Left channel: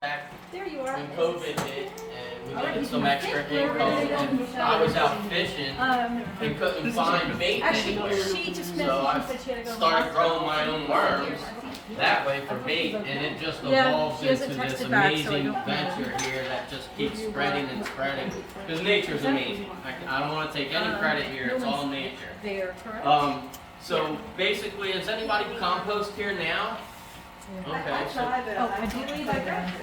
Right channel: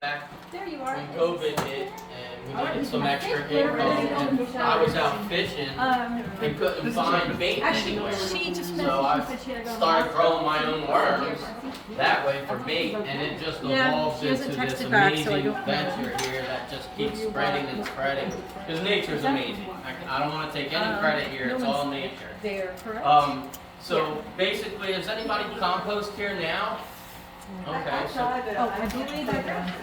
Back There you are. when COVID hit and we needed some extra income, and I was out fishing and couldn't find bait anywhere, so I started growing my own worms that way for bait, and it just evolved into this amazing venture here that just keeps spreading and spreading. Because nature's amazing. I don't want to take any credit here; it's all nature. There, correct? So basically, is anybody compost here now? Okay, so I do need that.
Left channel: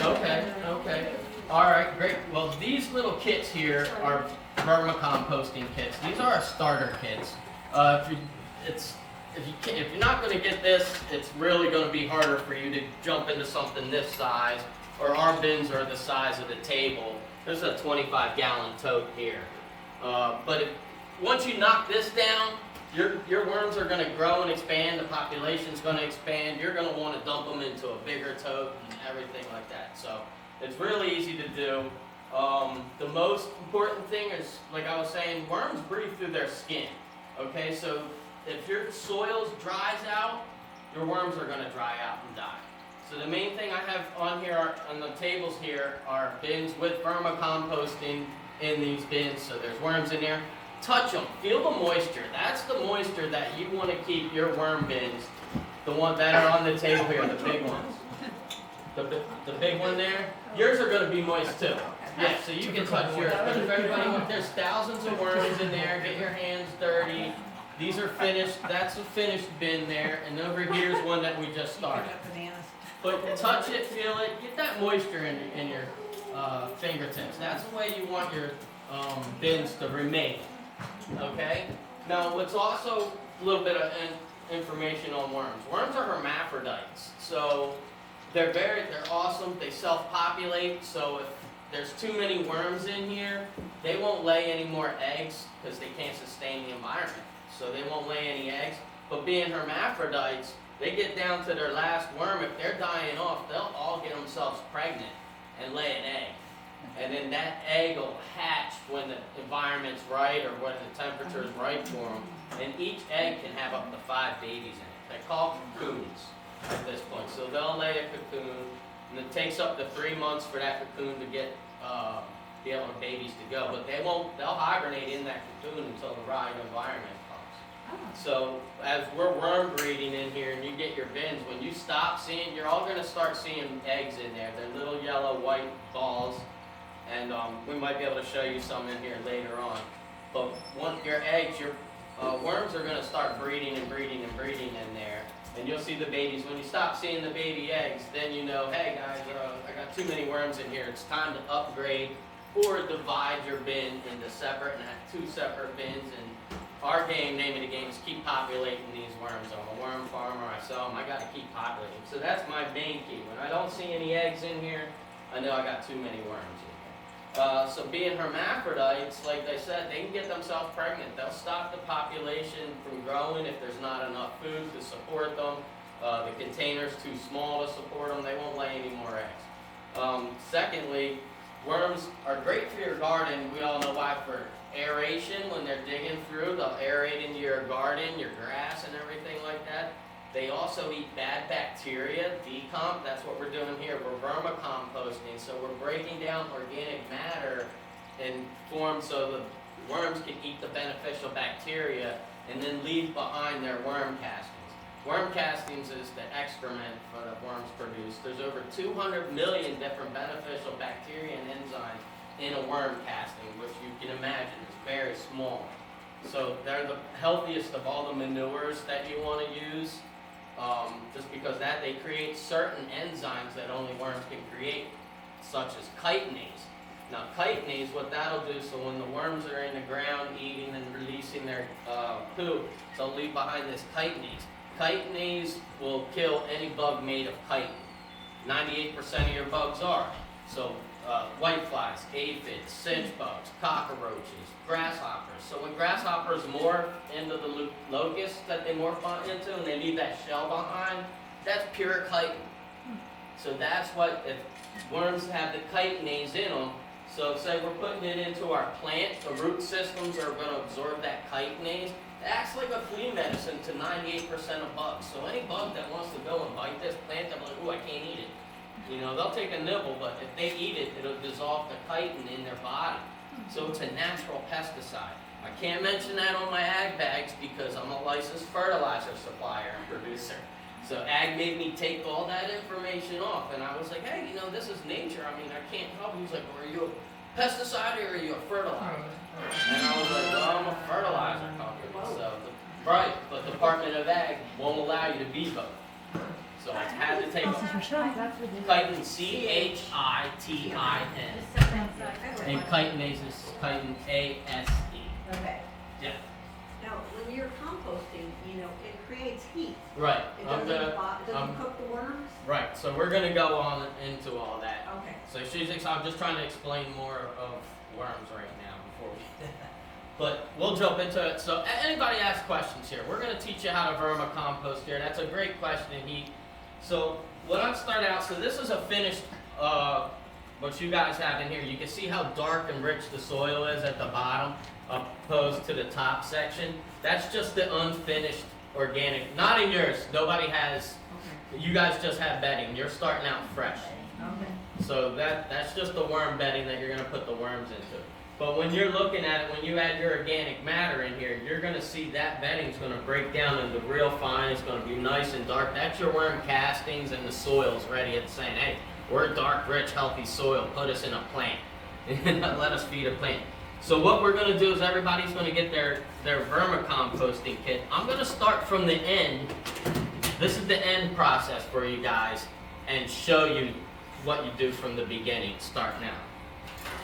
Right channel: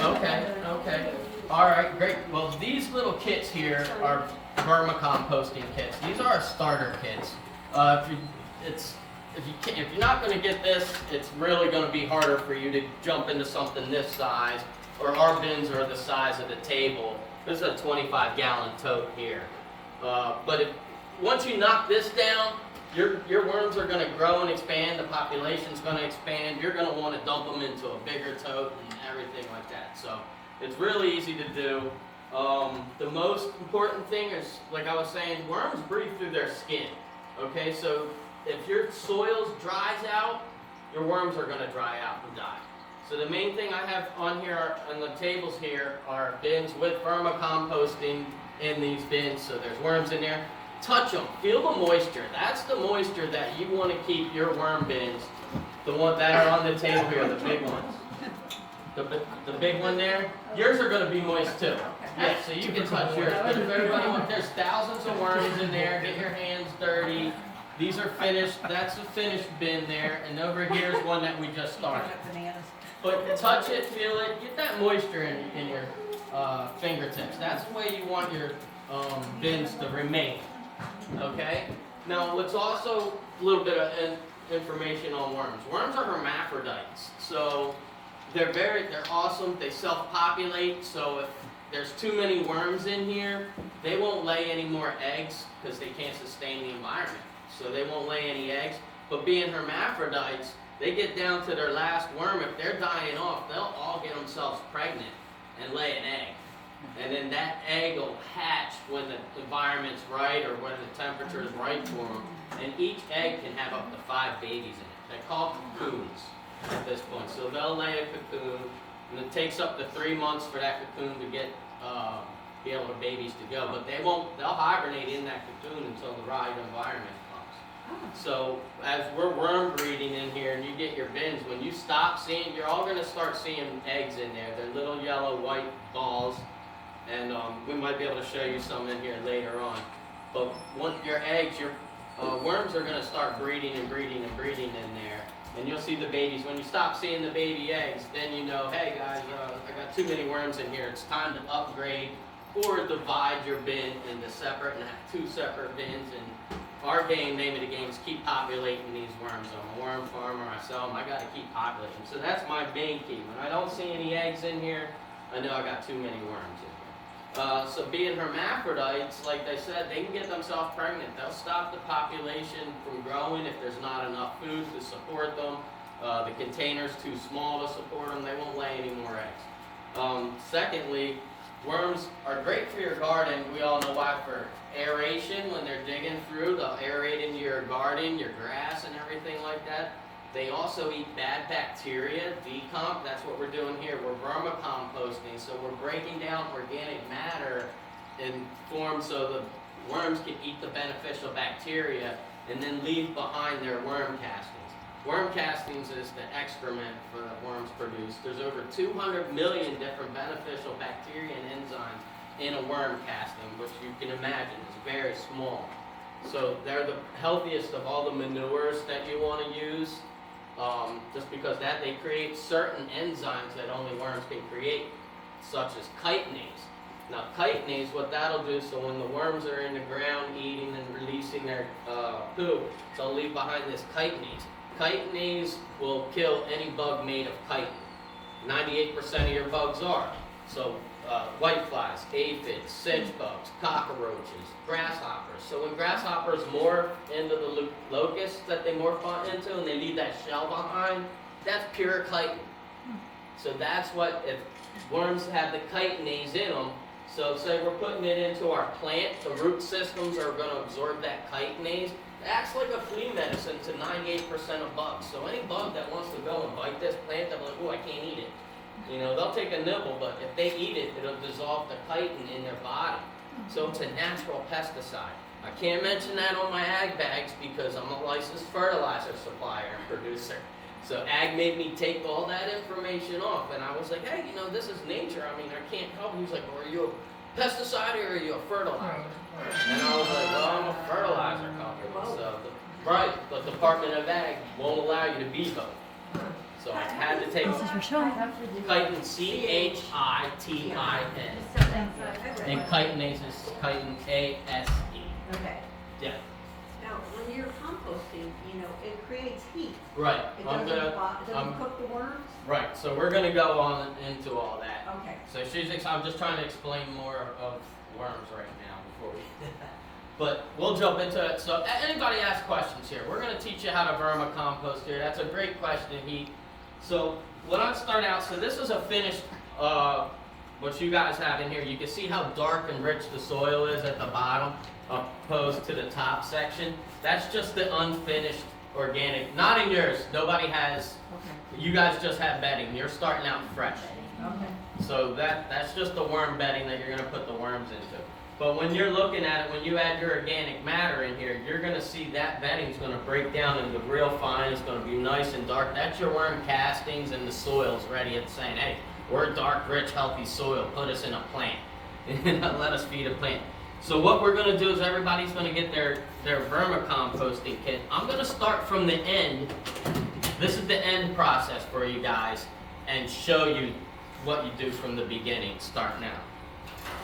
okay. All right, great. Well, these little kits here are vermicomposting kits. These are our starter kits. If you're not going to get this, it's really going to be harder for you to jump into something this size. Or our bins are the size of the table. This is a 25-gallon tote here. Once you knock this down, your worms are going to grow and expand, the population's going to expand, you're going to want to dump them into a bigger tote and everything like that. So it's really easy to do. The most important thing is, like I was saying, worms breathe through their skin. Okay, so if your soil dries out, your worms are going to dry out and die. So the main thing I have on here, on the tables here, are bins with vermicomposting in these bins, so there's worms in there. Touch them, feel the moisture. That's the moisture that you want to keep your worm bins, the ones that are on the table here, the big ones. The big one there, yours are going to be moist too. Yeah, so you can touch yours. But if everybody wants, there's thousands of worms in there, get your hands dirty. These are finished, that's a finished bin there, and over here's one that we just started. But touch it, feel it, get that moisture in your fingertips. That's the way you want your bins to remain. Okay? Now, what's also a little bit of information on worms. Worms are hermaphrodites. So they're awesome. They self-populate. So if there's too many worms in here, they won't lay any more eggs because they can't sustain the environment. So they won't lay any eggs. But being hermaphrodites, they get down to their last worm. If they're dying off, they'll all get themselves pregnant and lay an egg. And then that egg will hatch when the environment's right or when the temperature is right for them. And each egg can have up to 5 babies in it. They're called cocoons at this point. So they'll lay a cocoon, and it takes up to 3 months for that cocoon to get be able to babies to go. But they'll hibernate in that cocoon until the right environment comes. So as we're worm breeding in here and you get your bins, when you stop seeing, you're all going to start seeing eggs in there. They're little yellow white balls. And we might be able to show you some in here later on. But once your eggs, your worms are going to start breeding and breeding and breeding in there. And you'll see the babies. When you stop seeing the baby eggs, then you know, hey guys, I got too many worms in here. It's time to upgrade or divide your bin into separate and have 2 separate bins. And our name of the game is keep populating these worms. I'm a worm farmer. I sell them. I got to keep populating. So that's my main key. When I don't see any eggs in here, I know I got too many worms in here. So being hermaphrodites, like they said, they can get themselves pregnant. They'll stop the population from growing if there's not enough food to support them. The container's too small to support them. They won't lay any more eggs. Secondly, worms are great for your garden. We all know why. For aeration, when they're digging through, they'll aerate into your garden, your grass, and everything like that. They also eat bad bacteria, decomp. That's what we're doing here. We're vermicomposting, so we're breaking down organic matter in form so the worms can eat the beneficial bacteria and then leave behind their worm castings. Worm castings is the excrement for the worms produce. There's over 200 million different beneficial bacteria and enzymes in a worm casting, which you can imagine is very small. So they're the healthiest of all the manures that you want to use. Just because they create certain enzymes that only worms can create, such as chitinase. Now chitinase, what that'll do, so when the worms are in the ground eating and releasing their poop, they'll leave behind this chitinase. Chitinase will kill any bug made of chitin. 98% of your bugs are. So whiteflies, aphids, cinch bugs, cockroaches, grasshoppers. So when grasshoppers morph into the locusts that they morph into and they leave that shell behind, that's pure chitin. So that's what, if worms have the chitinase in them, so say we're putting it into our plant, the root systems are going to absorb that chitinase. It acts like a flea medicine to 98% of bugs. So any bug that wants to go and bite this plant, they're like, oh, I can't eat it. You know, they'll take a nibble, but if they eat it, it'll dissolve the chitin in their body. So it's a natural pesticide. I can't mention that on my ag bags because I'm a licensed fertilizer supplier and producer. So ag made me take all that information off, and I was like, hey, you know, this is nature. I mean, I can't help. He was like, well, are you a pesticide or are you a fertilizer? And I was like, well, I'm a fertilizer company. So, right, but Department of Ag won't allow you to be both. So I had to take chitin, C-H-I-T-I-N. And chitinase is chitin, A-S-E. Okay. Yeah. Now, when you're composting, you know, it creates heat. Right. It doesn't cook the worms? Right, so we're gonna go on into all that. Okay. So I'm just trying to explain more of worms right now before we but we'll jump into it. So anybody ask questions here? We're gonna teach you how to vermicompost here. That's a great question, So when I start out, so this is a finished, what you guys have in here. You can see how dark and rich the soil is at the bottom, opposed to the top section. That's just the unfinished organic, not in yours. Nobody has, you guys just have bedding. You're starting out fresh. Okay. So that's just the worm bedding that you're gonna put the worms into. But when you're looking at it, when you add your organic matter in here, you're gonna see that bedding is gonna break down into real fine. It's gonna be nice and dark. That's your worm castings, and the soil's ready. It's saying, hey, we're dark, rich, healthy soil. Put us in a plant. Let us feed a plant. So what we're gonna do is everybody's gonna get their vermicomposting kit. I'm gonna start from the end. This is the end process for you guys, and show you what you do from the beginning, starting out.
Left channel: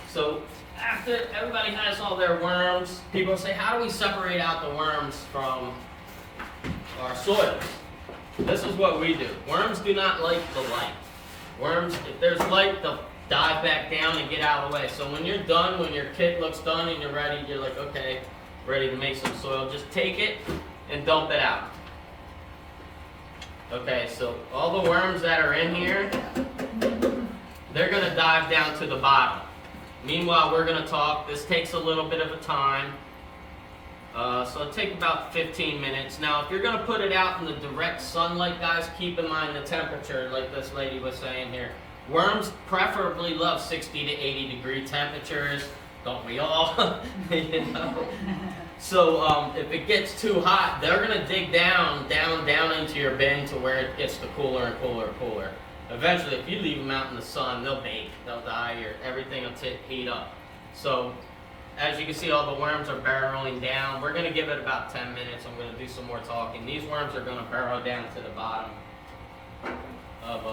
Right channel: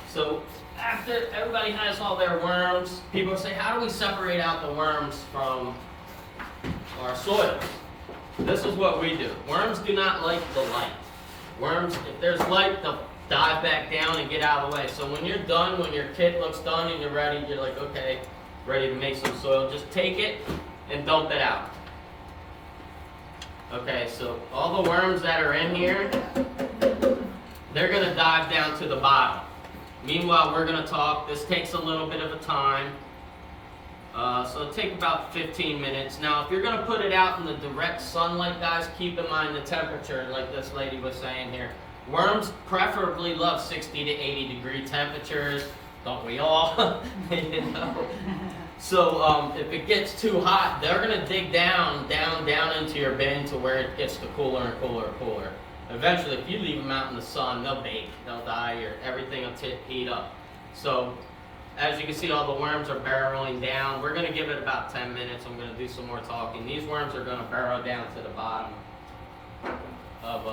So after everybody has all their worms, people say, how do we separate out the worms from our soil? This is what we do. Worms do not like the light. Worms, if there's light, they'll dive back down and get out of the way. So when you're done, when your kit looks done and you're ready, you're like, okay, ready to make some soil, just take it and dump it out. Okay, so all the worms that are in here, they're gonna dive down to the bottom. Meanwhile, we're gonna talk. This takes a little bit of a time. So it'll take about 15 minutes. Now, if you're gonna put it out in the direct sunlight, guys, keep in mind the temperature, like this lady was saying here. Worms preferably love 60 to 80 degree temperatures. Don't we all? You know? So if it gets too hot, they're gonna dig down into your bin to where it gets to cooler and cooler and cooler. Eventually, if you leave them out in the sun, they'll bake, they'll die, or everything will heat up. So as you can see, all the worms are burrowing down. We're gonna give it about 10 minutes. I'm gonna do some more talking. These worms are gonna burrow down to the bottom of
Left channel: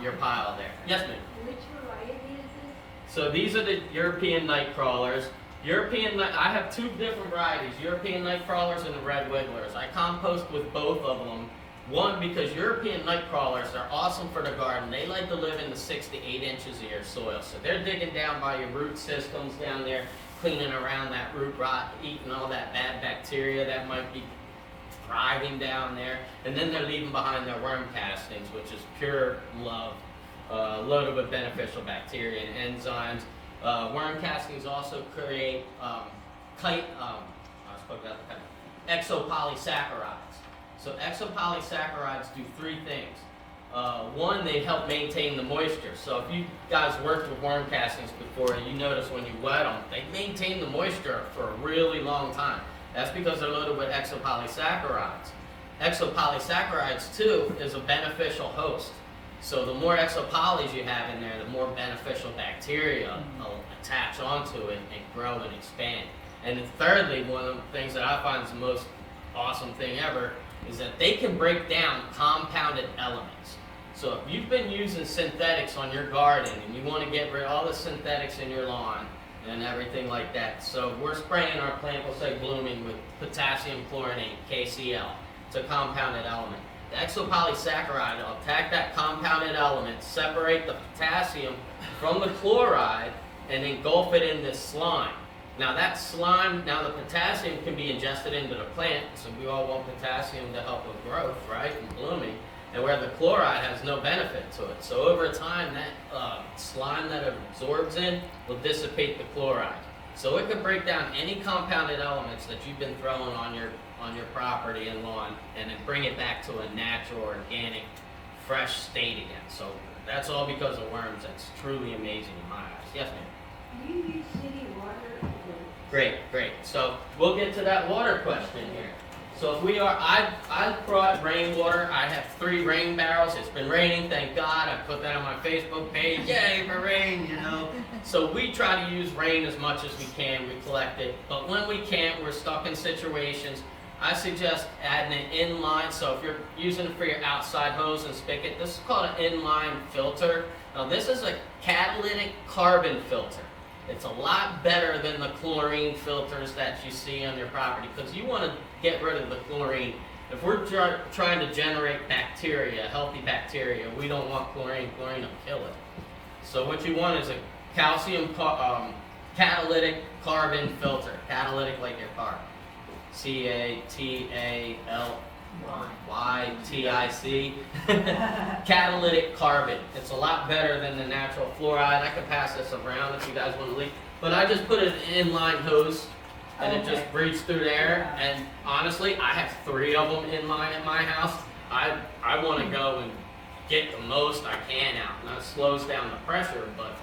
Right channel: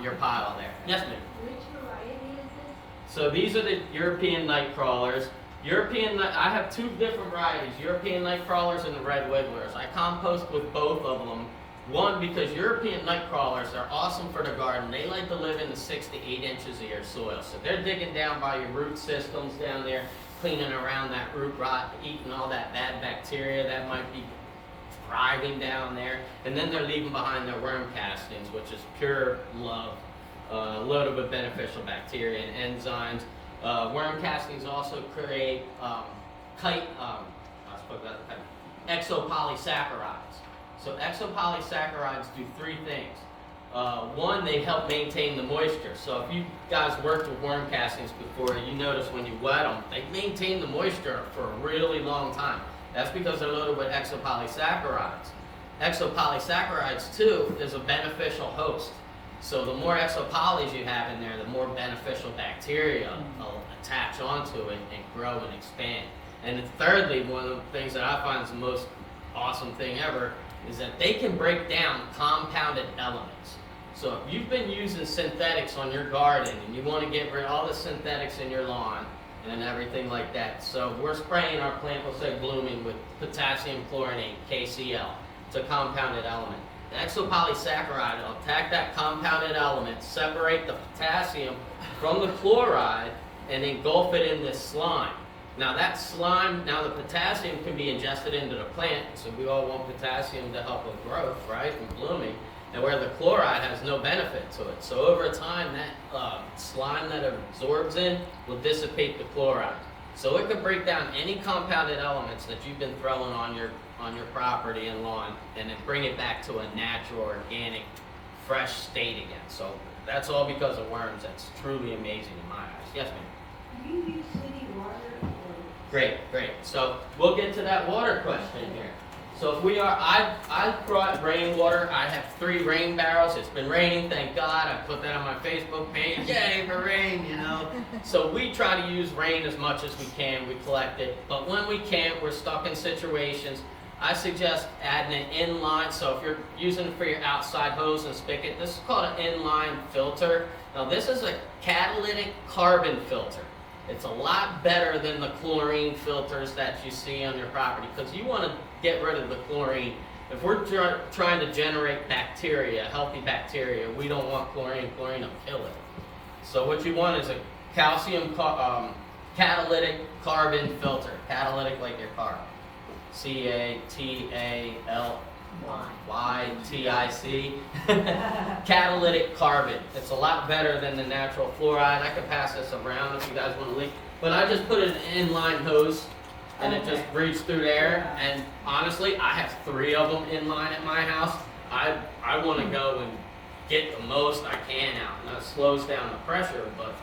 your pile there. Yes, ma'am? Which variety is this? So these are the European night crawlers. I have two different varieties, European night crawlers and the red wigglers. I compost with both of them. One, because European night crawlers are awesome for the garden. They like to live in the 6 to 8 inches of your soil. So they're digging down by your root systems down there, cleaning around that root rot, eating all that bad bacteria that might be thriving down there. And then they're leaving behind their worm castings, which is pure love, loaded with beneficial bacteria and enzymes. Worm castings also create exopolysaccharides. So exopolysaccharides do three things. One, they help maintain the moisture. So if you guys worked with worm castings before, you notice when you wet them, they maintain the moisture for a really long time. That's because they're loaded with exopolysaccharides. Exopolysaccharides, too, is a beneficial host. So the more exopolys you have in there, the more beneficial bacteria will attach onto it and grow and expand. And then thirdly, one of the things that I find is the most awesome thing ever is that they can break down compounded elements. So if you've been using synthetics on your garden and you want to get rid of all the synthetics in your lawn and everything like that, so we're spraying our plant, we'll say blooming, with potassium chlorinate, KCl. It's a compounded element. The exopolysaccharide will attack that compounded element, separate the potassium from the chloride, and engulf it in this slime. Now that slime, the potassium can be ingested into the plant, so we all want potassium to help with growth, right, and blooming, and where the chloride has no benefit to it. So over time, that slime that it absorbs in will dissipate the chloride. So it can break down any compounded elements that you've been throwing on your property and lawn, and then bring it back to a natural, organic fresh state again. So that's all because of worms. That's truly amazing in my eyes. Yes, ma'am. Do you use city water or? Great. So we'll get to that water question here. So if we are, I brought rainwater. I have 3 rain barrels. It's been raining, thank God. I put that on my Facebook page. Yay for rain, you know. So we try to use rain as much as we can. We collect it, but when we can't, we're stuck in situations. I suggest adding an inline. So if you're using it for your outside hose and spigot, this is called an inline filter. Now this is a catalytic carbon filter. It's a lot better than the chlorine filters that you see on your property because you want to get rid of the chlorine. If we're trying to generate bacteria, healthy bacteria, we don't want chlorine. Chlorine will kill it. So what you want is a calcium catalytic carbon filter. Catalytic like your car. C-A-T-A-L-Y-T-I-C. Catalytic carbon. It's a lot better than the natural fluoride. I could pass this around if you guys want to leak. But I just put an inline hose and it just breathes through there. And honestly, I have 3 of them inline at my house. I want to go and get the most I can out. And that slows down the pressure, but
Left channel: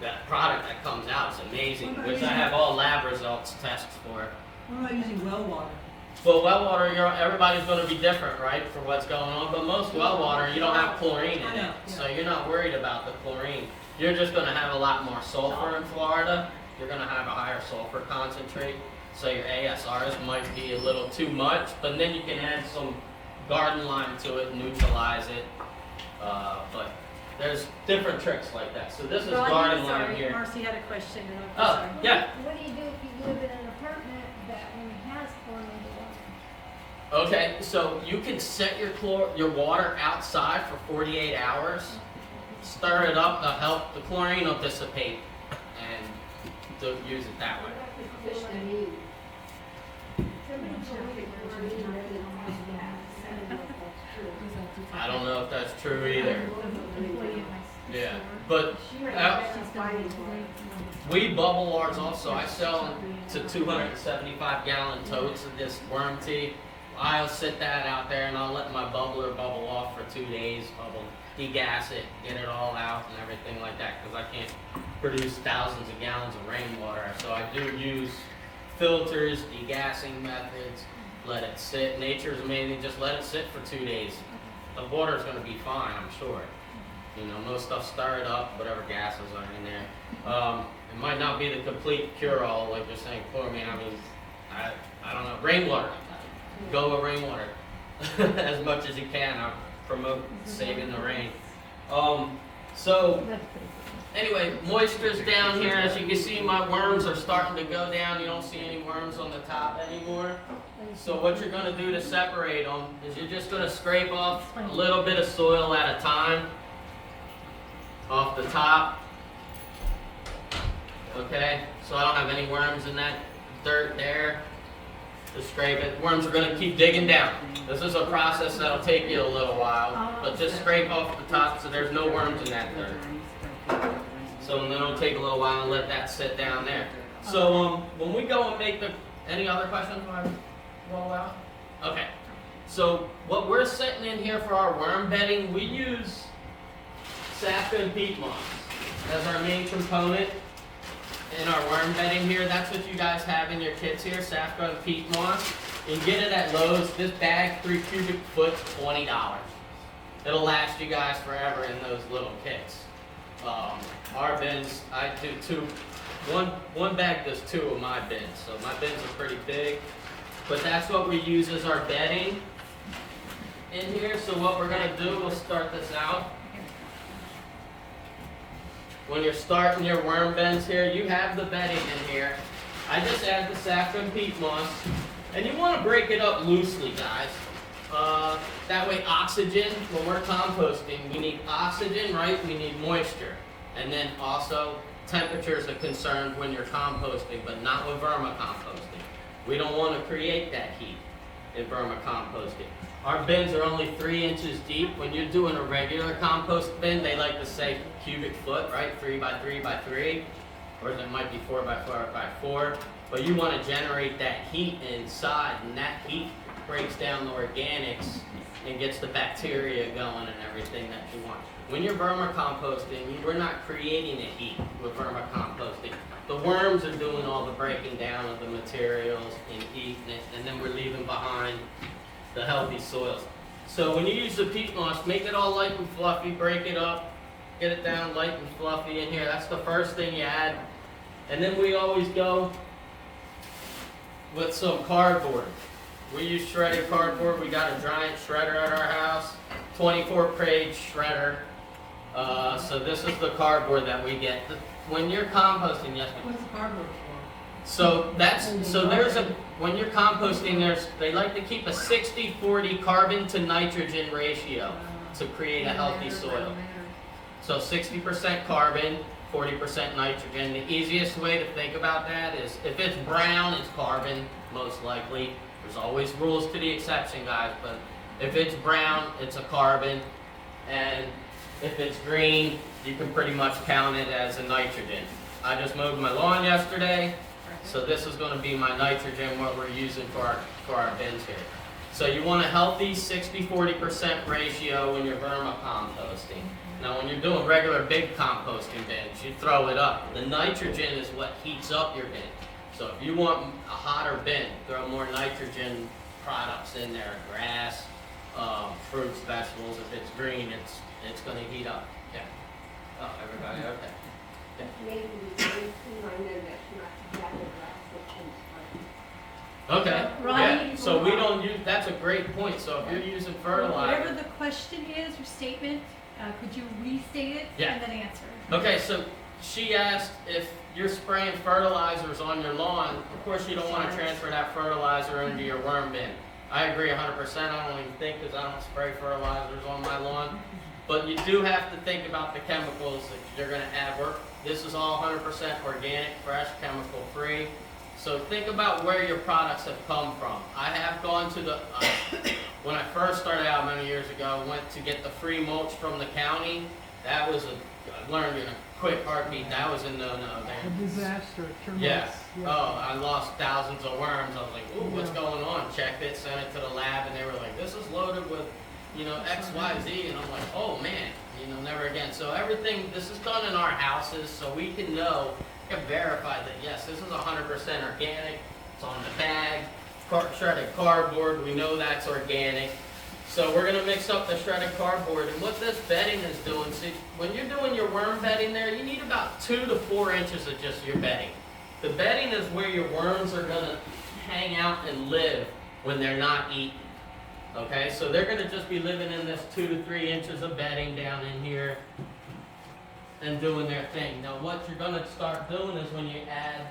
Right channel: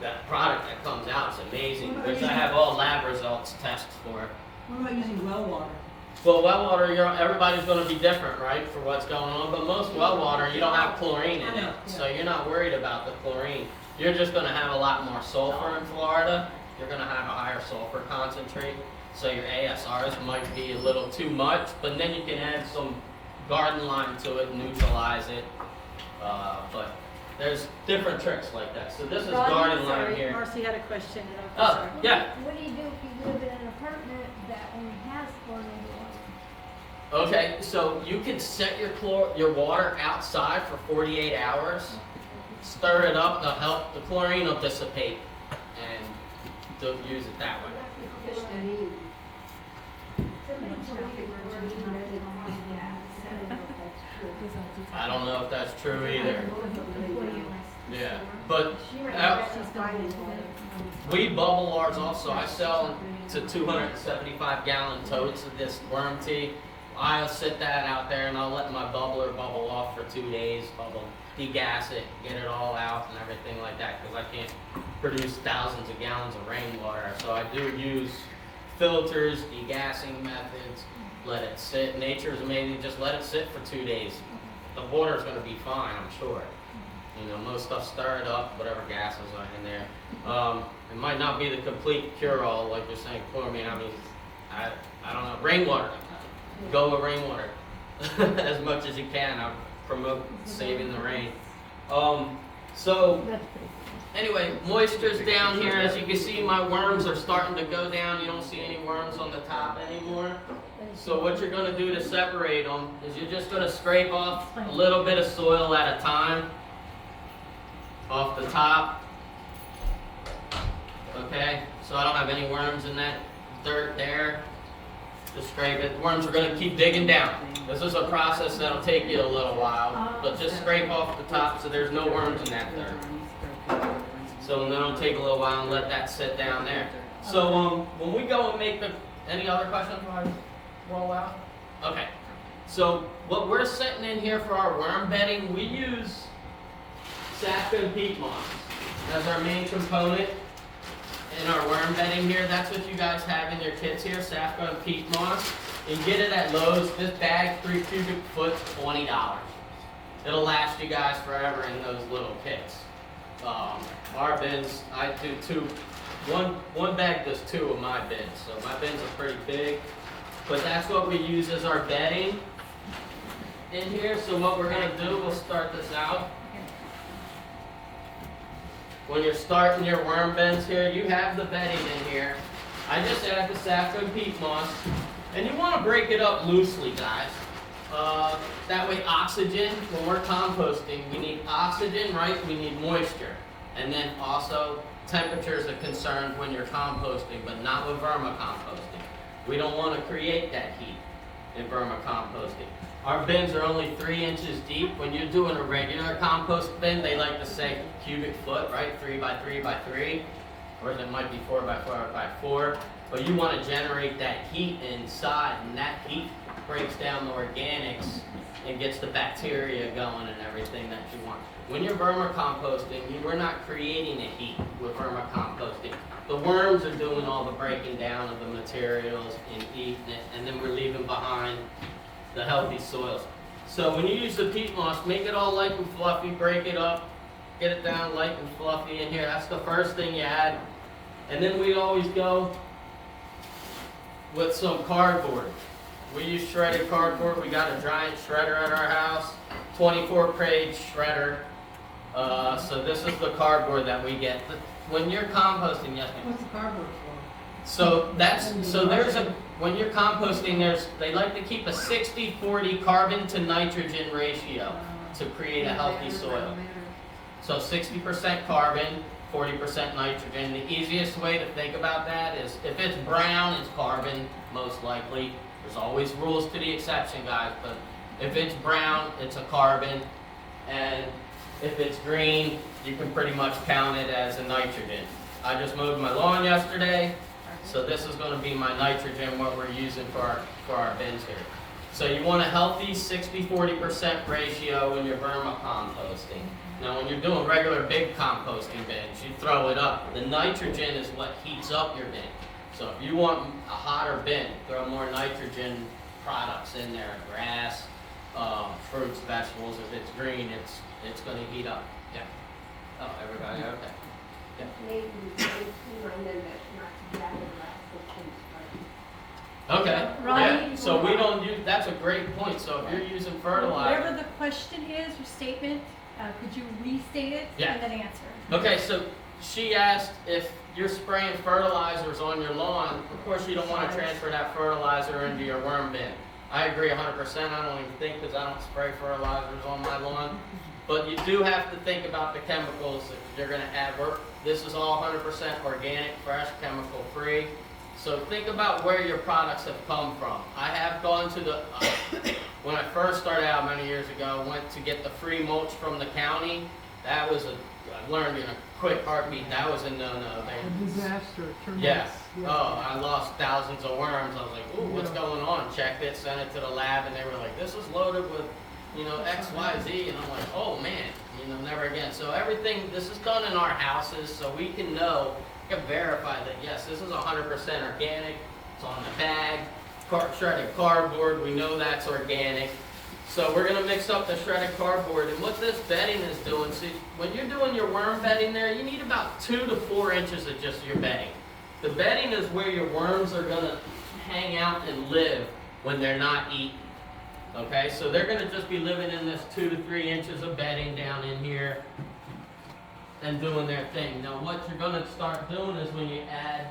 that product that comes out is amazing, which I have all lab results tests for. What about using well water? Well, well water, everybody's going to be different, right, for what's going on. But most well water, you don't have chlorine in it, so you're not worried about the chlorine. You're just going to have a lot more sulfur in Florida. You're going to have a higher sulfur concentrate, so your ASRs might be a little too much. But then you can add some garden lime to it, neutralize it. But there's different tricks like that. So this is garden lime here. Marcy had a question. Oh, yeah. What do you do if you live in an apartment that only has chlorinated water? Okay, so you can set your water outside for 48 hours, stir it up, to help the chlorine will dissipate, and don't use it that way. I don't know if that's true either. Yeah, but we bubble ours off, so I sell to 275 gallon totes of this worm tea. I'll sit that out there and I'll let my bubbler bubble off for 2 days, degas it, get it all out and everything like that, because I can't produce thousands of gallons of rainwater. So I do use filters, degassing methods, let it sit. Nature's amazing, just let it sit for 2 days. The water's going to be fine, I'm sure. You know, most stuff, stir it up, whatever gases are in there. It might not be the complete cure-all, like you're saying, chlorine. I mean, I don't know. Rainwater. Go with rainwater as much as you can. I promote saving the rain. So anyway, moisture's down here. As you can see, my worms are starting to go down. You don't see any worms on the top anymore. So what you're going to do to separate them is you're just going to scrape off a little bit of soil at a time off the top. Okay, so I don't have any worms in that dirt there. Just scrape it. Worms are going to keep digging down. This is a process that'll take you a little while, but just scrape off the top so there's no worms in that dirt. So then it'll take a little while and let that sit down there. So when we go and make any other questions? Well, okay. So what we're setting in here for our worm bedding, we use sap and peat moss as our main component in our worm bedding here. That's what you guys have in your kits here, Safco and peat moss. You can get it at Lowe's. This bag, 3 cubic foot, $20. It'll last you guys forever in those little kits. Our bins, I do 2. One bag does 2 of my bins, so my bins are pretty big. But that's what we use as our bedding in here. So what we're gonna do, we'll start this out. When you're starting your worm beds here, you have the bedding in here. I just add the Safco and peat moss. And you want to break it up loosely, guys. That way oxygen, when we're composting, we need oxygen, right? We need moisture. And then also temperature is a concern when you're composting, but not with vermicomposting. We don't want to create that heat in vermicomposting. Our bins are only 3 inches deep. When you're doing a regular compost bin, they like to say cubic foot, right? 3 by 3 by 3, or it might be 4 by 4 by 4. But you want to generate that heat inside, and that heat breaks down the organics and gets the bacteria going and everything that you want. When you're vermicomposting, we're not creating a heat with vermicomposting. The worms are doing all the breaking down of the materials and eating it, and then we're leaving behind the healthy soils. So when you use the peat moss, make it all light and fluffy, break it up, get it down light and fluffy in here. That's the first thing you add. And then we always go with some cardboard. We use shredded cardboard. We got a giant shredder at our house, 24-page shredder. So this is the cardboard that we get. When you're composting, yes. What's the cardboard for? So when you're composting, they like to keep a 60-40 carbon to nitrogen ratio to create a healthy soil. So 60% carbon, 40% nitrogen. The easiest way to think about that is if it's brown, it's carbon, most likely. There's always rules to the exception, guys, but if it's brown, it's a carbon. And if it's green, you can pretty much count it as a nitrogen. I just mowed my lawn yesterday, so this is going to be my nitrogen, what we're using for our bins here. So you want a healthy 60-40% ratio when you're vermicomposting. Now when you're doing regular big composting bins, you throw it up. The nitrogen is what heats up your bin. So if you want a hotter bin, throw more nitrogen products in there, grass, fruits, vegetables. If it's green, it's going to heat up. Yeah. Oh, everybody okay? Yeah. Maybe we know that's not exactly Okay. Right. Yeah. So we don't use. That's a great point. So if you're using fertilizer. Whatever the question is or statement, could you restate it Yeah. and then answer? Okay. So she asked if you're spraying fertilizers on your lawn. Of course, you don't want to transfer that fertilizer into your worm bin. I agree 100%. I don't even think because I don't spray fertilizers on my lawn. But you do have to think about the chemicals that you're going to add. This is all 100% organic, fresh, chemical free. So think about where your products have come from. I have gone to the, when I first started out many years ago, went to get the free mulch from the county. That was I learned in a quick heartbeat, that was a no-no. A disaster. Yeah. Oh, I lost thousands of worms. I was like, ooh, what's going on? Checked it, sent it to the lab, and they were like, this is loaded with, X, Y, Z. And I'm like, oh man, never again. So everything, this is done in our houses, so we can know, can verify that yes, this is 100% organic. It's on the bag, shredded cardboard. We know that's organic. So we're gonna mix up the shredded cardboard, and what this bedding is doing. See, when you're doing your worm bedding there, you need about 2 to 4 inches of just your bedding. The bedding is where your worms are gonna hang out and live when they're not eaten. Okay, so they're gonna just be living in this 2 to 3 inches of bedding down in here and doing their thing. Now what you're gonna start doing is when you add,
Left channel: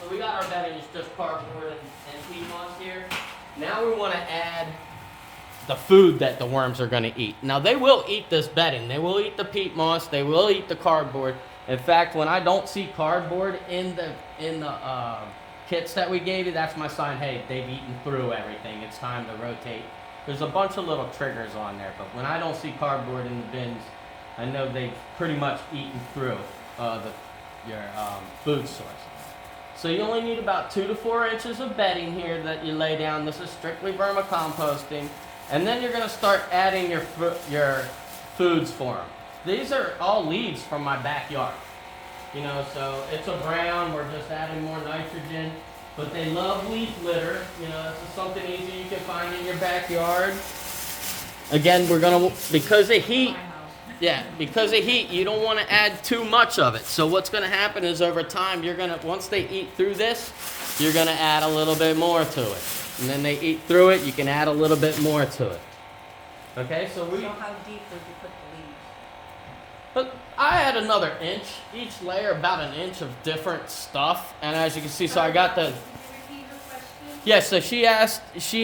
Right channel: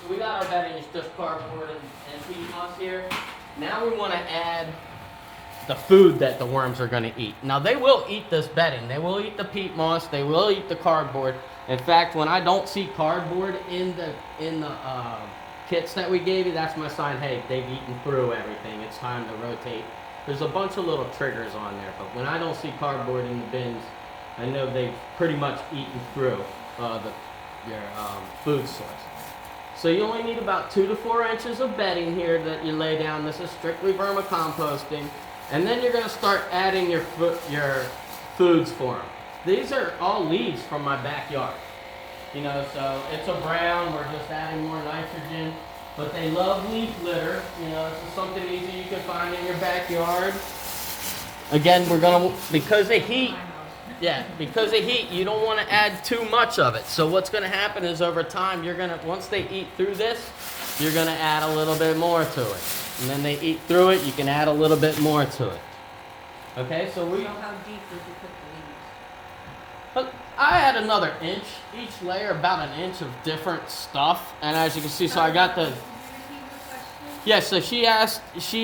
so we got our bedding, it's just cardboard and peat moss here. Now we wanna add the food that the worms are gonna eat. Now they will eat this bedding, they will eat the peat moss, they will eat the cardboard. In fact, when I don't see cardboard in the kits that we gave you, that's my sign, hey, they've eaten through everything, it's time to rotate. There's a bunch of little triggers on there, but when I don't see cardboard in the bins, I know they've pretty much eaten through your food source. So you only need about 2 to 4 inches of bedding here that you lay down. This is strictly vermicomposting. And then you're going to start adding your foods for them. These are all leaves from my backyard. So it's a brown, we're just adding more nitrogen. But they love leaf litter. This is something easy you can find in your backyard. Again, we're gonna, because of heat, you don't want to add too much of it. So what's gonna happen is over time, once they eat through this, you're gonna add a little bit more to it. And then they eat through it, you can add a little bit more to it. Okay, so So how deep would you put the leaves? But I add another inch, each layer about an inch of different stuff. And as you can see, so I got the, Can you repeat the question? yeah, so she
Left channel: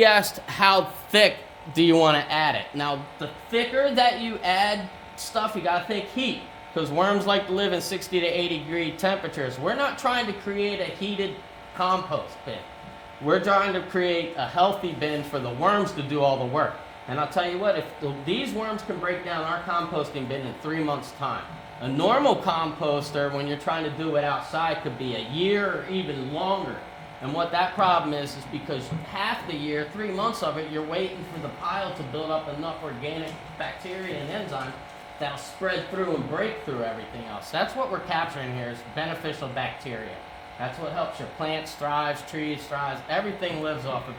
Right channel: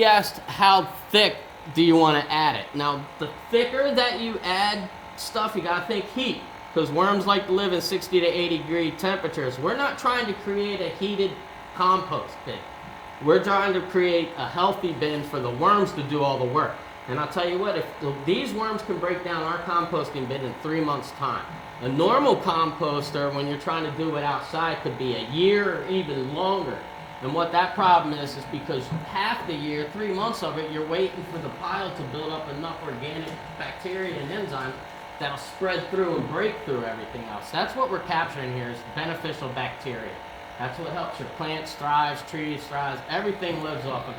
asked how thick do you want to add it. Now, the thicker that you add stuff, you got to think heat, because worms like to live in 60 to 80 degree temperatures. We're not trying to create a heated compost bin. We're trying to create a healthy bin for the worms to do all the work. And I'll tell you what, if these worms can break down our composting bin in 3 months' time. A normal composter, when you're trying to do it outside, could be a year or even longer. And what that problem is because half the year, 3 months of it, you're waiting for the pile to build up enough organic bacteria and enzyme that'll spread through and break through everything else. That's what we're capturing here is beneficial bacteria. That's what helps your plants thrive, trees thrive. Everything lives off of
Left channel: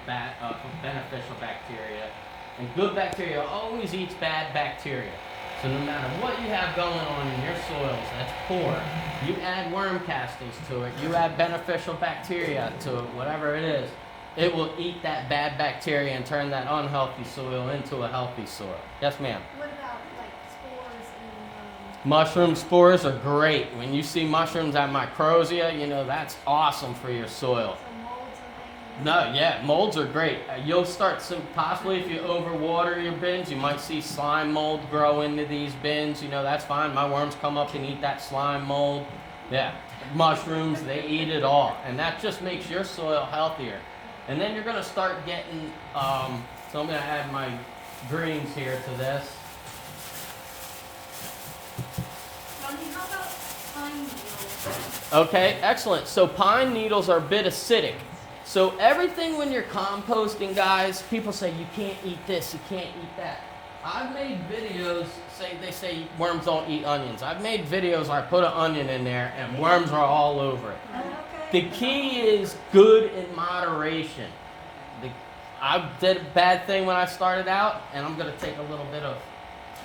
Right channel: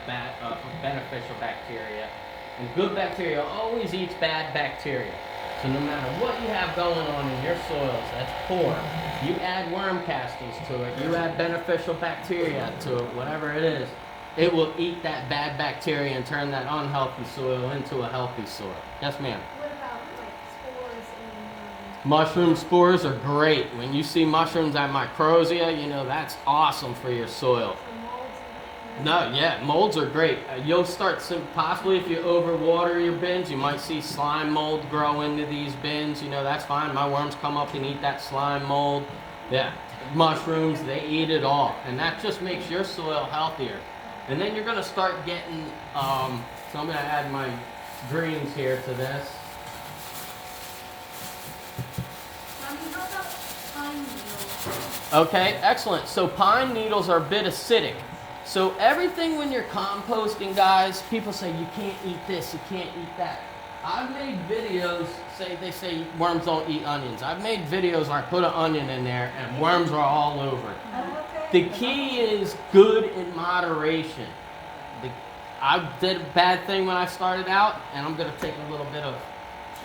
beneficial bacteria. And good bacteria always eats bad bacteria. So no matter what you have going on in your soils that's poor, you add worm castings to it, you add beneficial bacteria to it, whatever it is, it will eat that bad bacteria and turn that unhealthy soil into a healthy soil. Yes, ma'am? What about like spores and Mushroom spores are great. When you see mushrooms at microsia, you know that's awesome for your soil. some molds and things? No, yeah, molds are great. You'll start possibly if you overwater your bins, you might see slime mold grow into these bins. You know, that's fine. My worms come up and eat that slime mold. Yeah, mushrooms, they eat it all. And that just makes your soil healthier. And then you're going to start getting, so I'm going to add my greens here to this. Johnny, how about pine needles? Okay, excellent. So pine needles are a bit acidic. So everything when you're composting, guys, people say you can't eat this, you can't eat that. I've made videos, they say worms don't eat onions. I've made videos where I put an onion in there and worms are all over it. The key is good in moderation. I did a bad thing when I started out, and I'm going to take a little bit of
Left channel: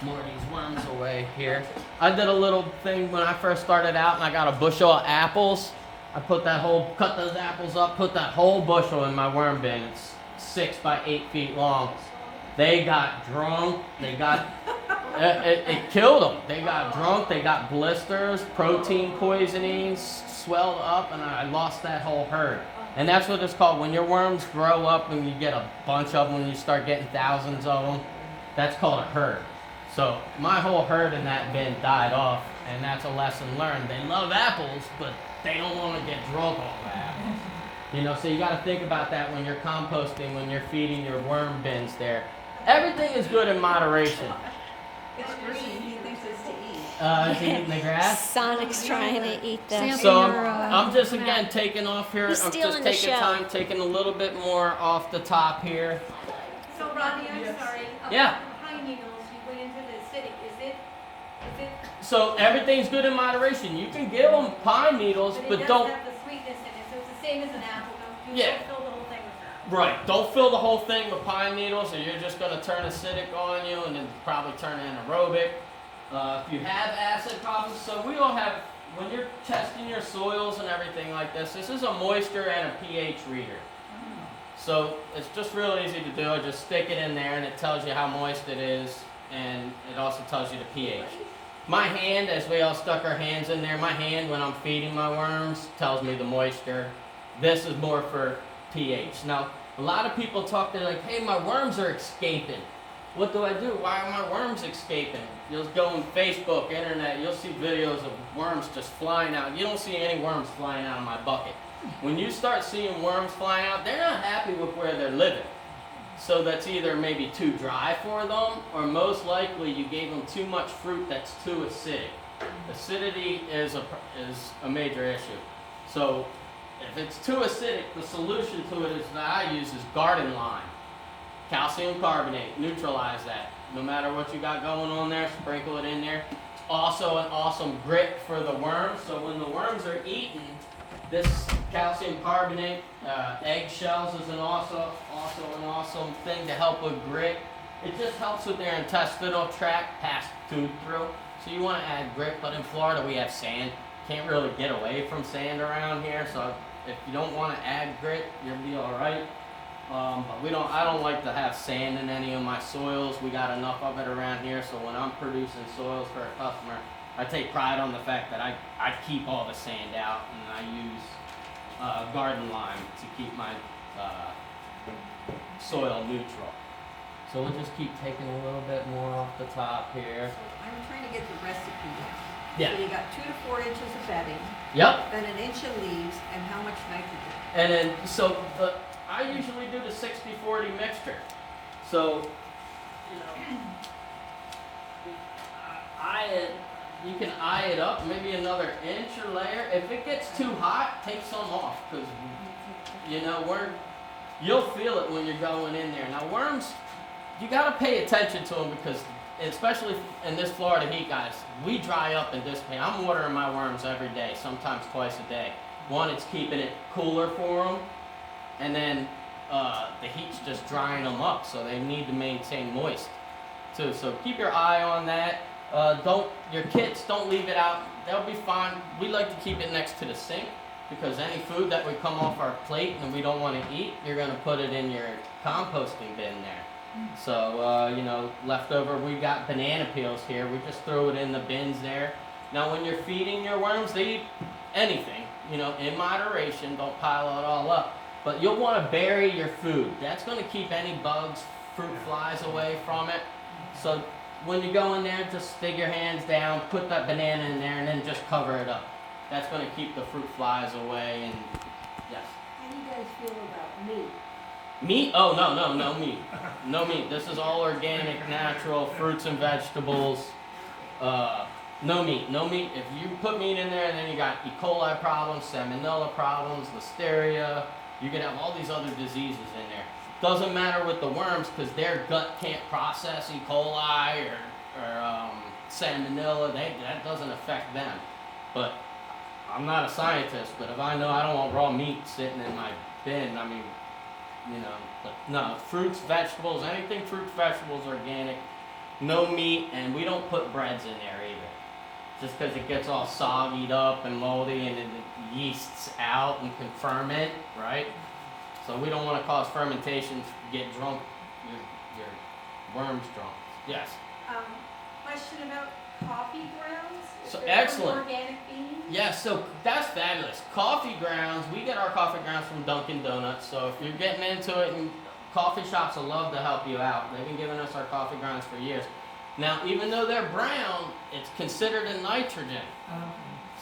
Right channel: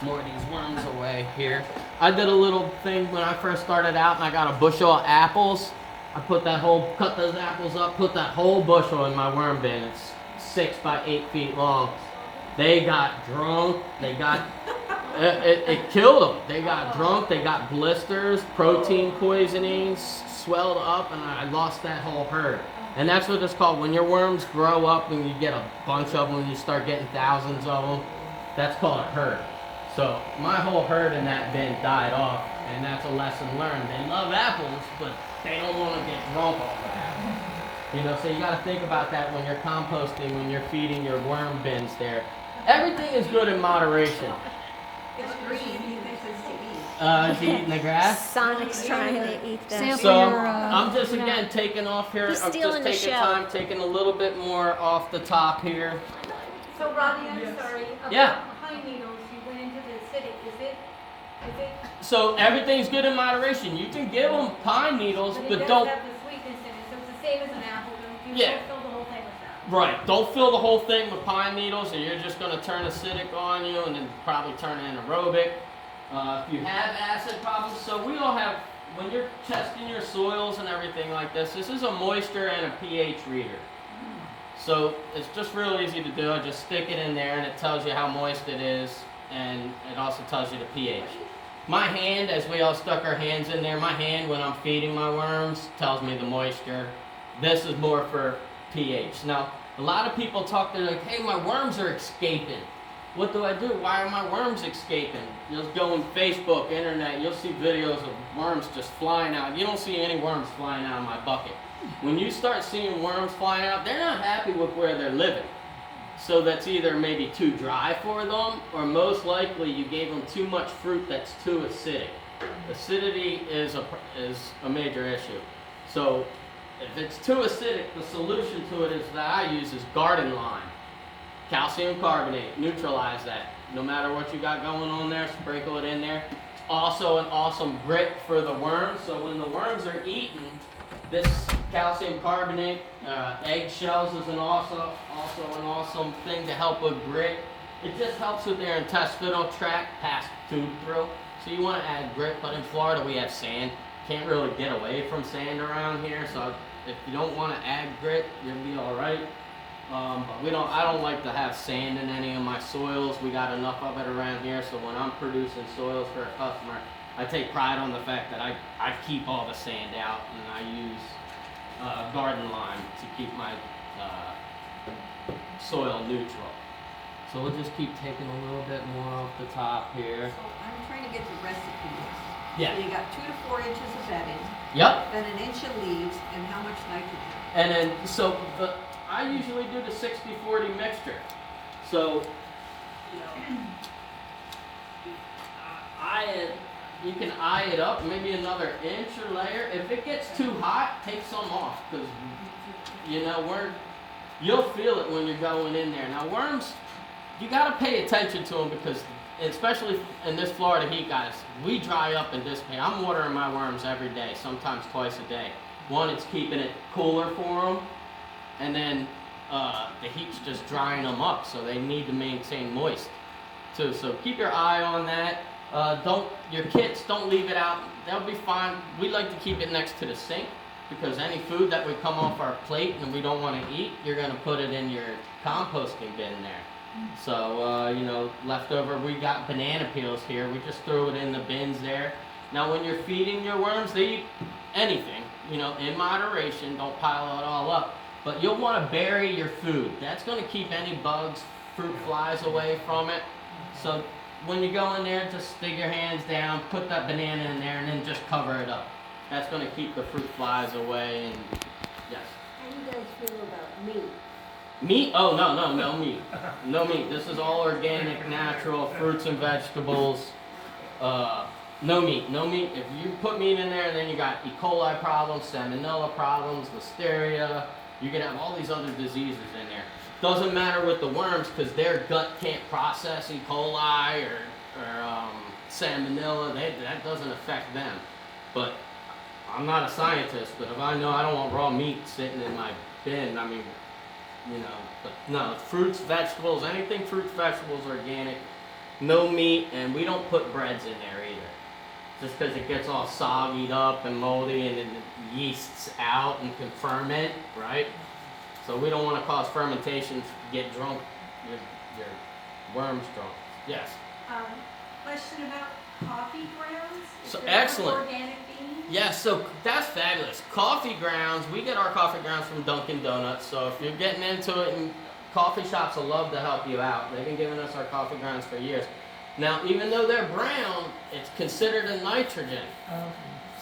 more of these worms away here. I did a little thing when I first started out, and I got a bushel of apples. I cut those apples up, put that whole bushel in my worm bin. It's 6 by 8 feet long. They got drunk. They got, it killed them. They got drunk. They got blisters, protein poisonings, swelled up, and I lost that whole herd. And that's what it's called. When your worms grow up and you get a bunch of them and you start getting thousands of them, that's called a herd. So my whole herd in that bin died off, and that's a lesson learned. They love apples, but they don't want to get drunk off of apples. You know, so you got to think about that when you're composting, when you're feeding your worm bins there. Everything is good in moderation. It's green, he thinks it's to eat. Is he eating the grass? Sonic's trying to eat them. Sample So your, I'm just map. again taking off here. He's I'm stealing just the taking show. time, taking a little bit more off the top here. So Rodney, I'm sorry, Yeah. about pine needles, you went into the acidic, is it, So everything's good in moderation. You can give them pine needles, but it but does don't. have the sweetness in it, so it's the same as an apple, don't you Yeah. don't fill the whole thing with that. Right. Don't fill the whole thing with pine needles, or you're just going to turn acidic on you, and then probably turn it anaerobic. If you have acid problems, so we all have. When you're testing your soils and everything like this is a moisture and a pH reader. So it's just real easy to do. I just stick it in there, and it tells you how moist it is, and it also tells you the pH. My hand, as we all stuck our hands in there, my hand when I'm feeding my worms tells me the moisture. This is more for pH. Now, a lot of people talk, they're like, hey, my worms are escaping. What do I do? Why are my worms escaping? You'll go on Facebook, internet, you'll see videos of worms just flying out. You don't see any worms flying out of my bucket. When you start seeing worms flying out, they're not happy with where they're living. So that's either maybe too dry for them, or most likely you gave them too much fruit that's too acidic. Acidity is a major issue. So if it's too acidic, the solution to it is that I use is garden lime. Calcium carbonate, neutralize that. No matter what you got going on there, sprinkle it in there. It's also an awesome grit for the worms. So when the worms are eating, this calcium carbonate, eggshells is also an awesome thing to help with grit. It just helps with their intestinal tract, pass tube through. So you want to add grit, but in Florida we have sand. Can't really get away from sand around here, so if you don't want to add grit, you'll be all right. But I don't like to have sand in any of my soils. We got enough of it around here, so when I'm producing soils for a customer, I take pride on the fact that I keep all the sand out, and I use garden lime to keep my soil neutral. So we'll just keep taking a little bit more off the top here. So I'm trying to get the recipe. Yeah. So you got 2 to 4 inches of bedding, Yep. then an inch of leaves, and how much nitrogen? And then, so I usually do the 60-40 mixture. So, you know, you can eye it up, maybe another inch or layer. If it gets too hot, take some off, because you'll feel it when you're going in there. Now worms, you gotta pay attention to them because, especially in this Florida heat, guys, we dry up and dissipate. I'm watering my worms every day, sometimes twice a day. One, it's keeping it cooler for them, and then the heat's just drying them up, so they need to maintain moist too. So keep your eye on that. Your kits, don't leave it out. They'll be fine. We like to keep it next to the sink because any food that would come off our plate and we don't want to eat, you're going to put it in your composting bin there. So, leftover, we got banana peels here. We just throw it in the bins there. Now, when you're feeding your worms, they eat anything, in moderation. Don't pile it all up. But you'll want to bury your food. That's going to keep any bugs, fruit flies away from it. So when you go in there, just stick your hands down, put that banana in there, and then just cover it up. That's going to keep the fruit flies away. And yes. How do you guys feel about meat? Meat? Oh, no meat. No meat. This is all organic, natural, fruits and vegetables. No meat. If you put meat in there, then you got E. coli problems, salmonella problems, listeria. You can have all these other diseases in there. Doesn't matter with the worms because their gut can't process E. coli or salmonella. That doesn't affect them. But I'm not a scientist, but if I know I don't want raw meat sitting in my bin, no, fruits, vegetables, anything fruits, vegetables, organic, no meat, and we don't put breads in there either. Just because it gets all soggied up and moldy and then the yeast's out and can ferment, right? So we don't want to cause fermentation to get drunk with your worms drunk. Yes. Question about coffee grounds? So If they're excellent. Organic beans? Yeah, so that's fabulous. Coffee grounds, we get our coffee grounds from Dunkin' Donuts. So if you're getting into it, and coffee shops will love to help you out. They've been giving us our coffee grounds for years. Now, even though they're brown, it's considered a nitrogen.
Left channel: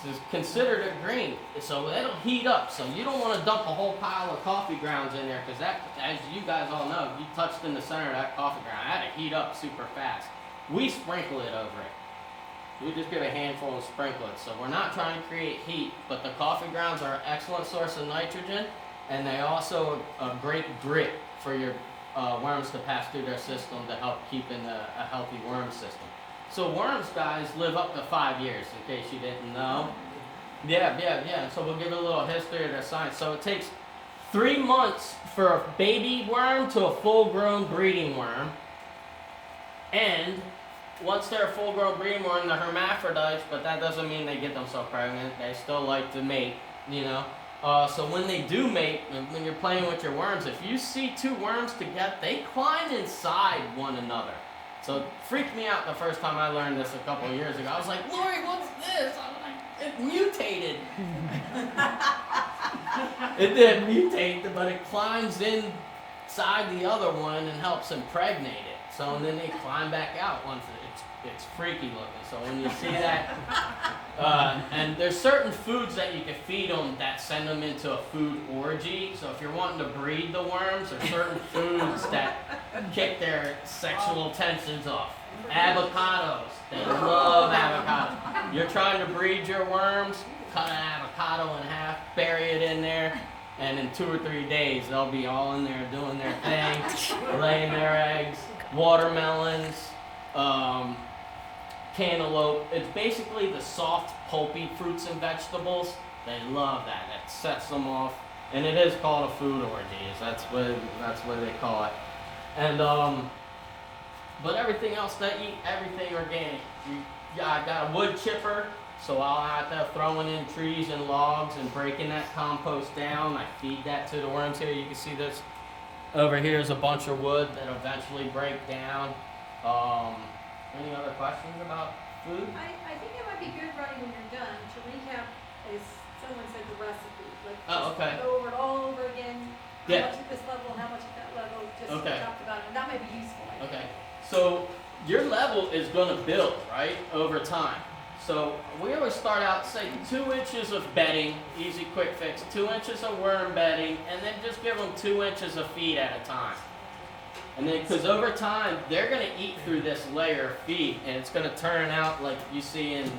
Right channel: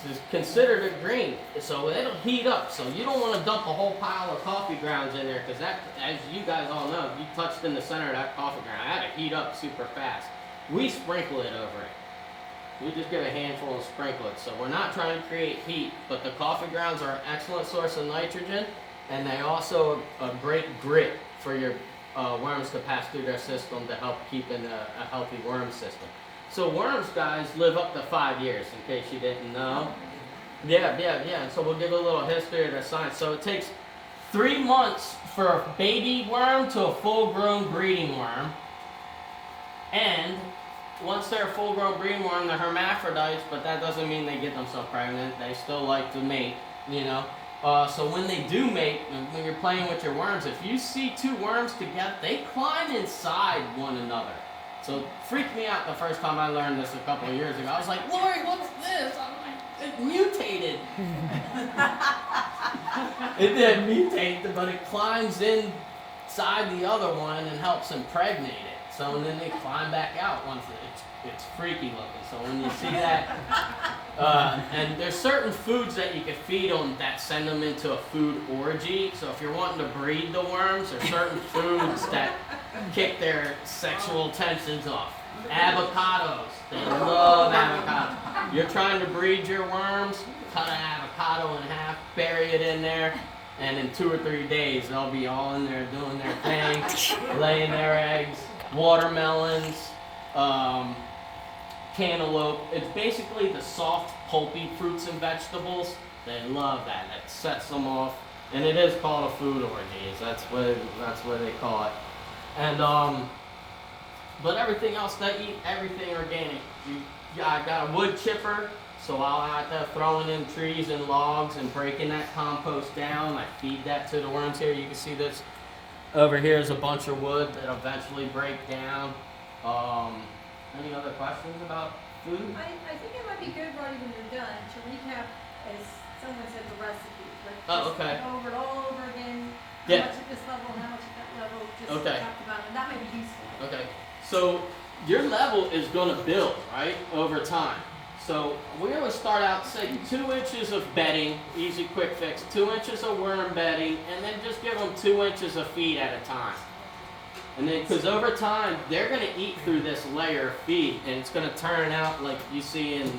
It's considered a green, so it'll heat up. So you don't want to dump a whole pile of coffee grounds in there because that, as you guys all know, you touched in the center of that coffee ground, that'll heat up super fast. We sprinkle it over it. We just get a handful and sprinkle it. So we're not trying to create heat, but the coffee grounds are an excellent source of nitrogen, and they also a great grit for your worms to pass through their system to help keep in a healthy worm system. So worms, guys, live up to 5 years, in case you didn't know. Yeah. So we'll give a little history of their science. So it takes 3 months for a baby worm to a full-grown breeding worm. And once they're a full-grown breeding worm, they're hermaphrodites, but that doesn't mean they get themselves pregnant. They still like to mate, So when they do mate, when you're playing with your worms, if you see 2 worms together, they climb inside one another. So it freaked me out the first time I learned this a couple of years ago. I was like, Lori, what's this? I'm like, it mutated. It did mutate, but it climbs inside the other one and helps impregnate it. So and then they climb back out once it's freaky looking. So when you see that, and there's certain foods that you can feed them that send them into a food orgy. So if you're wanting to breed the worms, there's certain foods that kick their sexual tensions off. Avocados, they love avocados. You're trying to breed your worms, cut an avocado in half, bury it in there, and in 2 or 3 days they'll be all in there doing their thing, laying their eggs. Watermelons, cantaloupe. It's basically the soft, pulpy fruits and vegetables. They love that. That sets them off. And it is called a food orgy. That's what they call it. And but everything else, they eat everything organic. I got a wood chipper, so I'll have to throwing in trees and logs and breaking that compost down. I feed that to the worms here. You can see this. Over here is a bunch of wood that eventually break down. Any other questions about food? I think it might be good right when you're done to recap, as someone said, the recipe. Like, Oh, just okay. Go over it all over again. How Yeah. much at this level, how much at that level. Just Okay. talked about it. That might be useful. I think. Okay, so your level is going to build, right, over time. So we always start out, say, 2 inches of bedding, easy, quick fix, 2 inches of worm bedding, and then just give them 2 inches of feed at a time. And then, because over time, they're going to eat through this layer of feed, and it's going to turn out like you see in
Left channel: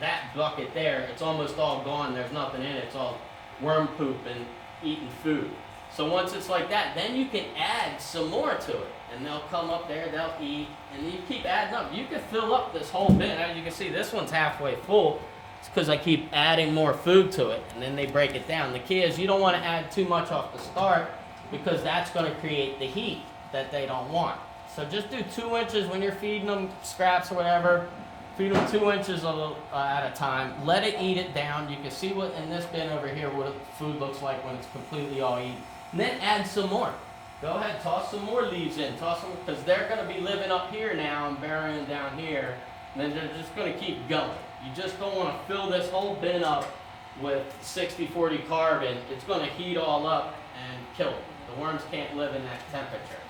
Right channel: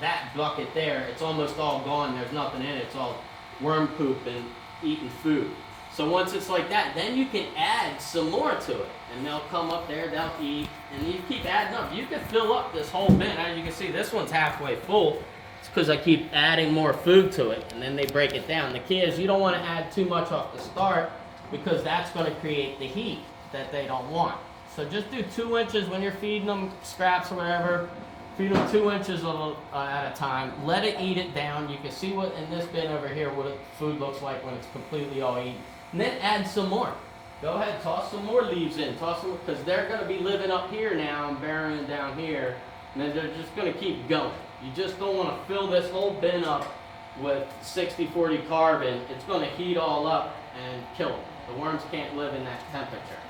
that bucket there. It's almost all gone. There's nothing in it. It's all worm poop, and eating food. So once it's like that, then you can add some more to it. And they'll come up there, they'll eat, and you keep adding up. You can fill up this whole bin. As you can see, this one's halfway full. It's because I keep adding more food to it, and then they break it down. The key is you don't want to add too much off the start because that's going to create the heat that they don't want. So just do 2 inches when you're feeding them scraps or whatever. Feed them 2 inches at a time. Let it eat it down. You can see what in this bin over here what food looks like when it's completely all eaten. And then add some more. Go ahead, toss some more leaves in. Toss them because they're going to be living up here now and burying down here. And then they're just going to keep going. You just don't want to fill this whole bin up with 60-40 carbon. It's going to heat all up and kill them. The worms can't live in that temperature.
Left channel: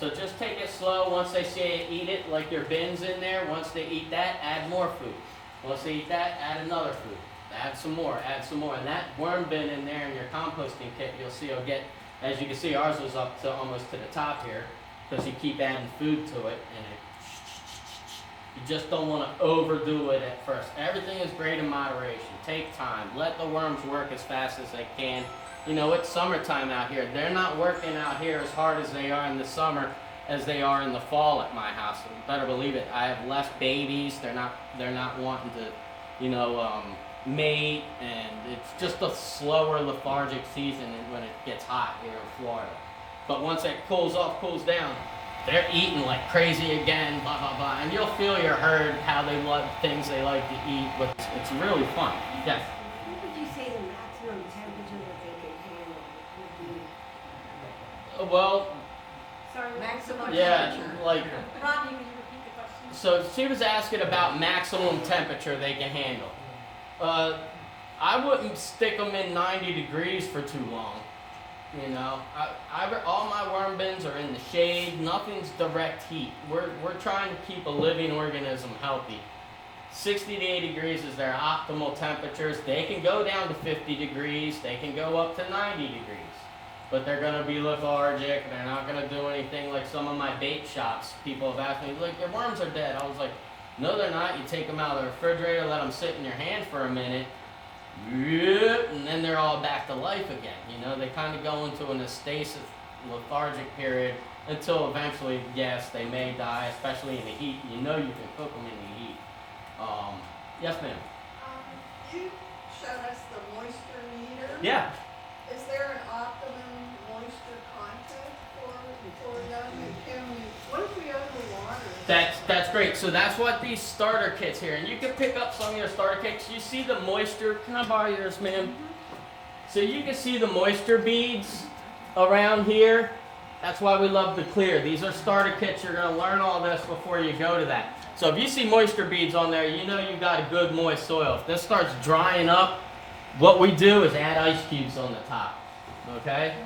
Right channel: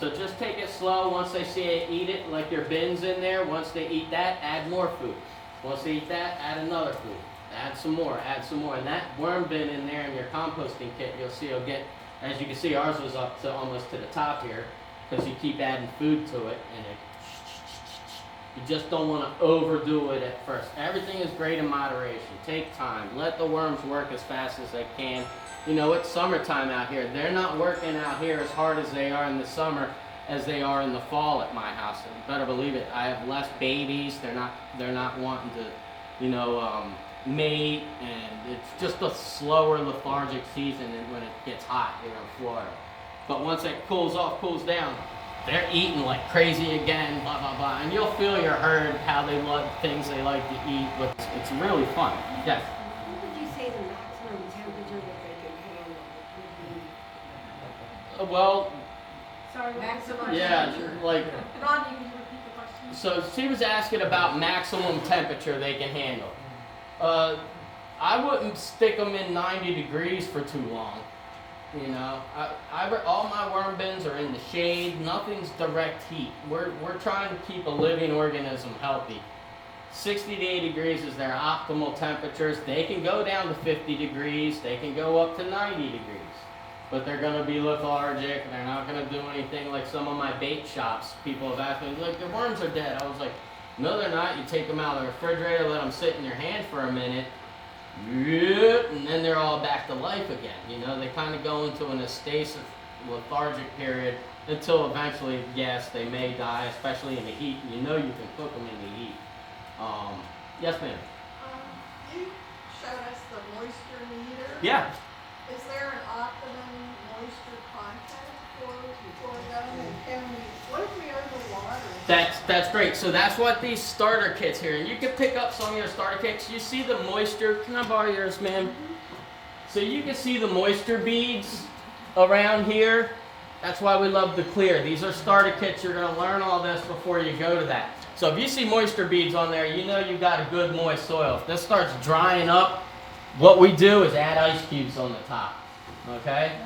So just take it slow. Once they see it, eat it like your bin's in there. Once they eat that, add more food. Once they eat that, add another food. Add some more, add some more. And that worm bin in there in your composting kit, you'll see it'll get, as you can see, ours was up to almost to the top here because you keep adding food to it and you just don't want to overdo it at first. Everything is great in moderation. Take time. Let the worms work as fast as they can. You know, it's summertime out here. They're not working out here as hard as they are in the summer as they are in the fall at my house. You better believe it. I have less babies. They're not wanting to, you know, mate, and it's just a slower lethargic season when it gets hot here in Florida. But once it cools off, cools down, they're eating like crazy again, blah, blah, blah. And you'll feel your herd, how they like things they like to eat, but it's really fun. Yes? What would you say the maximum temperature that they can handle would be? Well, Sorry. Maximum yeah, temperature. like, Rodney, can you repeat the question? so she was asking about maximum temperature they can handle. I wouldn't stick them in 90 degrees for too long. You know, all my worm bins are in the shade. Nothing's direct heat. We're trying to keep a living organism healthy. 60 to 80 degrees is their optimal temperatures. They can go down to 50 degrees. They can go up to 90 degrees. But they're going to be lethargic. They're not going to do anything like some of my bait shops. People have asked me, like, your worms are dead. I was like, no, they're not. You take them out of the refrigerator, let them sit in your hand for a minute. And then they're all back to life again. You know, they kind of go into an stasis, lethargic period until eventually, yes, they may die, especially in the heat. You know you can cook them in the heat. Yes, ma'am. You showed us the moisture meter. Yeah. Is there an optimum moisture content for them? And can we, what if we overwater? That's great. So that's what these starter kits here, and you can pick up some of your starter kits. You see the moisture. Can I borrow yours, ma'am? So you can see the moisture beads around here. That's why we love the clear. These are starter kits. You're going to learn all this before you go to that. So if you see moisture beads on there, you know you've got a good moist soil. If this starts drying up, what we do is add ice cubes on the top. Okay?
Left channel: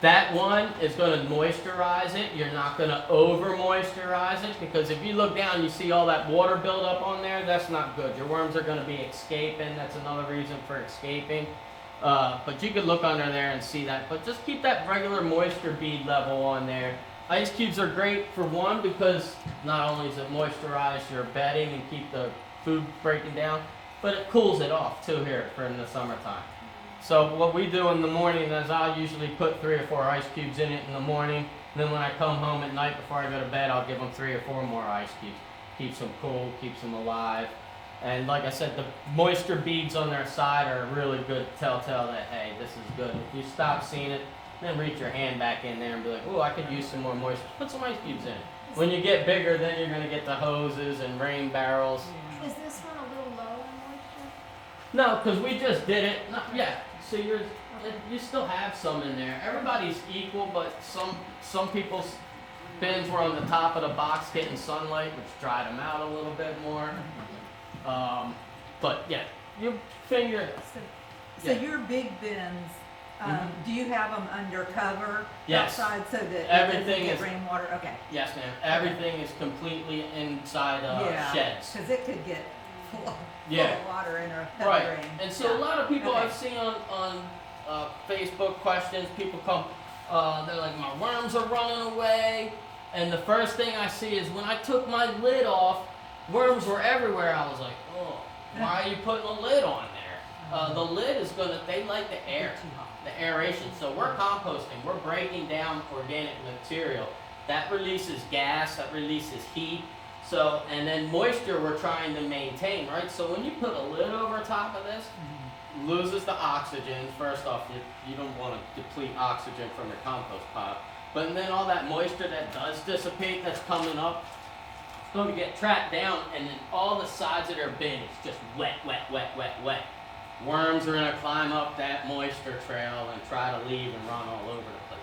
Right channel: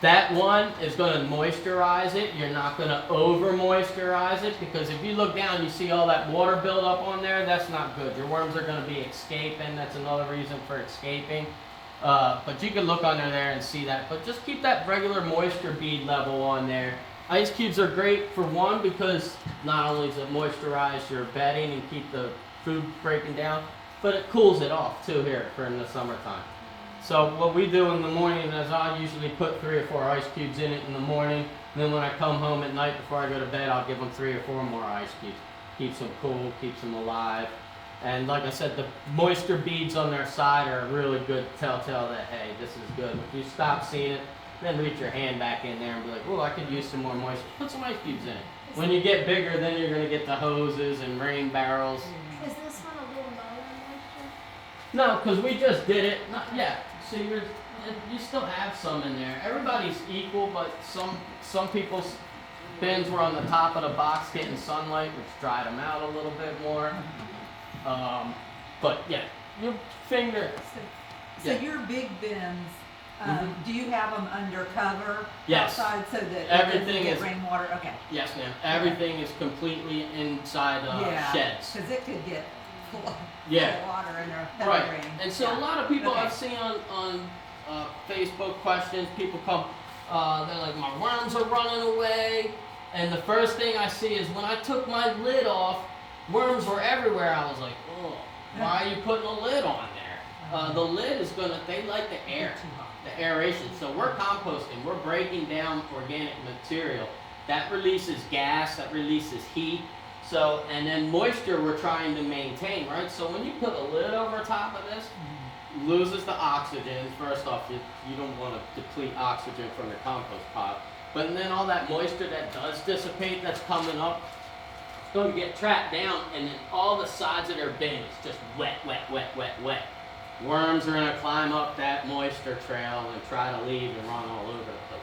That one is going to moisturize it. You're not going to over moisturize it because if you look down, you see all that water build up on there. That's not good. Your worms are going to be escaping. That's another reason for escaping. But you can look under there and see that. But just keep that regular moisture bead level on there. Ice cubes are great for one because not only does it moisturize your bedding and keep the food breaking down, but it cools it off too here for in the summertime. So what we do in the morning is I'll usually put 3 or 4 ice cubes in it in the morning. And then when I come home at night before I go to bed, I'll give them 3 or 4 more ice cubes. Keeps them cool, keeps them alive. And like I said, the moisture beads on their side are a really good telltale that, hey, this is good. If you stop seeing it, then reach your hand back in there and be like, oh, I could use some more moisture. Put some ice cubes in it. When you get bigger, then you're going to get the hoses and rain barrels. Is this one a little lower in moisture? No, because we just did it. Yeah, so you still have some in there. Everybody's equal, but some people's bins were on the top of the box getting sunlight, which dried them out a little bit more. But yeah, your finger. So Yeah. your big bins, Mhm. do you have them under cover Yes. outside so that Everything it doesn't get is- rainwater? Okay. Yes, ma'am. Everything is completely inside Yeah. sheds. Because it could get full Yeah. of water in a heavy Right. rain. And so Yeah. a lot of people Okay. I've seen on Facebook questions, people come, they're like, my worms are running away. And the first thing I see is when I took my lid off, worms were everywhere. I was like, oh, why are you putting a lid on there? The lid is they like the air, the aeration. So we're composting, we're breaking down organic material. That releases gas, that releases heat. So, and then moisture we're trying to maintain, right? So when you put a lid over top of this, loses the oxygen. First off, you don't want to deplete oxygen from your compost pile. But then all that moisture that does dissipate that's coming up, it's going to get trapped down, and then all the sides of their bin is just wet, wet, wet, wet, wet. Worms are going to climb up that moisture trail and try to leave and run all over the place.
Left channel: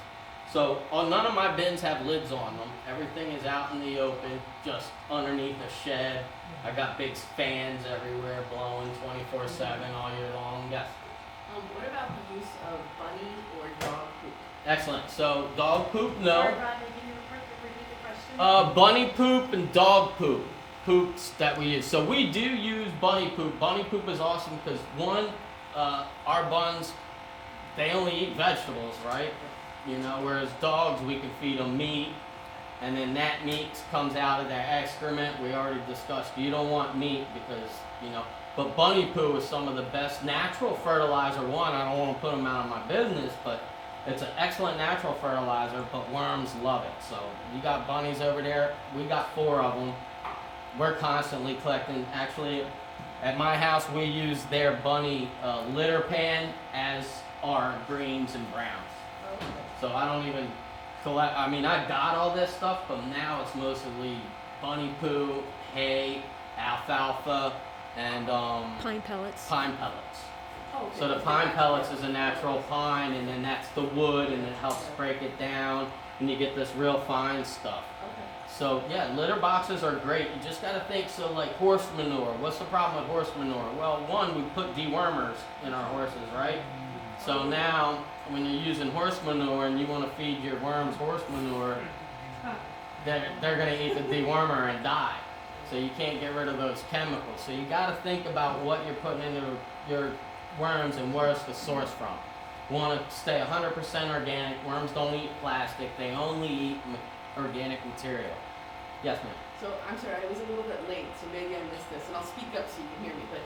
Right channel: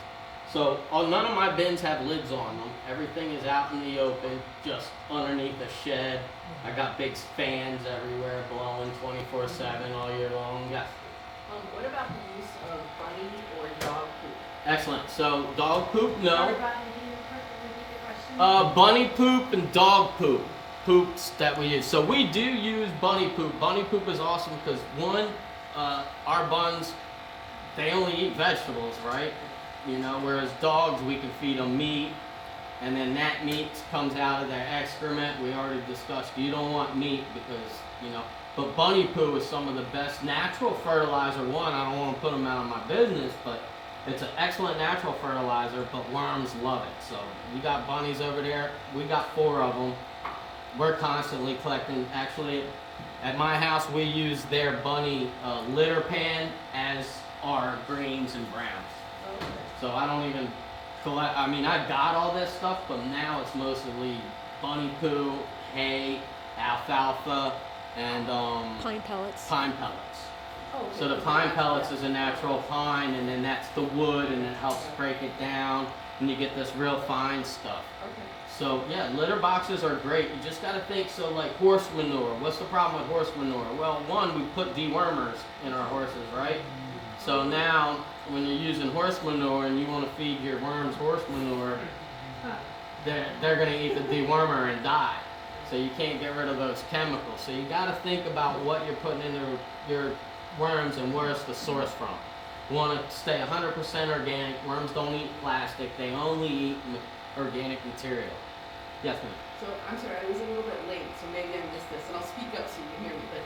So none of my bins have lids on them. Everything is out in the open, just underneath a shed. I got big fans everywhere blowing 24/7 all year long. Yes. What about the use of bunny or dog poop? Excellent. So dog poop, no. Sorry, Bob, I didn't repeat the question. Bunny poop and dog poop. Poops that we use. So we do use bunny poop. Bunny poop is awesome because one, our buns, they only eat vegetables, right? You know, whereas dogs, we can feed them meat, and then that meat comes out of their excrement. We already discussed you don't want meat because, you know, but bunny poo is some of the best natural fertilizer. One, I don't want to put them out of my business, but it's an excellent natural fertilizer, but worms love it. So you got bunnies over there. We got 4 of them. We're constantly collecting. Actually, at my house, we use their bunny litter pan as our greens and browns. So I don't even collect. I mean, I got all this stuff, but now it's mostly bunny poo, hay, alfalfa, and Pine pellets. pine pellets. Oh, So the pine pellets is a natural pine, and then that's the wood, and it helps break it down, and you get this real fine stuff. Okay. So yeah, litter boxes are great. You just gotta think, so like horse manure. What's the problem with horse manure? Well, one, we put dewormers in our horses, right? So now, when you're using horse manure and you wanna feed your worms horse manure, they're gonna eat the dewormer and die. So you can't get rid of those chemicals. So you gotta think about what you're putting into your worms and where it's the source from. You wanna stay 100% organic. Worms don't eat plastic. They only eat organic material. Yes, ma'am. So I'm sorry, I was a little bit late, so maybe I missed this, and I'll speak up so you can hear me. But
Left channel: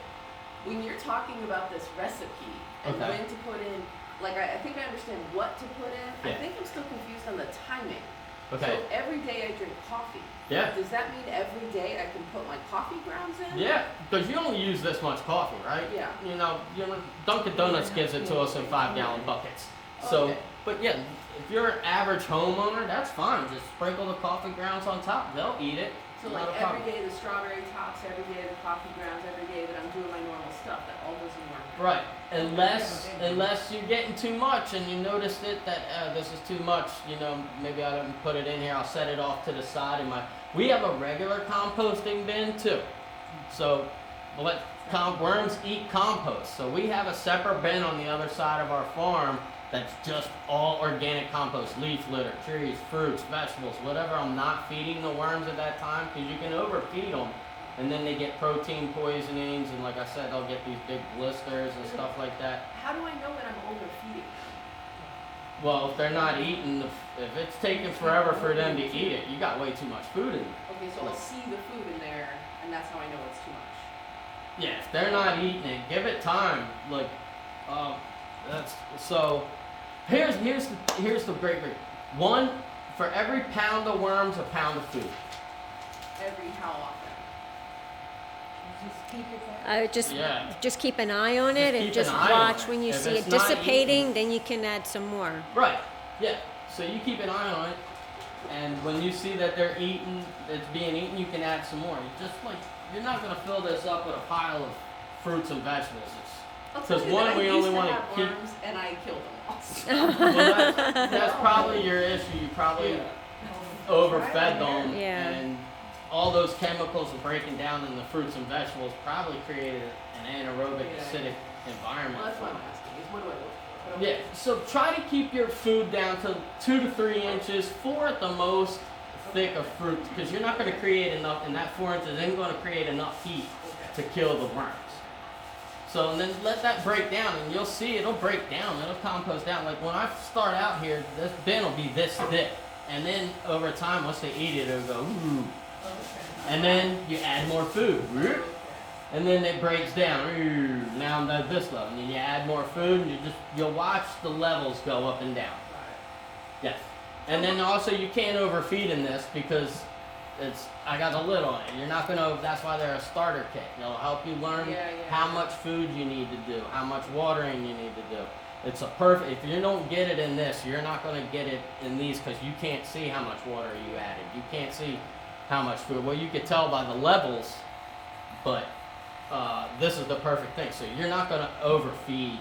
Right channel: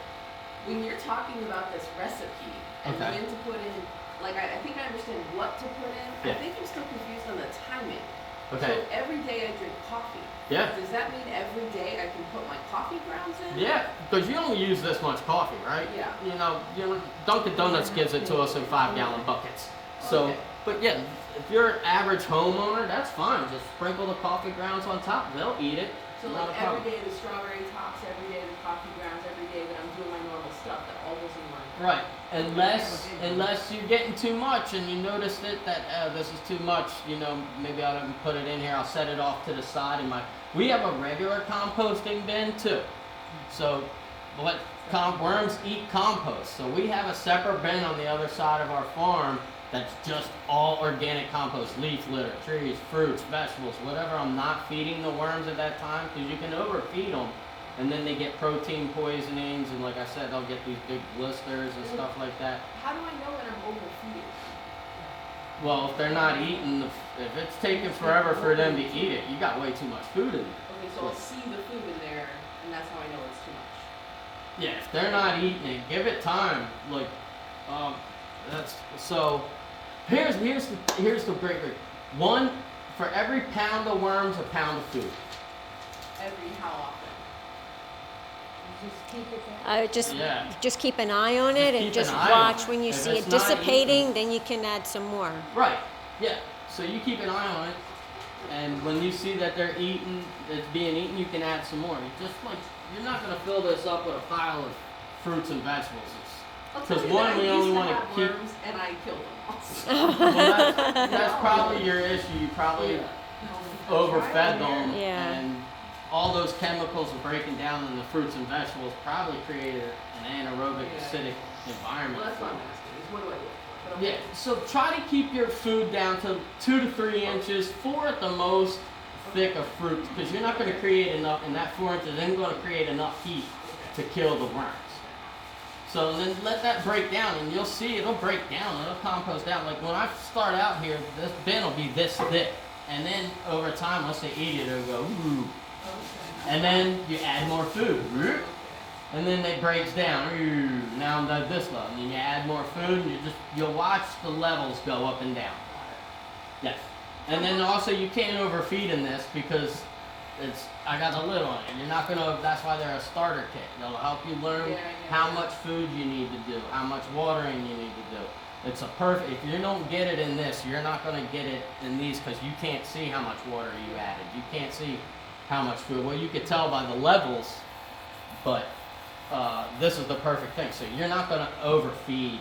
when you're talking about this recipe and Okay. when to put in, like I think I understand what to put in. Yeah. I think I'm still confused on the timing. Okay. So every day I drink coffee. Yeah. Does that mean every day I can put my coffee grounds in? Yeah, because you only use this much coffee, right? Yeah. You know, Dunkin' Donuts gives it to us in 5-gallon buckets. So, Okay. but yeah, if you're an average homeowner, that's fine. Just sprinkle the coffee grounds on top. They'll eat it. So Not like a problem. every day the strawberry tops, every day the coffee grounds, every day that I'm doing my normal stuff, that all goes in one. Right, unless you're getting too much and you noticed it that this is too much, you know, maybe I didn't put it in here. I'll set it off to the side in my. We have a regular composting bin too, so worms eat compost. So we have a separate bin on the other side of our farm that's just all organic compost, leaf litter, trees, fruits, vegetables, whatever I'm not feeding the worms at that time, because you can overfeed them. And then they get protein poisonings, and like I said, they'll get these big blisters and stuff like that. How do I know that I'm overfeeding? Well, if they're not eating, if it's taking forever for them to eat it, you got way too much food in there. Okay, so I'll see the food in there, and that's how I know it's too much. Yeah, if they're not eating it, give it time. Like, that's so. Here's the great. One, for every pound of worms, a pound of food. Every how often? Just keep it that. I would Yeah. just keep an eye on it and keep just an eye watch on it. when you If see it's it not dissipating, eating- then you can add some more. Right. Yeah. So you keep an eye on it, and when you see that they're eating, it's being eaten, you can add some more. You just like you're not gonna fill this up with a pile of fruits and vegetables. I'll tell 'Cause you one, that I we used only to wanna have keep- worms, and I killed them all. Well, that's probably your issue. You probably overfed them, Yeah. and all those chemicals are breaking down in the fruits and vegetables probably created an anaerobic Yeah. acidic environment. Well, that's what I'm asking, is what do I look for? But Yeah, okay. so try to keep your food down to 2 to 3 inches, 4 at the most, thick of fruit, because you're not going to create enough, and that 4 inches isn't going to create enough heat to kill the worms. So and then let that break down, and you'll see it'll break down, it'll compost down. Like when I start out here, this bin will be this thick, and then over time, once they eat it, it'll go, ooh. And then you add more food. and then it breaks down. Ooh, now I'm at this level, and then you add more food, and you'll watch the levels go up and down. Yes, and then also you can't overfeed in this because I got a lid on it. You're not gonna. That's why they're a starter kit. They'll help you learn how much food you need to do, how much watering you need to do. It's a perfect. If you don't get it in this, you're not gonna get it in these because you can't see how much water you added. You can't see how much food. Well, you could tell by the levels, but this is the perfect thing. So you're not gonna overfeed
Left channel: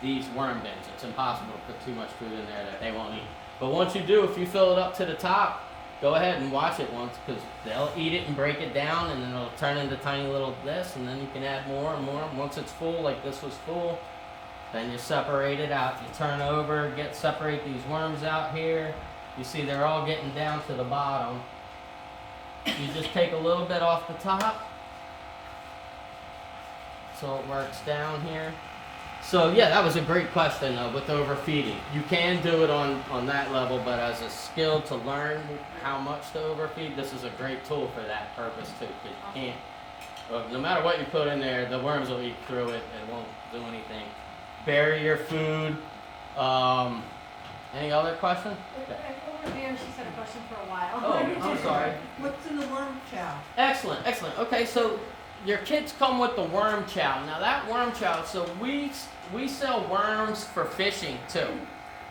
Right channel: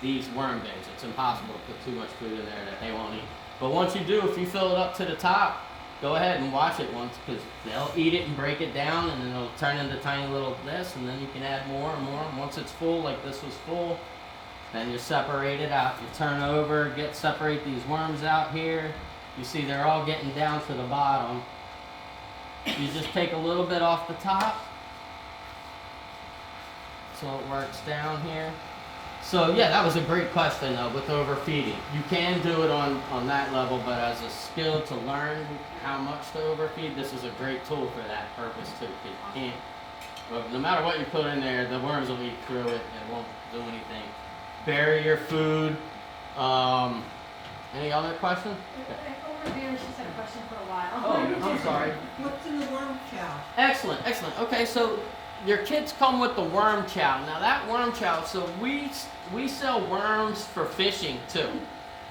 these worm bins. It's impossible to put too much food in there that they won't eat. But once you do, if you fill it up to the top, go ahead and watch it once because they'll eat it and break it down, and then it'll turn into tiny little this, and then you can add more and more. Once it's full, like this was full, then you separate it out. You turn over, separate these worms out here. You see they're all getting down to the bottom. You just take a little bit off the top, so it works down here. So yeah, that was a great question with overfeeding. You can do it on that level, but as a skill to learn how much to overfeed, this is a great tool for that purpose too. 'Cause you can't, no matter what you put in there, the worms will eat through it. It won't do anything. Bury your food. Any other question? Over here, she's had a question for a while. Oh, I'm sorry. What's in the worm chow? Excellent, excellent. Okay, so your kids come with the worm chow. Now that worm chow, so we sell worms for fishing too.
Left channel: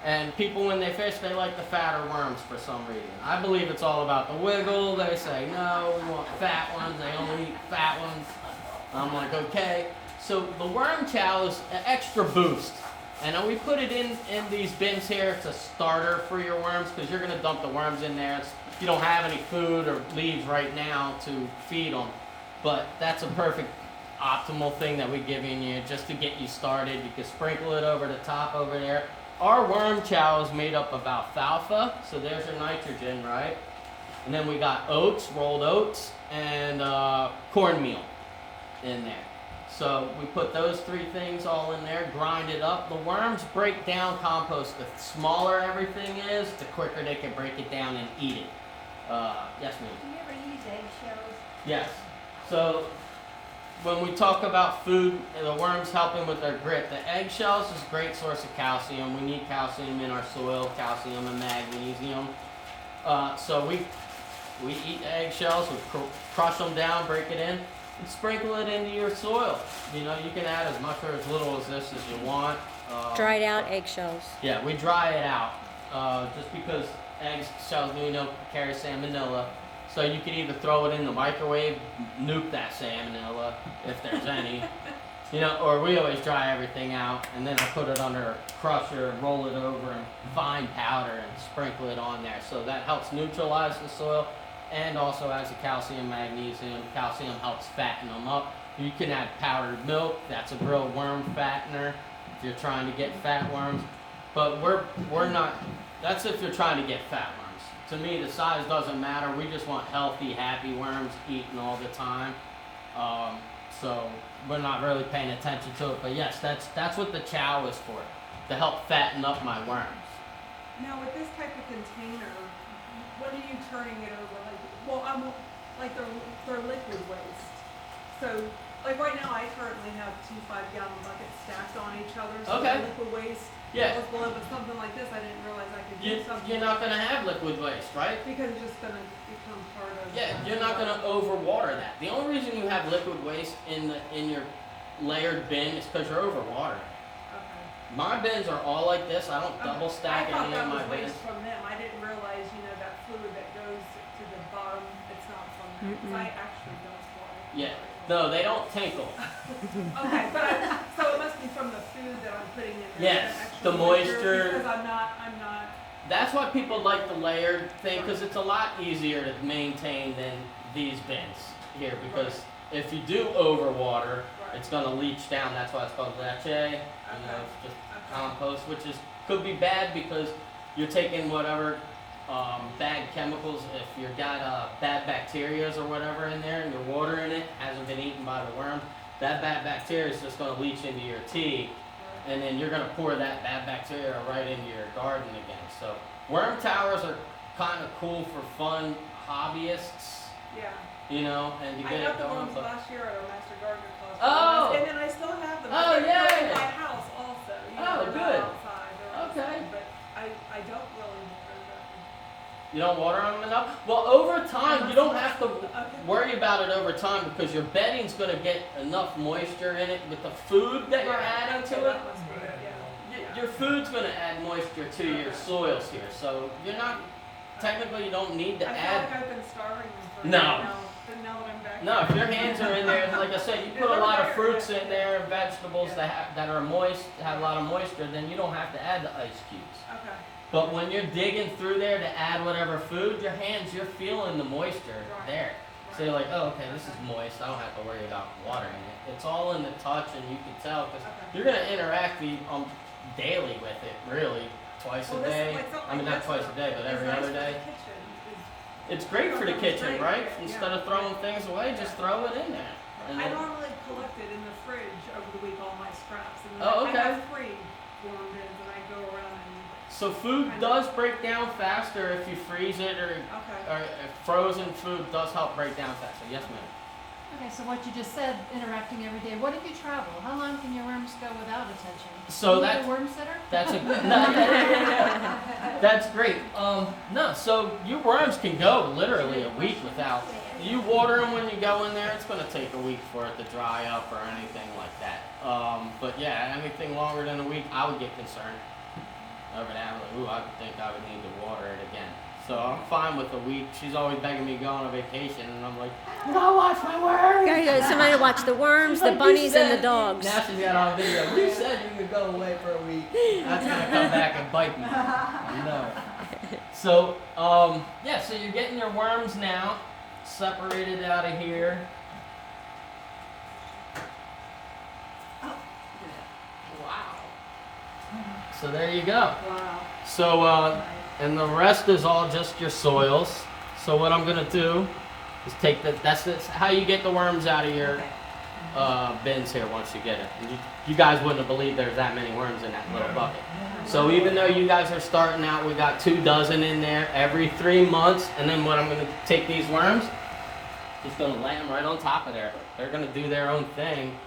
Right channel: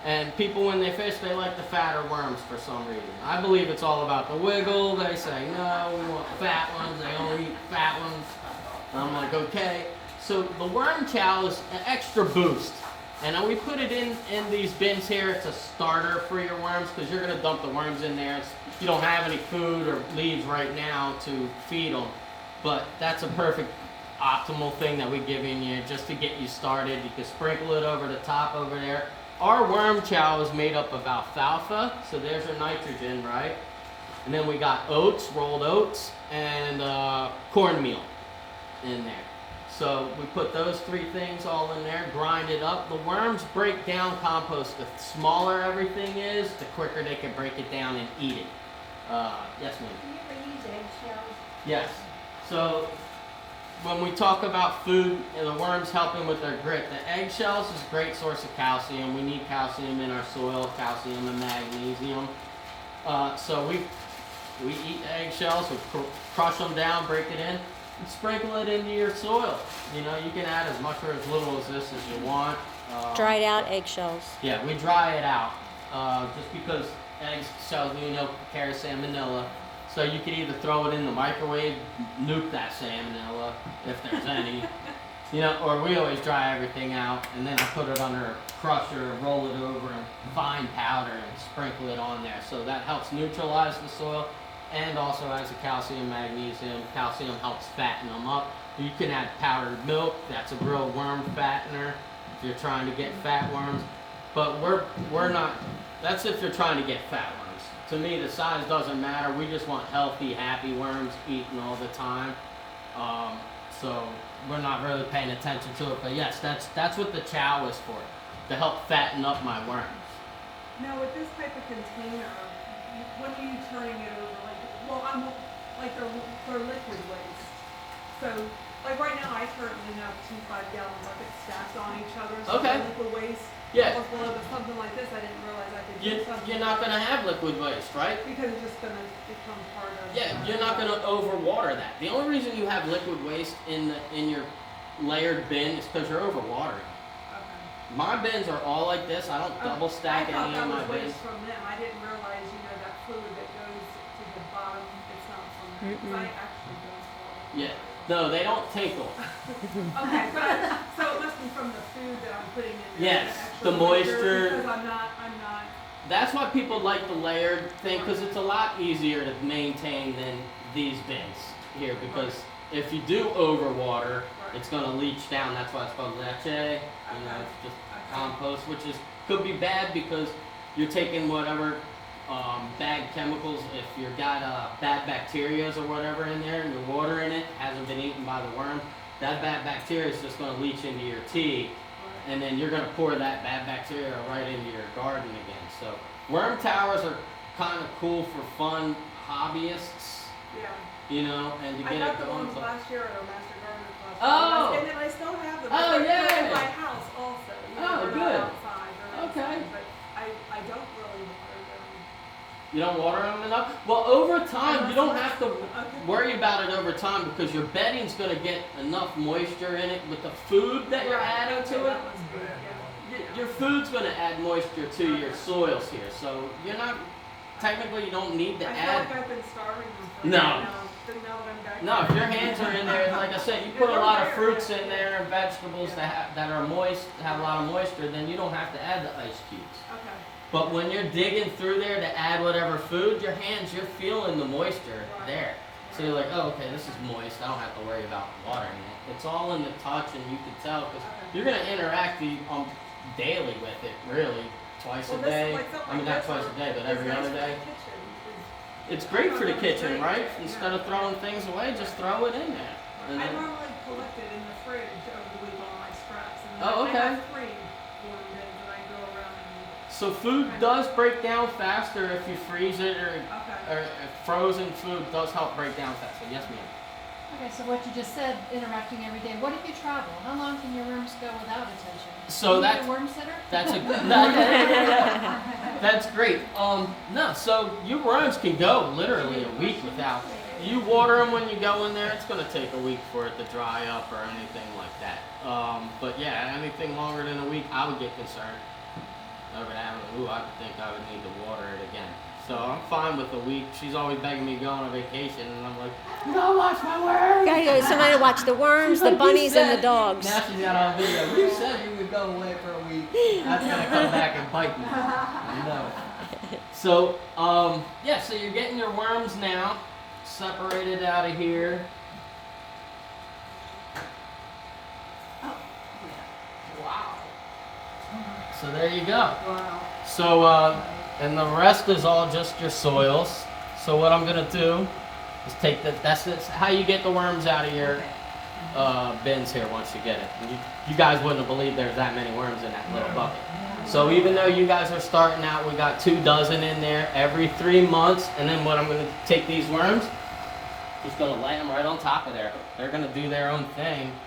And people when they fish, they like the fatter worms for some reason. I believe it's all about the wiggle. They say, no, we want fat ones. They only eat fat ones. I'm like, okay. So the worm chow is an extra boost. And we put it in these bins here. It's a starter for your worms because you're going to dump the worms in there. You don't have any food or leaves right now to feed them. But that's a perfect optimal thing that we give you just to get you started. You can sprinkle it over the top over there. Our worm chow is made up of alfalfa, so there's your nitrogen, right? And then we got oats, rolled oats, and cornmeal in there. So we put those three things all in there, grind it up. The worms break down compost. The smaller everything is, the quicker they can break it down and eat it. Yes, ma'am? Do you ever use eggshells? Yes. So when we talk about food, the worms helping with their grit, the eggshells is a great source of calcium. We need calcium in our soil, calcium and magnesium. So we eat the eggshells, we crush them down, break it in, and sprinkle it into your soil. You know, you can add as much or as little as this as you want. Dried out eggshells. Yeah, we dry it out just because eggshells, you know, carry salmonella. So you can either throw it in the microwave, nuke that salmonella, if there's any, you know, or we always dry everything out, and then I put it under a crusher, roll it over in fine powder, and sprinkle it on there. So that helps neutralize the soil, and also has the calcium, magnesium. Calcium helps fatten them up. You can add powdered milk. That's a real worm fattener if you're trying to get fat worms. But we're not. That's if you're trying to get fat worms. To me, the size doesn't matter. We just want healthy, happy worms eaten all the time. So we're not really paying attention to it. But yes, that's what the chow is for, to help fatten up my worms. Now, with this type of container, what are you turning it over? Like they're liquid waste. So, like right now, I currently have 2 5-gallon buckets stacked on each other. So Okay. liquid waste. Yeah. Was below, but something like this, I didn't realize I could do something. You're not gonna have liquid waste, right? Because it's just gonna become part of. Yeah, you're not gonna overwater that. The only reason you have liquid waste in your layered bin is because you're overwatering. Okay. My bins are all like this. I don't double stack I thought any that of my was bins. waste from them. I didn't realize, that fluid that goes to the bottom, it's not from them. 'Cause I actually don't swallow. Yeah. No, they don't tinkle. Okay, so it must be from the food that I'm putting in there. Yes, that actually the moisture. Because I'm not. That's why people like the layered thing, because it's a lot easier to maintain than these bins here. Because if you do overwater, it's going to leach down. That's why it's called leche. It's just compost, which could be bad because you're taking whatever bad chemicals. If you've got bad bacteria or whatever in there, and your water in it hasn't been eaten by the worms, that bad bacteria is just going to leach into your tea. And then you're going to pour that bad bacteria right into your garden again. So worm towers are kind of cool for fun hobbyists, Yeah. and to get I got it the going. ones last year at our master gardener You don't water them enough? Well, over time, you don't have to worry about it over time because your bedding's going to get enough moisture in it with the food that you're adding to it. Your food's going to add moisture to your soils here. So you're not, technically, you don't need to I feel add. like I've been starving them for No. now that I'm back. No, if your hands are in there, like I said, you put a lot of fruits in there and vegetables that are moist, have a lot of moisture, then you don't have to add the ice cubes. Okay. But when you're digging through there to add whatever food, your hands, you're feeling the moisture there. So you're like, oh, okay, this is moist. I don't have to worry about watering it. It's all in the touch, and you can tell because you're going to interact daily with it, really, twice a day. I mean, not twice a day, but every other day. It's great for the kitchen, right? Instead of throwing things away, just throw it in there. And I then- normally collect it in the fridge over the week, all my scraps. And Oh, then I okay. have 3 worm bins and I go around and, So food does break down faster if you freeze it, or okay. frozen food does help break down faster. Yes, ma'am. Okay, so what you just said, interacting every day. What if you travel? How long can your worms go without attention? So You need that's a worm sitter? that's a good. That's great. No, so your worms can go literally a week without. You water them when you go in there. It's going to take a week for it to dry up or anything like that. But yeah, anything longer than a week, I would get concerned. I would think I would need to water it again. So I'm fine with a week. She's always begging me to go on a vacation, and I'm like, I gotta watch my worms. Gotta go, somebody to watch the worms, the Like, bunnies, you and the said- dogs. Now she's got on video. You said you could go away for a week. That's gonna come back and bite me. I know. So, yeah, so you're getting your worms now separated out of here. Wow. So there you go. Wow. So, and the rest is all just your soils. So what I'm gonna do is take that's how you get the worms out of your bins here once you get it. You guys wouldn't have believed there's that many worms in that little bucket. So even though you guys are starting out, we got 2 dozen in there every 3 months. And then what I'm gonna take these worms, just gonna lay them right on top of there. They're gonna do their own thing.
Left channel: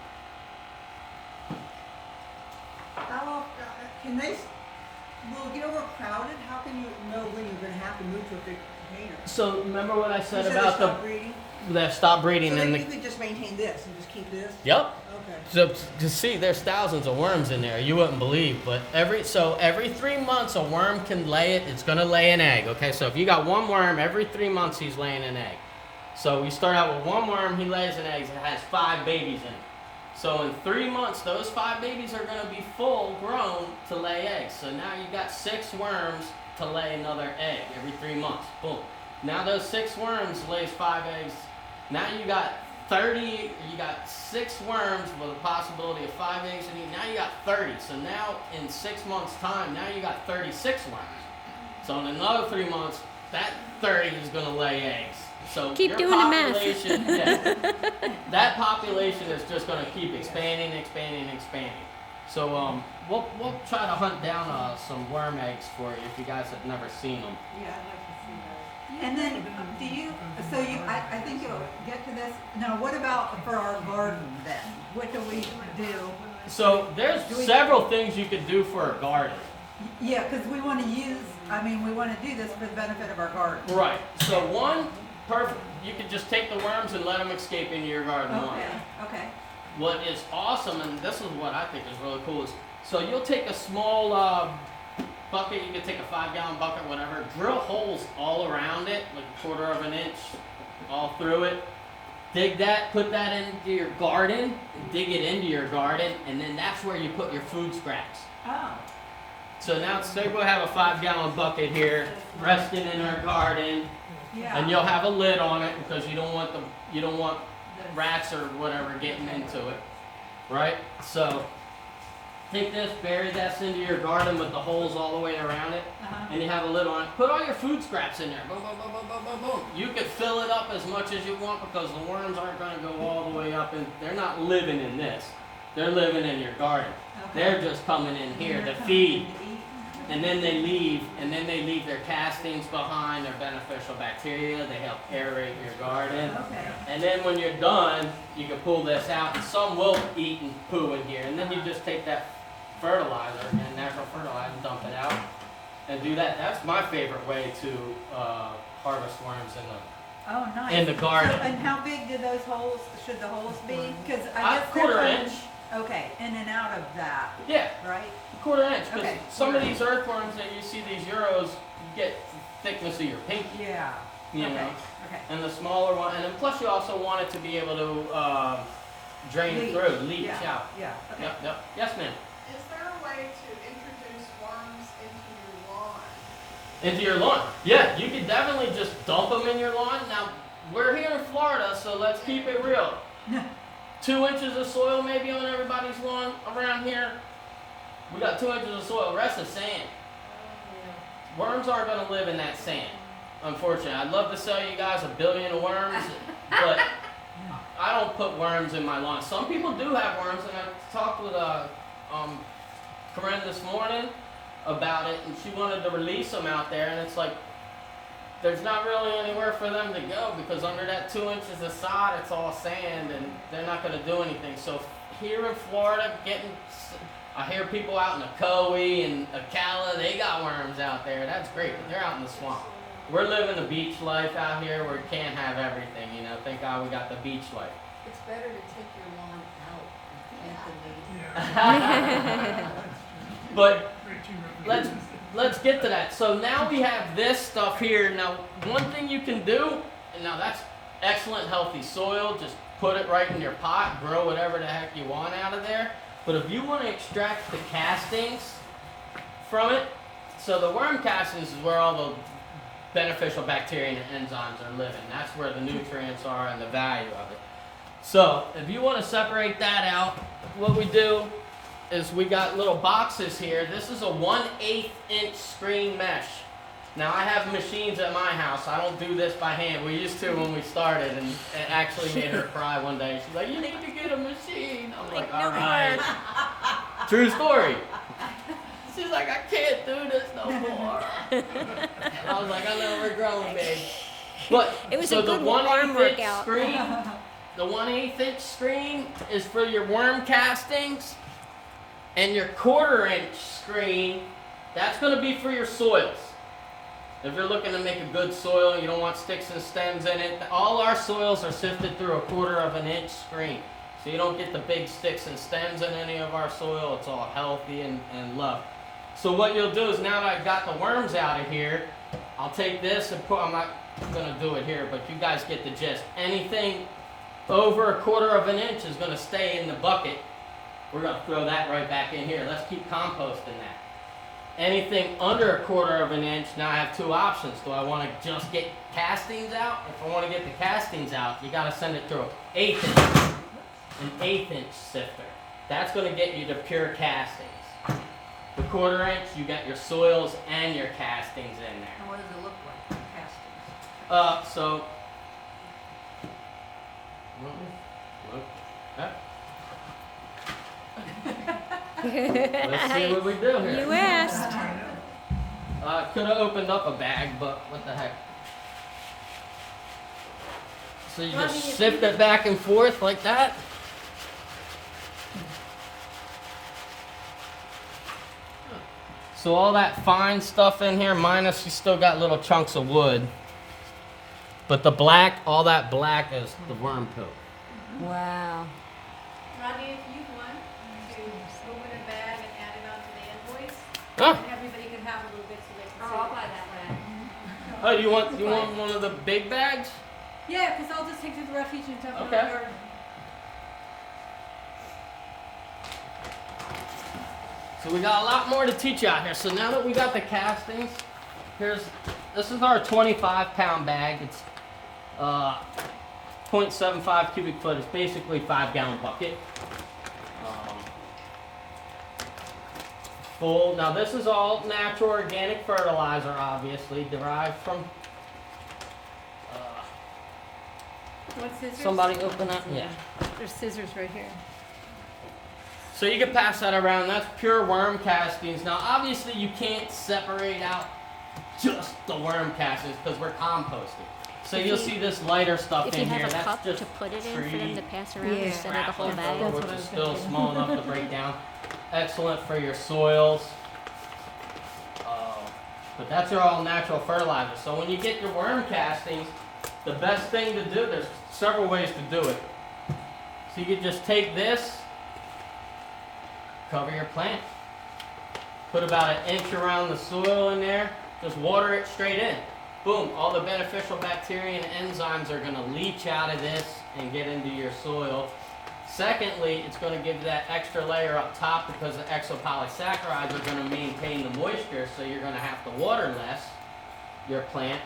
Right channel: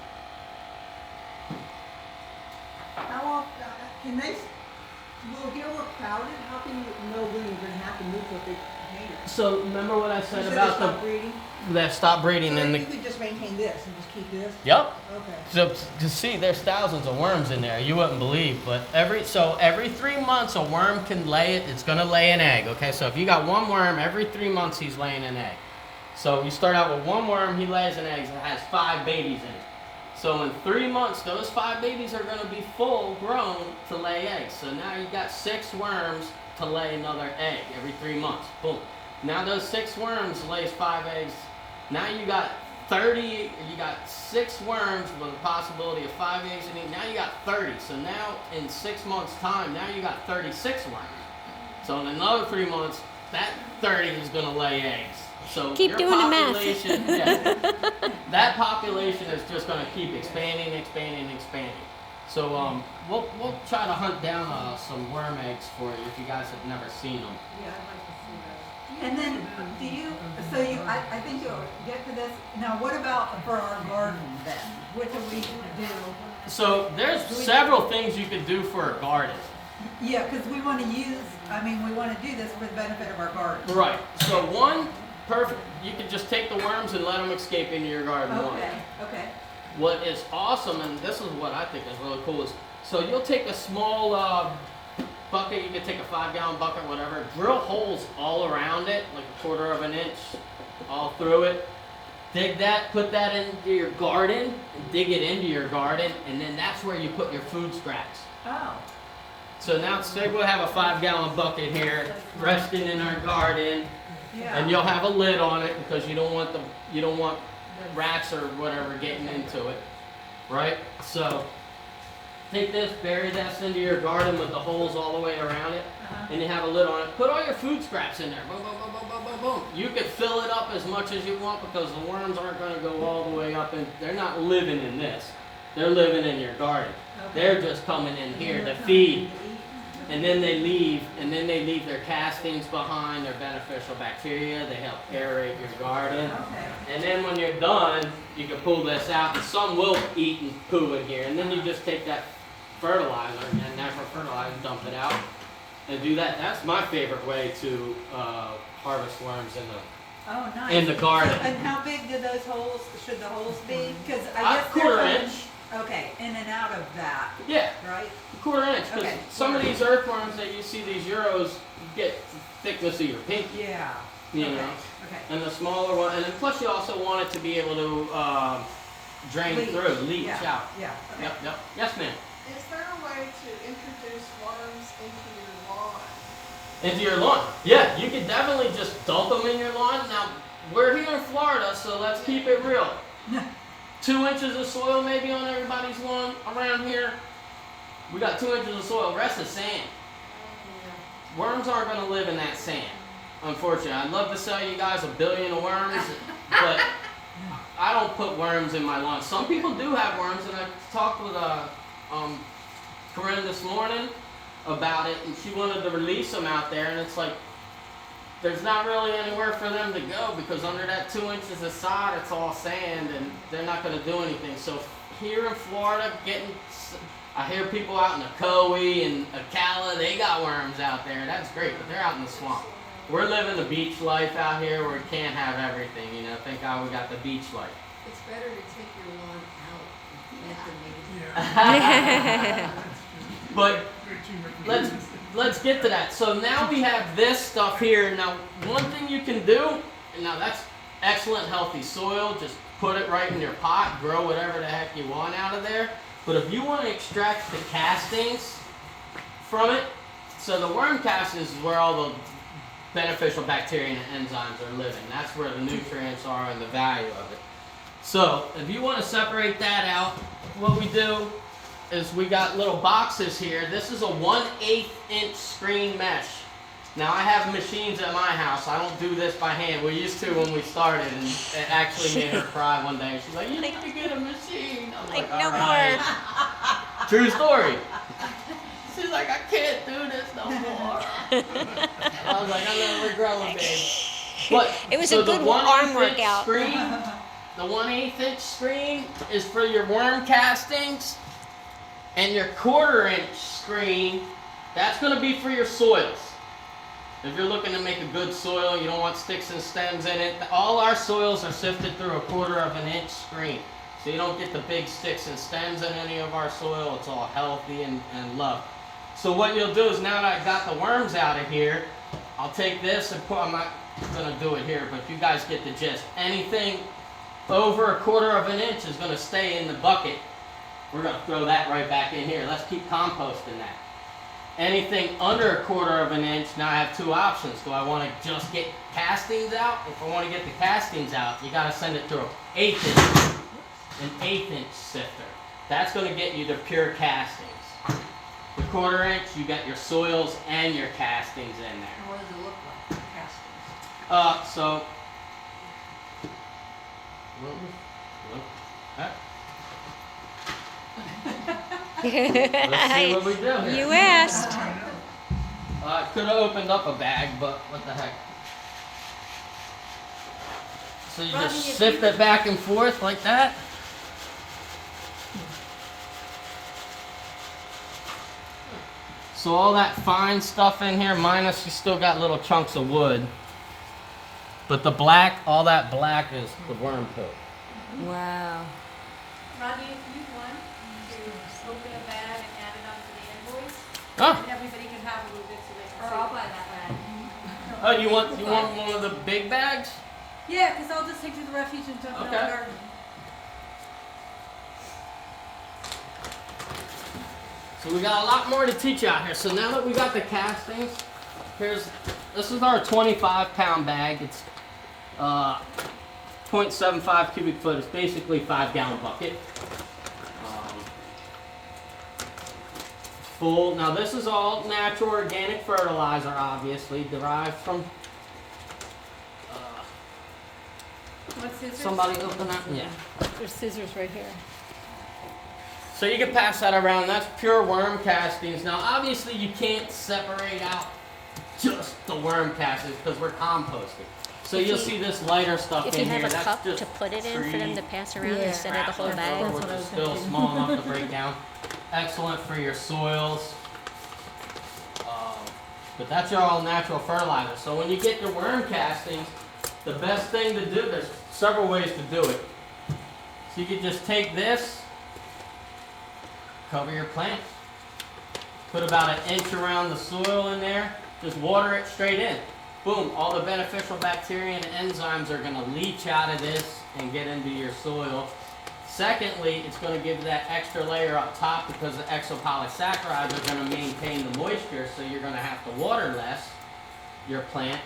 How often, will it get overcrowded? How can you know when you're gonna have to move to a big container? So remember what I said You about they stop breeding? the stop breeding So and then the. you could just maintain this and just keep this? Yep. Okay. So to see, there's thousands of worms in there. You wouldn't believe, but every 3 months a worm can lay it. It's gonna lay an egg. Okay, so if you got one worm, every 3 months he's laying an egg. So you start out with one worm, he lays an egg. It has 5 babies in it. So in 3 months, those 5 babies are gonna be full grown to lay eggs. So now you got 6 worms to lay another egg every 3 months. Boom. Now those 6 worms lays 5 eggs. Now you got 30, you got 6 worms with a possibility of 5 eggs in each. Now you got 30. So now in 6 months' time, now you got 36 worms. So in another 3 months, that 30 is going to lay eggs. So Keep your doing the math. population, yeah, that population is just going to keep expanding, expanding, expanding. So we'll try to hunt down some worm eggs for you if you guys have never seen them. Yeah, I'd like to see those. And then, I think you'll get to this. Now, what about for our garden then? What do we do? So there's several things you could do for a garden. Yeah, because we want to do this for the benefit of our garden. Right. So perfect. You could just take the worms and let them escape into your garden. Okay. What is awesome, and this is what I think is really cool, is so you'll take a small bucket. You can take a 5-gallon bucket, whatever. Drill holes all around it, like a 1/4 of an inch, all through it. Dig that, put that into your garden, dig it into your garden, and then that's where you put your food scraps. Oh. So now say we'll have a 5-gallon bucket here, resting in our garden. Yeah. And you'll have a lid on it because you don't want rats or whatever getting into it, right? So take this, bury this into your garden with the holes all the way around it, and you have a lid on it. Put all your food scraps in there. Boom, boom, boom, boom, boom, boom, boom. You could fill it up as much as you want because the worms aren't going to go all the way up, and they're not living in this. They're living in your garden. Okay. They're just coming in here to feed. And then they leave their castings behind, their beneficial bacteria. They help aerate your garden. Okay. And then when you're done, you can pull this out, and some will eat and poo in here. And then you just take that fertilizer, and never fertilizer, and dump it out. and do that. That's my favorite way to harvest worms Oh, nice. in the garden. So, and how big do those holes, should the holes be? Because I guess Quarter they're inch. Okay, in and out of that, Yeah, right? quarter inch. Because Okay, some of quarter these earthworms that you see, these Euros, get thickness of your pinky. Yeah. You Okay, know. okay. And the smaller one, and then plus you also want it to be able to drain through, leach Yeah, out. yeah, okay. Yep, yep. Yes, ma'am. Is there a way to introduce worms into your lawn? Into your lawn. Yeah, you can definitely just dump them in your lawn. Now, we're here in Florida, so let's keep it real. Yeah. 2 inches of soil maybe on everybody's lawn around here. We got 2 inches of soil, the rest is sand. Worms aren't gonna live in that sand, unfortunately. I'd love to sell you guys 1 billion of worms, but I don't put worms in my lawn. Some people do have worms, and I talked with Corinne this morning about it, and she wanted to release them out there, and it's like, there's not really anywhere for them to go because under that 2 inches of sod, it's all sand, and they're not going to do anything. So here in Florida, I hear people out in Ocoee and Ocala, they got worms out there. That's great, but they're out in the swamp. We're living the beach life out here where we can't have everything, you know. Thank God we got the beach life. It's better to take your lawn out and plant them. But let's get to that. So now we have this stuff here. Now, one thing you can do, and now that's excellent healthy soil. Just put it right in your pot, grow whatever the heck you want out of there. But if you want to extract the castings from it, so the worm castings is where all the beneficial bacteria and enzymes are living. That's where the nutrients are and the value of it. So if you want to separate that out, what we do is we got little boxes here. This is a 1/8 inch screen mesh. Now I have machines at my house. I don't do this by hand. We used to when we started, and it actually made her cry one day. She's like, "You need to get a machine." I'm like, no "All right." True story. She's like, "I can't do this no more." I was like, "I never growing, babe." But It was so a good the 1/8 arm inch workout. Screen, the 1/8 inch screen is for your worm castings, and your 1/4 inch screen, that's going to be for your soils. If you're looking to make a good soil, you don't want sticks and stems in it. All our soils are sifted through a 1/4 inch screen. So you don't get the big sticks and stems in any of our soil. It's all healthy and loved. So what you'll do is, now that I got the worms out of here, I'll take this and I'm not going to do it here, but you guys get the gist. Anything over a 1/4 inch is going to stay in the bucket. We're going to throw that right back in here. Let's keep composting that. Anything under a 1/4 inch, now I have two options. Do I want to just get castings out? If I want to get the castings out, you got to send it through an 1/8 inch sifter. That's going to get you the pure castings. The 1/4 inch, you got your soils and your castings in there. And what does it look like, castings? So, let's see what we do here. You asked. I could have opened up a bag, but what the heck. So you Rodney, just if sift it back and forth like that. So all that fine stuff in here, minus you still got little chunks of wood. But the black, all that black is the worm poop. Wow. Rodney, if you want to open a bag and add it onto the invoice, Oh, and everybody can have a little bit so they can Or see. I'll buy that bag. oh, you want one of the big bags? Yeah, because I'll just take it to the refuge and dump it in the Okay. garden. So we got a lot more to teach out here. So now that we got the castings, this is our 25-pound bag. It's 0.75 cubic foot. It's basically 5-gallon bucket. Full. Now this is all natural organic fertilizer, obviously derived from. Want scissors? Somebody open up. Yeah. There's scissors right here. So you can pass that around. That's pure worm castings. Now, obviously, you can't separate out just the worm castings because we're composting. So you'll see this lighter stuff If in you here. have a That's cup just to put it in for them to tree pass around Yeah. instead of the whole bag. That's what I which was is still thinking. small enough to break down. Excellent for your soils. But that's your all natural fertilizer. So when you get your worm castings, the best thing to do, there's several ways to do it. So you can just take this, cover your plant, put about 1 inch around the soil in there, just water it straight in. Boom, all the beneficial bacteria and enzymes are gonna leach out of this and get into your soil. Secondly, it's going to give that extra layer up top because the exopolysaccharides are going to maintain the moisture, so you're going to have to water less your plant.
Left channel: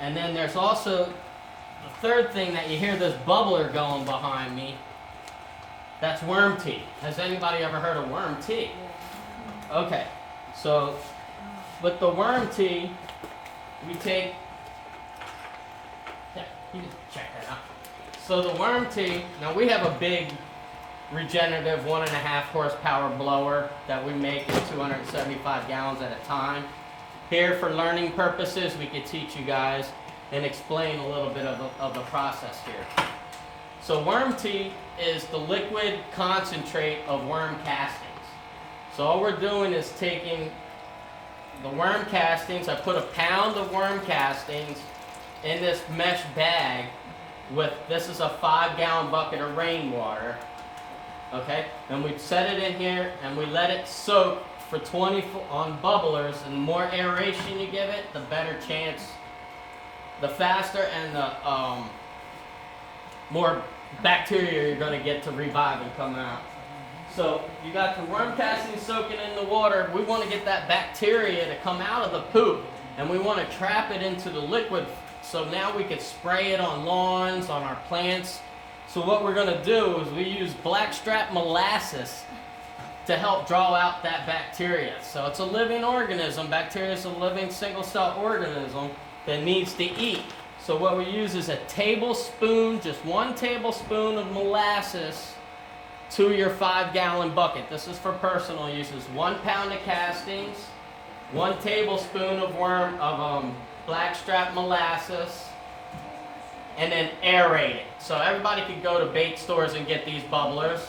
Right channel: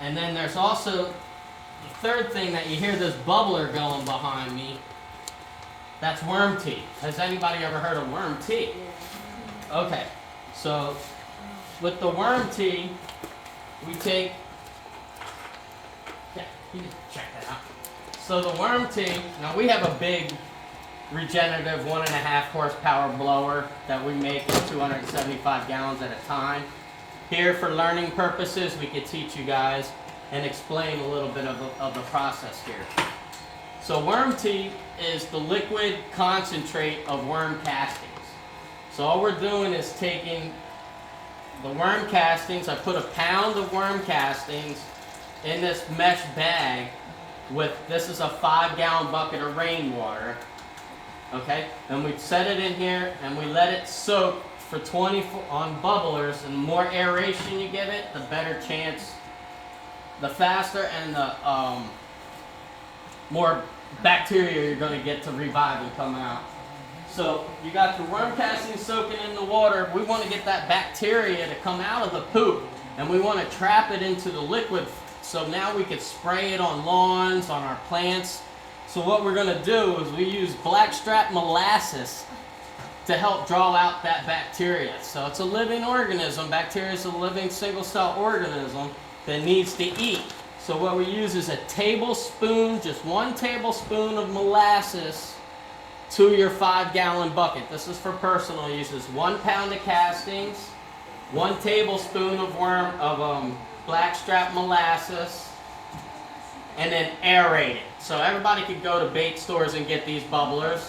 And then there's also the third thing that you hear this bubbler going behind me. That's worm tea. Has anybody ever heard of worm tea? Okay, so with the worm tea, we take, yeah, you can check that out. So the worm tea, now we have a big regenerative 1.5 horsepower blower that we make in 275 gallons at a time. Here for learning purposes, we could teach you guys and explain a little bit of the process here. So worm tea is the liquid concentrate of worm castings. So all we're doing is taking the worm castings, I put 1 pound of worm castings in this mesh bag with, this is a 5-gallon bucket of rainwater, okay? And we set it in here and we let it soak for 24 on bubblers, and the more aeration you give it, the better chance, the faster and the more bacteria you're gonna get to revive and come out. So you got your worm casting soaking in the water. We want to get that bacteria to come out of the poop, and we want to trap it into the liquid. So now we can spray it on lawns, on our plants. So what we're going to do is we use blackstrap molasses to help draw out that bacteria. So it's a living organism. Bacteria is a living single-cell organism that needs to eat. So what we use is a tablespoon, just 1 tablespoon of molasses to your 5-gallon bucket. This is for personal uses. 1 pound of castings, 1 tablespoon of blackstrap molasses, and then aerate it. So everybody could go to bait stores and get these bubblers,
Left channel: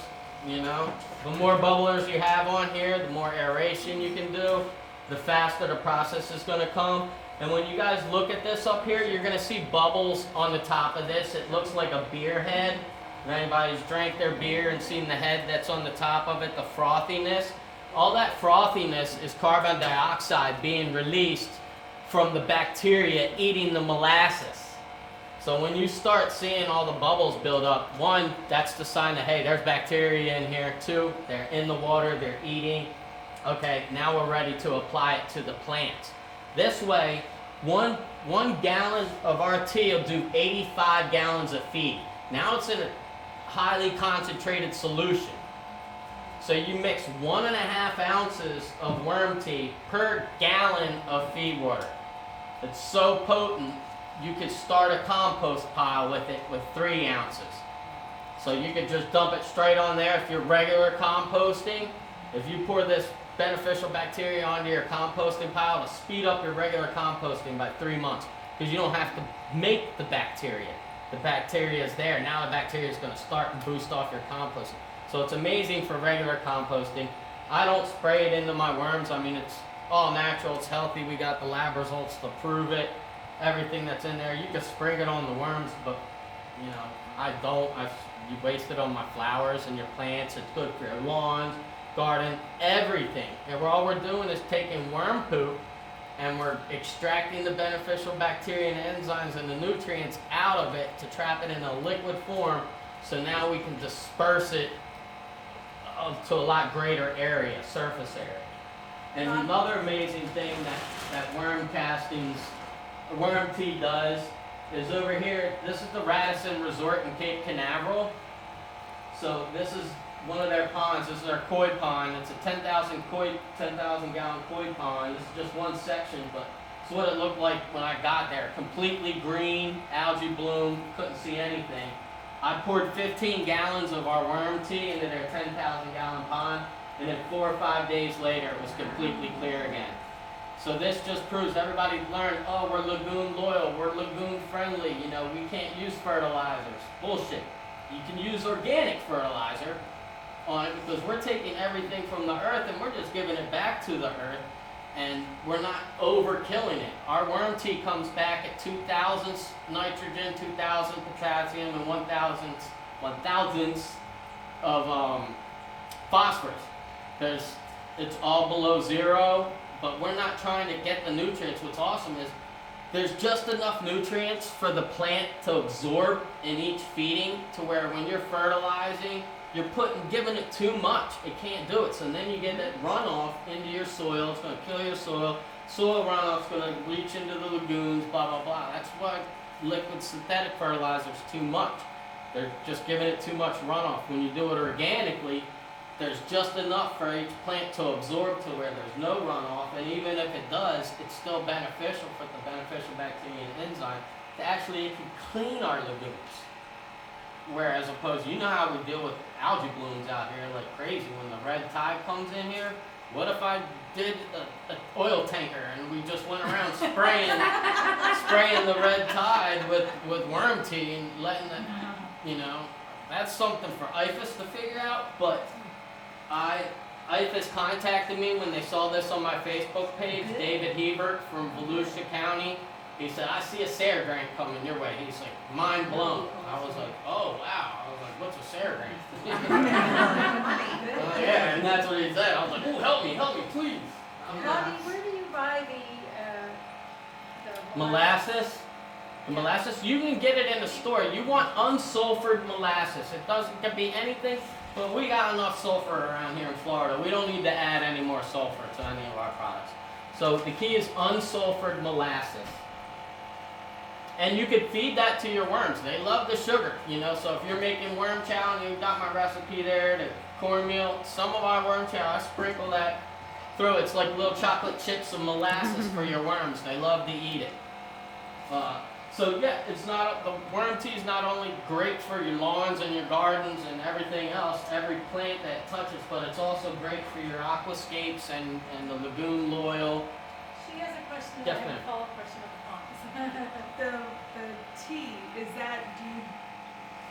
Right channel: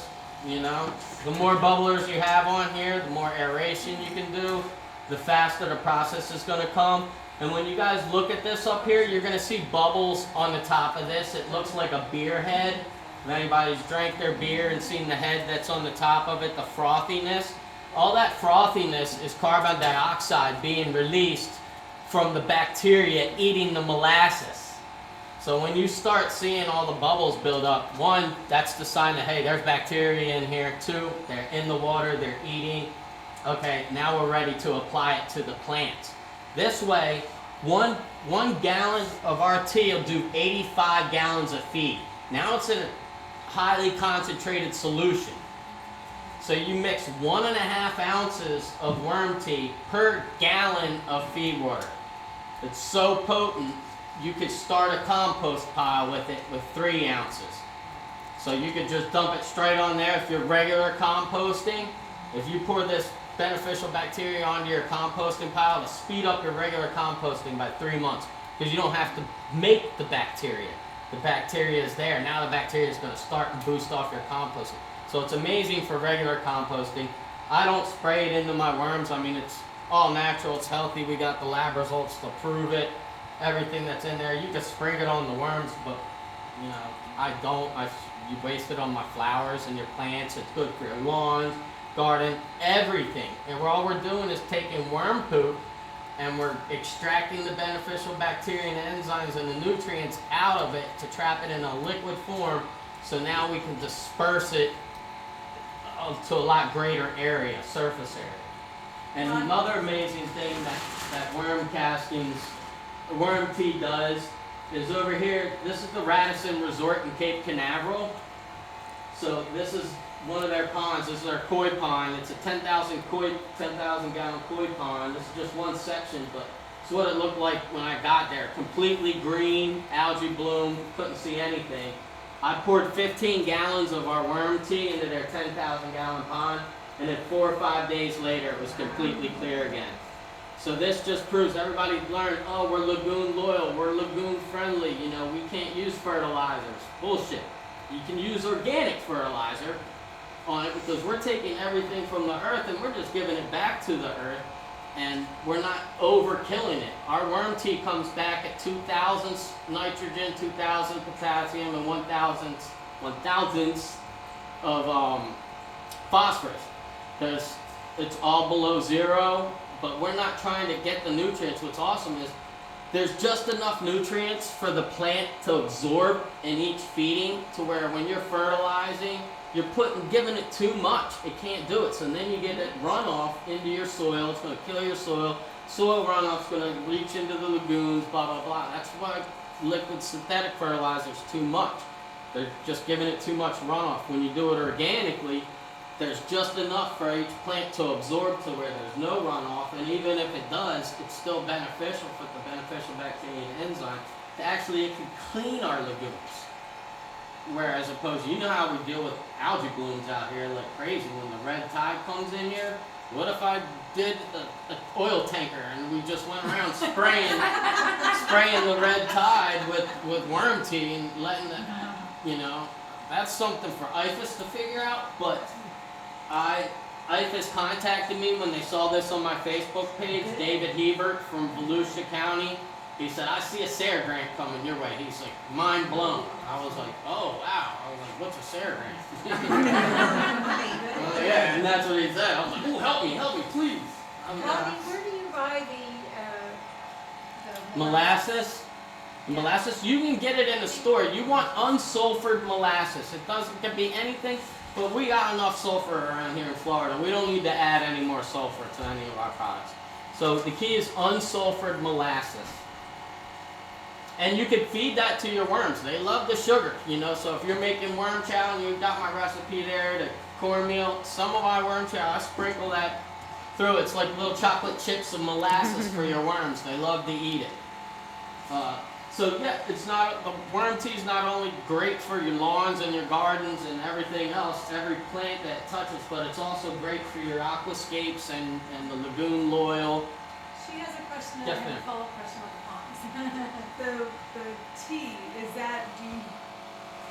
you know. The more bubblers you have on here, the more aeration you can do, the faster the process is going to come. And when you guys look at this up here, you're going to see bubbles on the top of this. It looks like a beer head. If anybody's drank their beer and seen the head that's on the top of it, the frothiness, all that frothiness is carbon dioxide being released from the bacteria eating the molasses. So when you start seeing all the bubbles build up, 1, that's the sign that, hey, there's bacteria in here. 2, they're in the water, they're eating. Okay, now we're ready to apply it to the plant. This way, one gallon of our tea will do 85 gallons of feed. Now it's in a highly concentrated solution. So you mix 1.5 ounces of worm tea per gallon of feed water. It's so potent, you could start a compost pile with it with 3 ounces. So you could just dump it straight on there if you're regular composting. If you pour this beneficial bacteria onto your composting pile, to speed up your regular composting by 3 months, because you don't have to make the bacteria. The bacteria is there. Now the bacteria is going to start and boost off your composting. So it's amazing for regular composting. I don't spray it into my worms. I mean, it's all natural. It's healthy. We got the lab results to prove it. Everything that's in there, you can spray it on the worms, but you know, I don't. You waste it on my flowers and your plants. It's good for your lawns, garden, everything. And all we're doing is taking worm poop and we're extracting the beneficial bacteria and enzymes and the nutrients out of it to trap it in a liquid form, so now we can disperse it to a lot greater area, surface area. And another amazing thing that worm castings, worm tea does is over here, this is the Radisson Resort in Cape Canaveral. So this is one of their ponds. This is their koi pond. It's a 10,000 gallon koi pond. This is just one section, but it's what it looked like when I got there. Completely green, algae bloom, couldn't see anything. I poured 15 gallons of our worm tea into their 10,000 gallon pond, and then 4 or 5 days later it was completely clear again. So this just proves everybody learned, oh, we're lagoon loyal, we're lagoon friendly, you know, we can't use fertilizers. Bullshit. You can use organic fertilizer on it because we're taking everything from the earth and we're just giving it back to the earth. and we're not overkilling it. Our worm tea comes back at 2,000 nitrogen, 2,000 potassium, and 1,000 of phosphorus. It's all below zero, but we're not trying to get the nutrients. What's awesome is there's just enough nutrients for the plant to absorb in each feeding to where when you're fertilizing, you're giving it too much. It can't do it. So then you get it runoff into your soil. It's going to kill your soil. Soil runoff's going to reach into the lagoons, blah, blah, blah. That's why liquid synthetic fertilizer is too much. They're just giving it too much runoff. When you do it organically, there's just enough for each plant to absorb to where there's no runoff, and even if it does, it's still beneficial for the beneficial bacteria and enzyme to actually it can clean our lagoons. Whereas opposed, you know how we deal with algae blooms out here like crazy when the red tide comes in here? What if I did an oil tanker and we just went around spraying the red tide with worm tea and letting it, that's something for IFAS to figure out, but IFAS contacted me when they saw this on my Facebook page, David Hebert from Volusia County. He said, I see a SARE grant coming your way. He's like, mind blown. I was like, oh, wow. I was like, what's a SARE grant? Yeah, and that's what he said. I was like, oh, help me, please. Where do you buy the Molasses? Molasses, you can get it in the store. You want unsulfured molasses. It can be anything. But we got enough sulfur around here in Florida. We don't need to add any more sulfur to any of our products. So the key is unsulfured molasses. And you could feed that to your worms. They love the sugar, So if you're making worm chow and you've got my recipe there, the cornmeal, some of our worm chow, I sprinkle that through. It's like little chocolate chips of molasses for your worms. They love to eat it. So yeah, the worm tea is not only great for your lawns and your gardens and everything else, every plant that it touches, but it's also great for your aquascapes and the lagoon loyal. She has a question, and I Definitely. have a follow-up question on the ponds. The tea, do you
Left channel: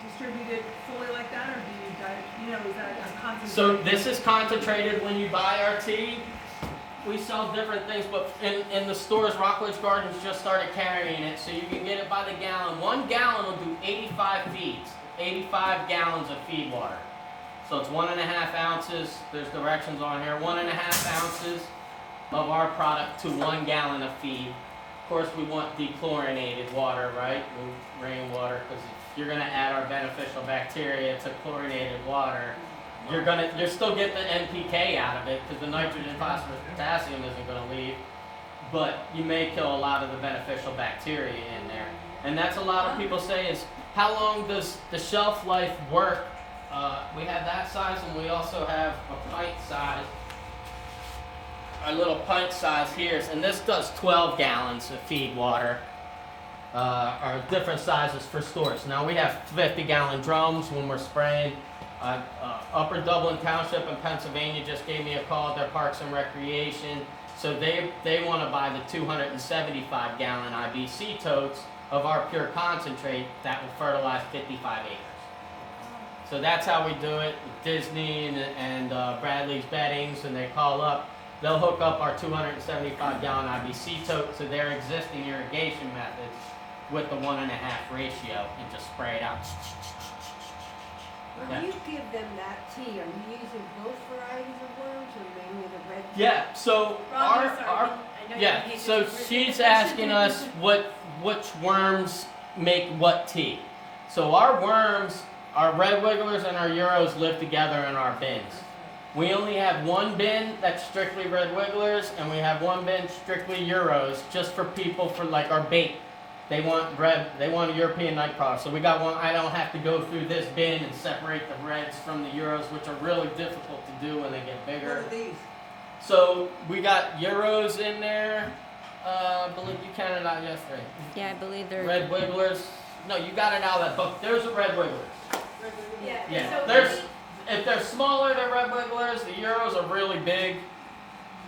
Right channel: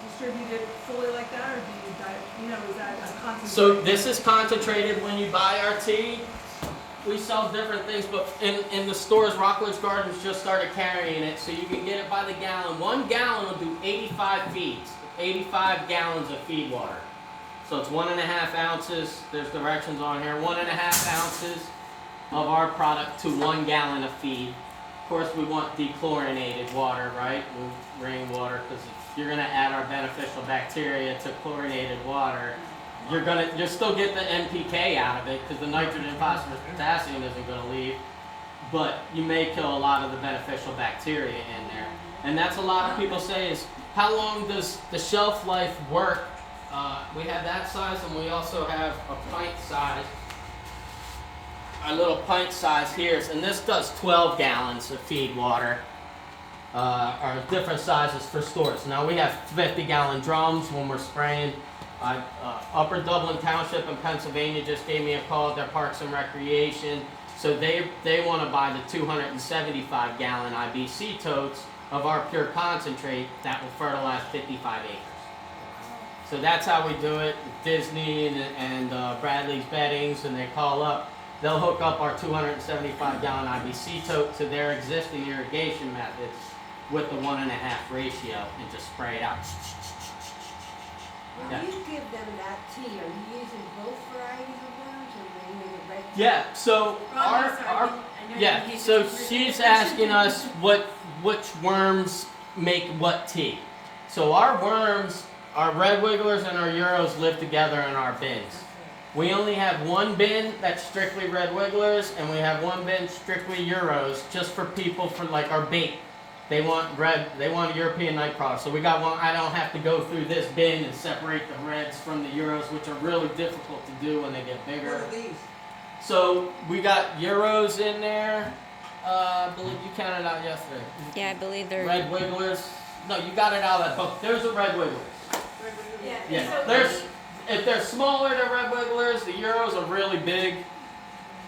distribute it fully like that, or do you is that a concentrate? So this is concentrated when you buy our tea. We sell different things, but in the stores, Rockledge Gardens just started carrying it, so you can get it by the gallon. 1 gallon will do 85 feeds, 85 gallons of feed water. So it's 1.5 ounces, there's directions on here, 1.5 ounces of our product to 1 gallon of feed. Of course, we want dechlorinated water, right? Rainwater, because if you're gonna add our beneficial bacteria to chlorinated water, you're still get the NPK out of it because the nitrogen, phosphorus, potassium isn't going to leave, but you may kill a lot of the beneficial bacteria in there. And that's a lot of people say is, how long does the shelf life work? We have that size, and we also have a pint size, a little pint size here, and this does 12 gallons of feed water. Are different sizes for stores. Now we have 50-gallon drums when we're spraying. Upper Dublin Township in Pennsylvania just gave me a call, their Parks and Recreation. So they want to buy the 275-gallon IBC totes of our pure concentrate that will fertilize 55 acres. So that's how we do it. Disney and Bradley's Beddings, and they call up. They'll hook up our 275-gallon IBC tote to their existing irrigation methods with the 1.5 ratio and just spray it out. When you give them that tea, are you using both varieties of worms or mainly the red tea? Yeah, so so she's asking us which worms make what tea. So our worms, our red wigglers and our Euros live together in our bins. We only have one bin that's strictly red wigglers, and we have one bin strictly Euros, just for people for like our bait. They want a European night crawler. So we got one. I don't have to go through this bin and separate the reds from the Euros, which are really difficult to do when they get bigger. What are these? So we got Euros in there. I believe you counted out yesterday. Yeah, I believe they're. Red wigglers. No, you got it out of that book. There's a red wiggler. Yeah. If they're smaller, they're red wigglers. The Euros are really big.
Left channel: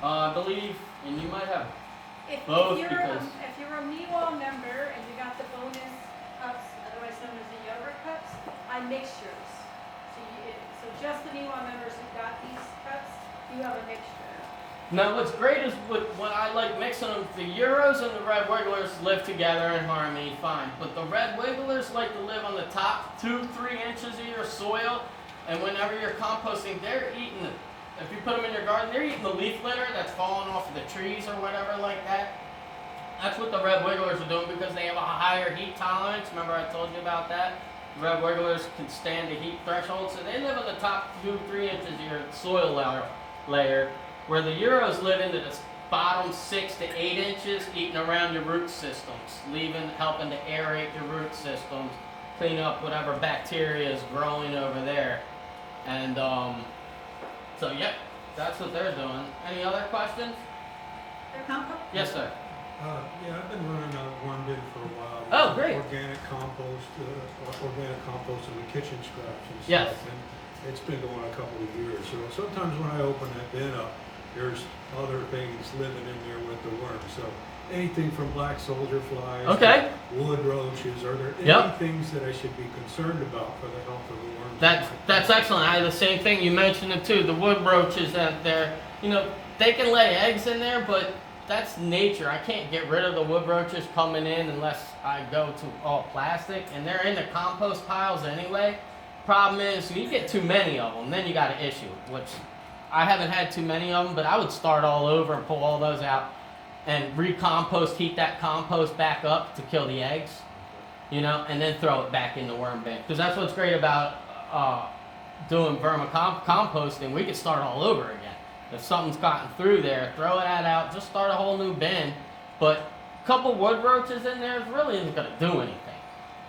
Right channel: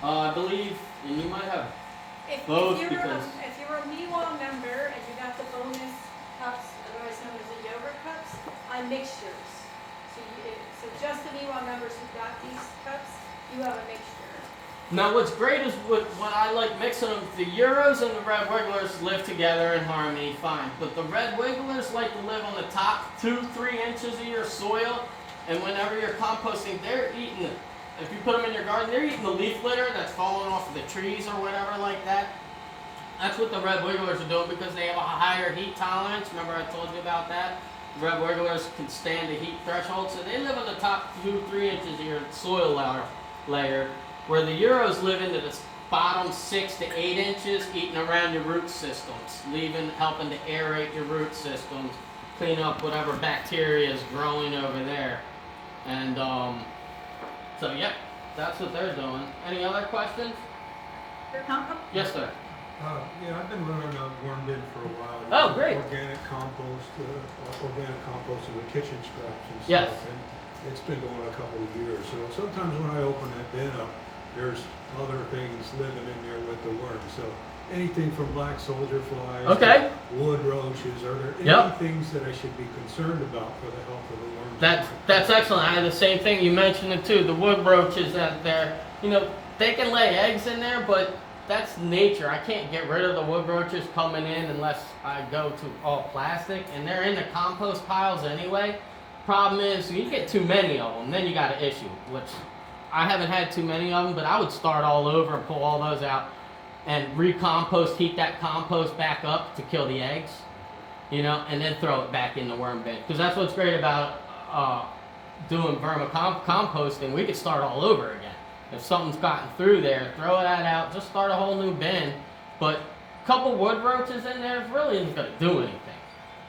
I believe, and you might have both If because. you're a MeWall member and you got the bonus cups, otherwise known as the yogurt cups, I'm mixtures. So just the MeWall members who got these cups, you have a mixture. Now what's great is when I like mixing them, the Euros and the red wigglers live together in harmony, fine. But the red wigglers like to live on the top 2-3 inches of your soil, and whenever you're composting, they're eating, if you put them in your garden, they're eating the leaf litter that's falling off of the trees or whatever like that. That's what the red wigglers are doing because they have a higher heat tolerance. Remember I told you about that? Red wigglers can stand the heat threshold, so they live on the top 2-3 inches of your soil layer, where the Euros live into the bottom 6 to 8 inches, eating around your root systems, helping to aerate your root systems, clean up whatever bacteria is growing over there. And so yep, that's what they're doing. Any other questions? Yes, sir. Yeah, I've been running a worm bin for a while. Oh, great. Organic compost in the kitchen scraps and Yes. stuff. And it's been going a couple of years. So sometimes when I open that bin up, there's other things living in there with the worms. So anything from black soldier flies, Okay. to wood roaches, are there any Yep. things that I should be concerned about for the health of the worms? That's excellent. I had the same thing. You mentioned it too. The wood roaches out there, they can lay eggs in there, but that's nature. I can't get rid of the wood roaches coming in unless I go to all plastic, and they're in the compost piles anyway. Problem is, you get too many of them, then you got an issue, which I haven't had too many of them, but I would start all over and pull all those out and recompost, heat that compost back up to kill the eggs, and then throw it back in the worm bin. Because that's what's great about doing vermicomposting. We could start all over again. If something's gotten through there, throw that out, just start a whole new bin. But a couple wood roaches in there really isn't going to do anything.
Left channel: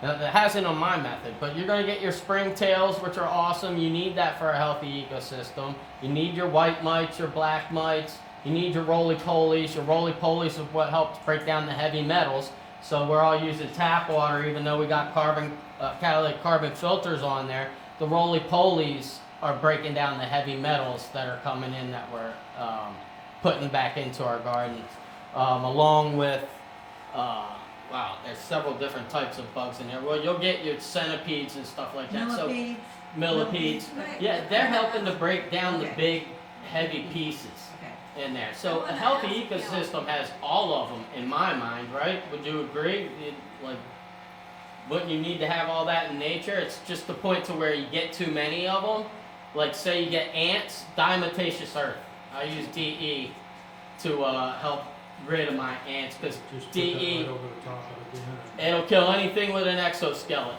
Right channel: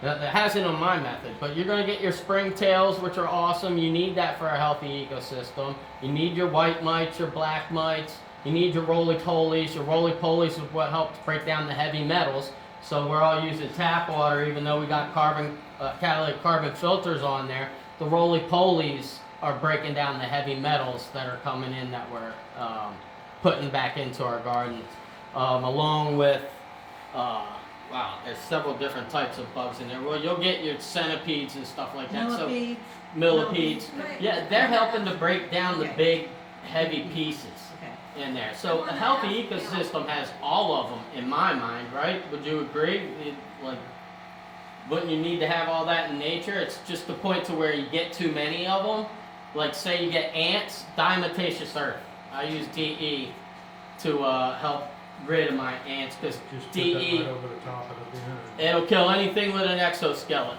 Now, that hasn't on my method, but you're going to get your springtails, which are awesome. You need that for a healthy ecosystem. You need your white mites, your black mites. You need your roly-polies. Your roly-polies is what helps break down the heavy metals. So we're all using tap water, even though we got catalytic carbon filters on there. The roly-polies are breaking down the heavy metals that are coming in that we're putting back into our gardens, along with there's several different types of bugs in there. Well, you'll get your centipedes and stuff like that. Millipedes. Yeah, they're helping to break down the big heavy pieces in there. So a healthy ecosystem has all of them in my mind, right? Would you agree? Wouldn't you need to have all that in nature? It's just the point to where you get too many of them. Like say you get ants, diatomaceous earth. I use DE to help rid of my ants because DE, right over the top of the bin. it'll kill anything with an exoskeleton.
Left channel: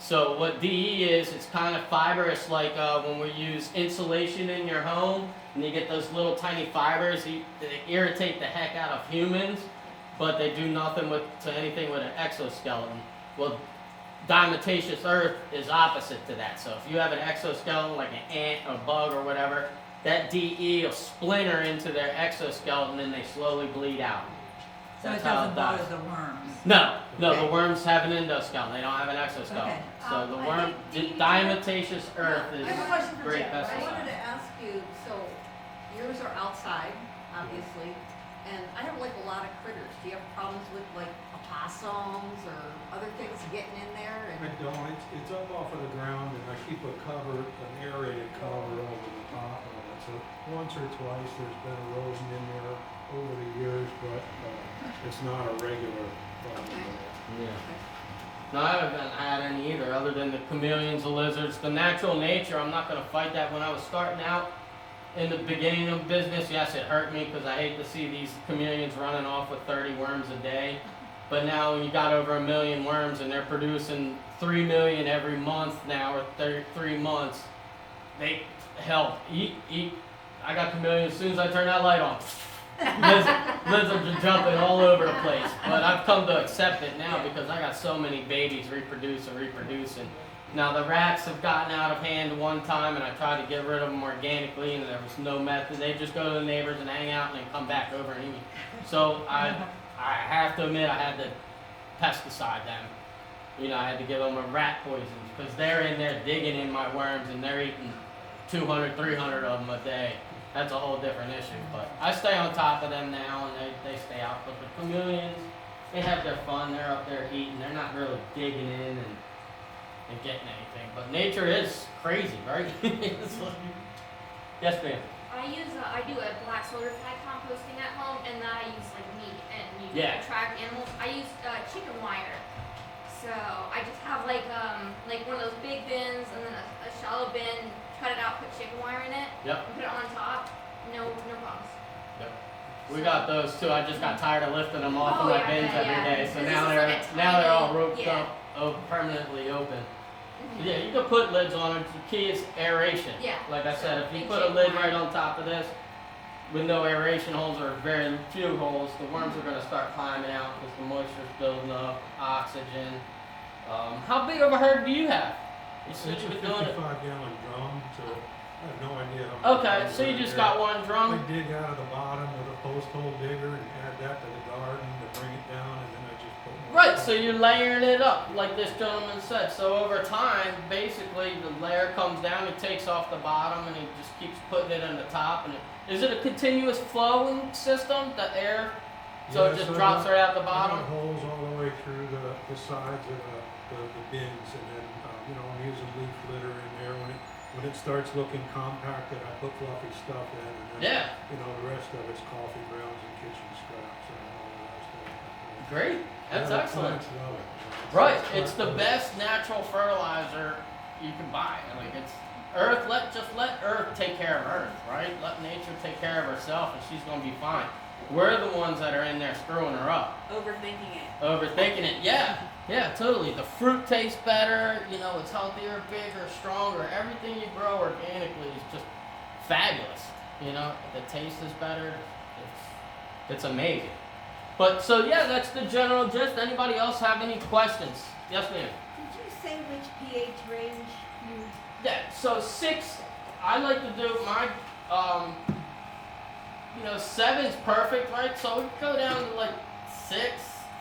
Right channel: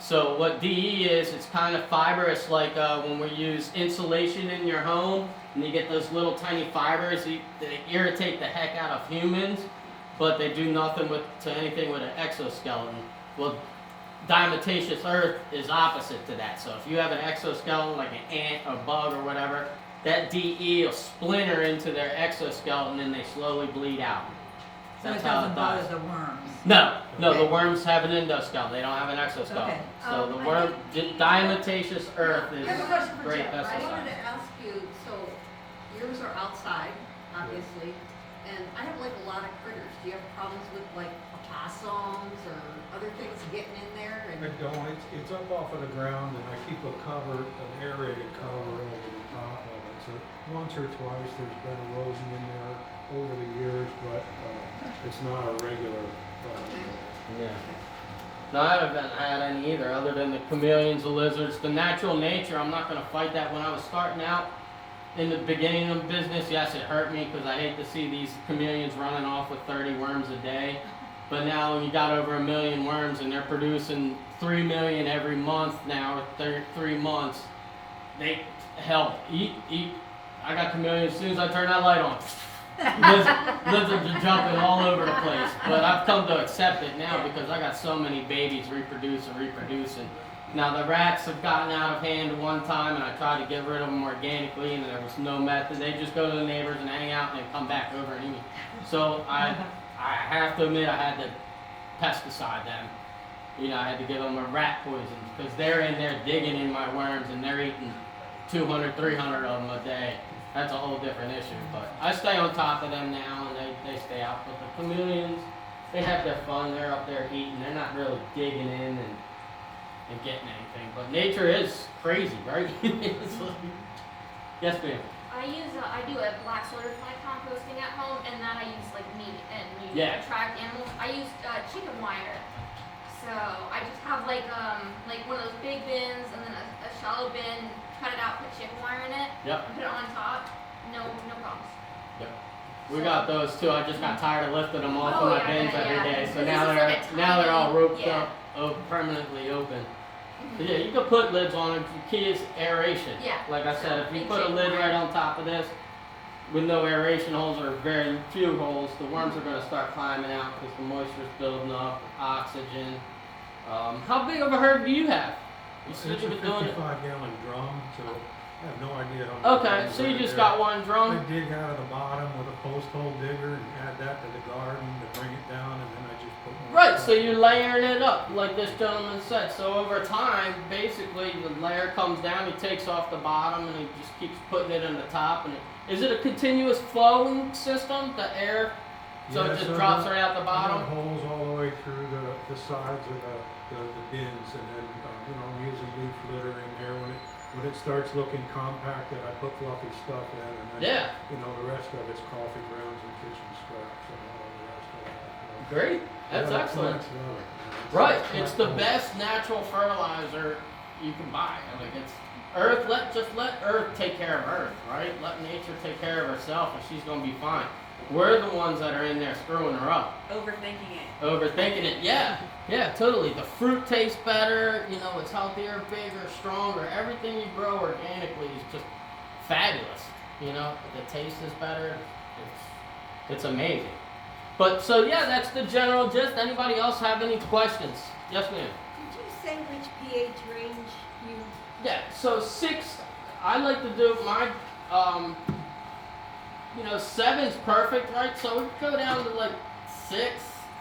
So what DE is, it's kind of fibrous, like when we use insulation in your home, and you get those little tiny fibers, they irritate the heck out of humans, but they do nothing to anything with an exoskeleton. Well, diatomaceous earth is opposite to that. So if you have an exoskeleton like an ant or bug or whatever, that DE will splinter into their exoskeleton and they slowly bleed out. So That's it how doesn't it bother does. the worms? No, the Okay. worms have an endoskeleton. They don't have an exoskeleton. Okay. So the I worm, think diatomaceous earth is I have a question for great Jeff. I wanted pesticide. to ask you, so yours are outside, obviously, and I have like a lot of critters. Do you have problems with like opossums or other things getting in there? I don't, it's up off of the ground and I keep an aerated cover over the top of it. So once or twice there's been erosion in there over the years, but it's not a regular problem. Yeah. No, I haven't had any either, other than the chameleons, the lizards, the natural nature. I'm not going to fight that. When I was starting out in the beginning of business, yes, it hurt me because I hate to see these chameleons running off with 30 worms a day. But now when you got over 1 million worms and they're producing 3 million every month now, or 3 months, they help eat. I got chameleons as soon as I turn that light on. Lizards are jumping all over the place. But I've come to accept it now because I got so many babies reproducing. Now the rats have gotten out of hand one time and I tried to get rid of them organically and there was no method. They just go to the neighbors and hang out and then come back over and eat. So I have to admit I had to pesticide them. I had to give them a rat poison because they're in there digging in my worms and they're eating 200, 300 of them a day. That's a whole different issue. But I stay on top of them now and they stay out. But the chameleons, they have their fun. They're up there eating. They're not really digging in and getting anything. But nature is crazy, right? Yes, ma'am. I do a black soda fly composting at home, and then I use like meat and Yeah. attract animals. I use chicken wire. So I just have like one of those big bins and then a shallow bin, cut it out, put chicken wire in it, Yep. and put it on top. No problems. We got those too. I just got tired of lifting them off of my bins every day, so This now is they're like a now they're all tiny- roped yeah. up, permanently open. But yeah, you can put lids on it. The key is aeration. Yeah. Like I said, if you Big put a chicken lid wire. right on top of this, with no aeration holes or very few holes, the worms are going to start climbing out because the moisture's building up, oxygen. How big of a herd do you have? You It's said a you've been doing it. 55-gallon drum, so I have no idea how many. Okay, gallons so you it just is. got one I drum. dig out of the bottom with a post hole digger and add that to the garden to bring it down, and then I just put more. Right, stuff. so you're layering it up, like this gentleman said. So over time, basically, the layer comes down, he takes off the bottom, and he just keeps putting it on the top. And is it a continuous flowing system, the air? So Yeah, it just so drops the- right out the I bottom? got holes all the way through the sides of the bins, and then, I'm using leaf litter in there. When it starts looking compacted, I put fluffy stuff in, and then, Yeah, the rest of it's coffee grounds and kitchen scraps and all the rest of it. great. That's Yeah, the excellent. plants love it, Right, it's it's the not- best natural fertilizer you can buy. Like it's Earth. Let Earth take care of Earth, right? Let nature take care of herself, and she's gonna be fine. We're the ones that are in there screwing her up. Overthinking it. Overthinking it, yeah, totally. The fruit tastes better, it's healthier, bigger, stronger. Everything you grow organically is just fabulous. The taste is better. It's amazing. But so yeah, that's the general gist. Anybody else have any questions? Yes, ma'am. Did you say which pH range you? Yeah. So 6, I like to do my 7's perfect, right? So we go down to like 6,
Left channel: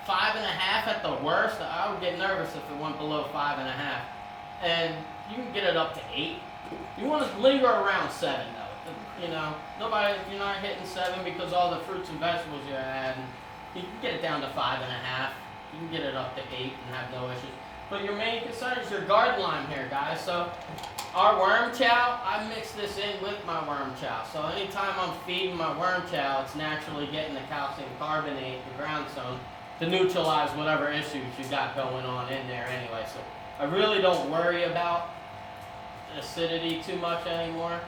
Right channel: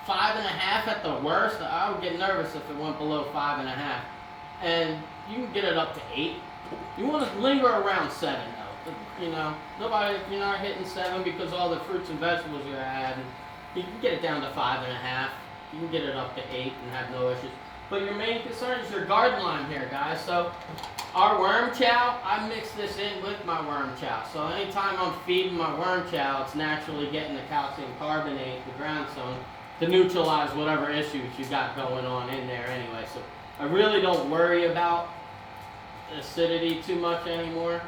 5.5 at the worst. I would get nervous if it went below 5.5. And you can get it up to 8. You want to linger around 7 though. Nobody, if you're not hitting 7 because all the fruits and vegetables you're adding, you can get it down to 5.5. You can get it up to 8 and have no issues. But your main concern is your garden lime here, guys. So our worm chow, I mix this in with my worm chow. So anytime I'm feeding my worm chow, it's naturally getting the calcium carbonate, the ground zone, to neutralize whatever issues you got going on in there anyway. So I really don't worry about acidity too much anymore.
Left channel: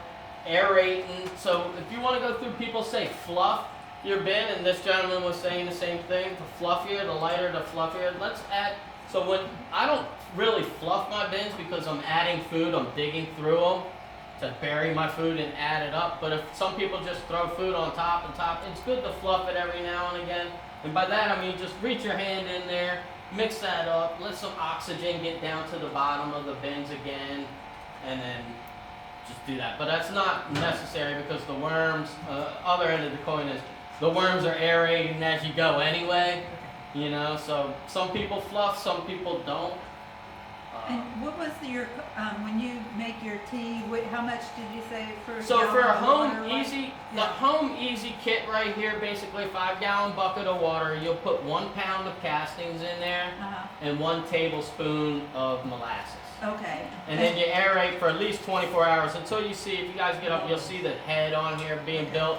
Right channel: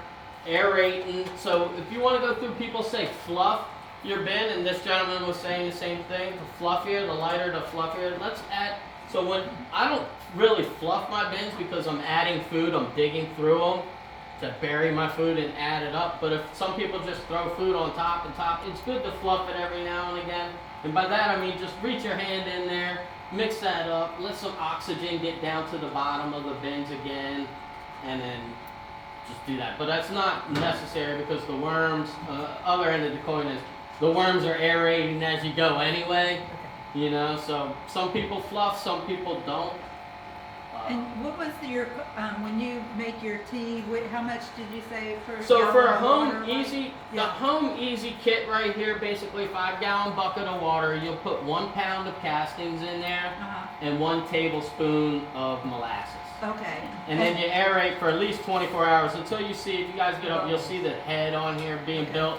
Aerating. So if you want to go through, people say fluff your bin, and this gentleman was saying the same thing. The fluffier, the lighter, the fluffier. Let's add. So when I don't really fluff my bins because I'm adding food, I'm digging through them to bury my food and add it up. But if some people just throw food on top and top, it's good to fluff it every now and again. And by that I mean just reach your hand in there, mix that up, let some oxygen get down to the bottom of the bins again, and then just do that. But that's not necessary because the worms, other end of the coin is the worms are aerating as you go anyway. So some people fluff, some people don't. And what was your, when you make your tea, how much did you say for? So for a gallon of home water, like? easy, the Yeah. home easy kit right here, basically 5-gallon bucket of water. You'll put 1 pound of castings in there Uh-huh, and 1 tablespoon of molasses. okay. And then you aerate for at least 24 hours until you see, if you guys get up, you'll see the head on here being built.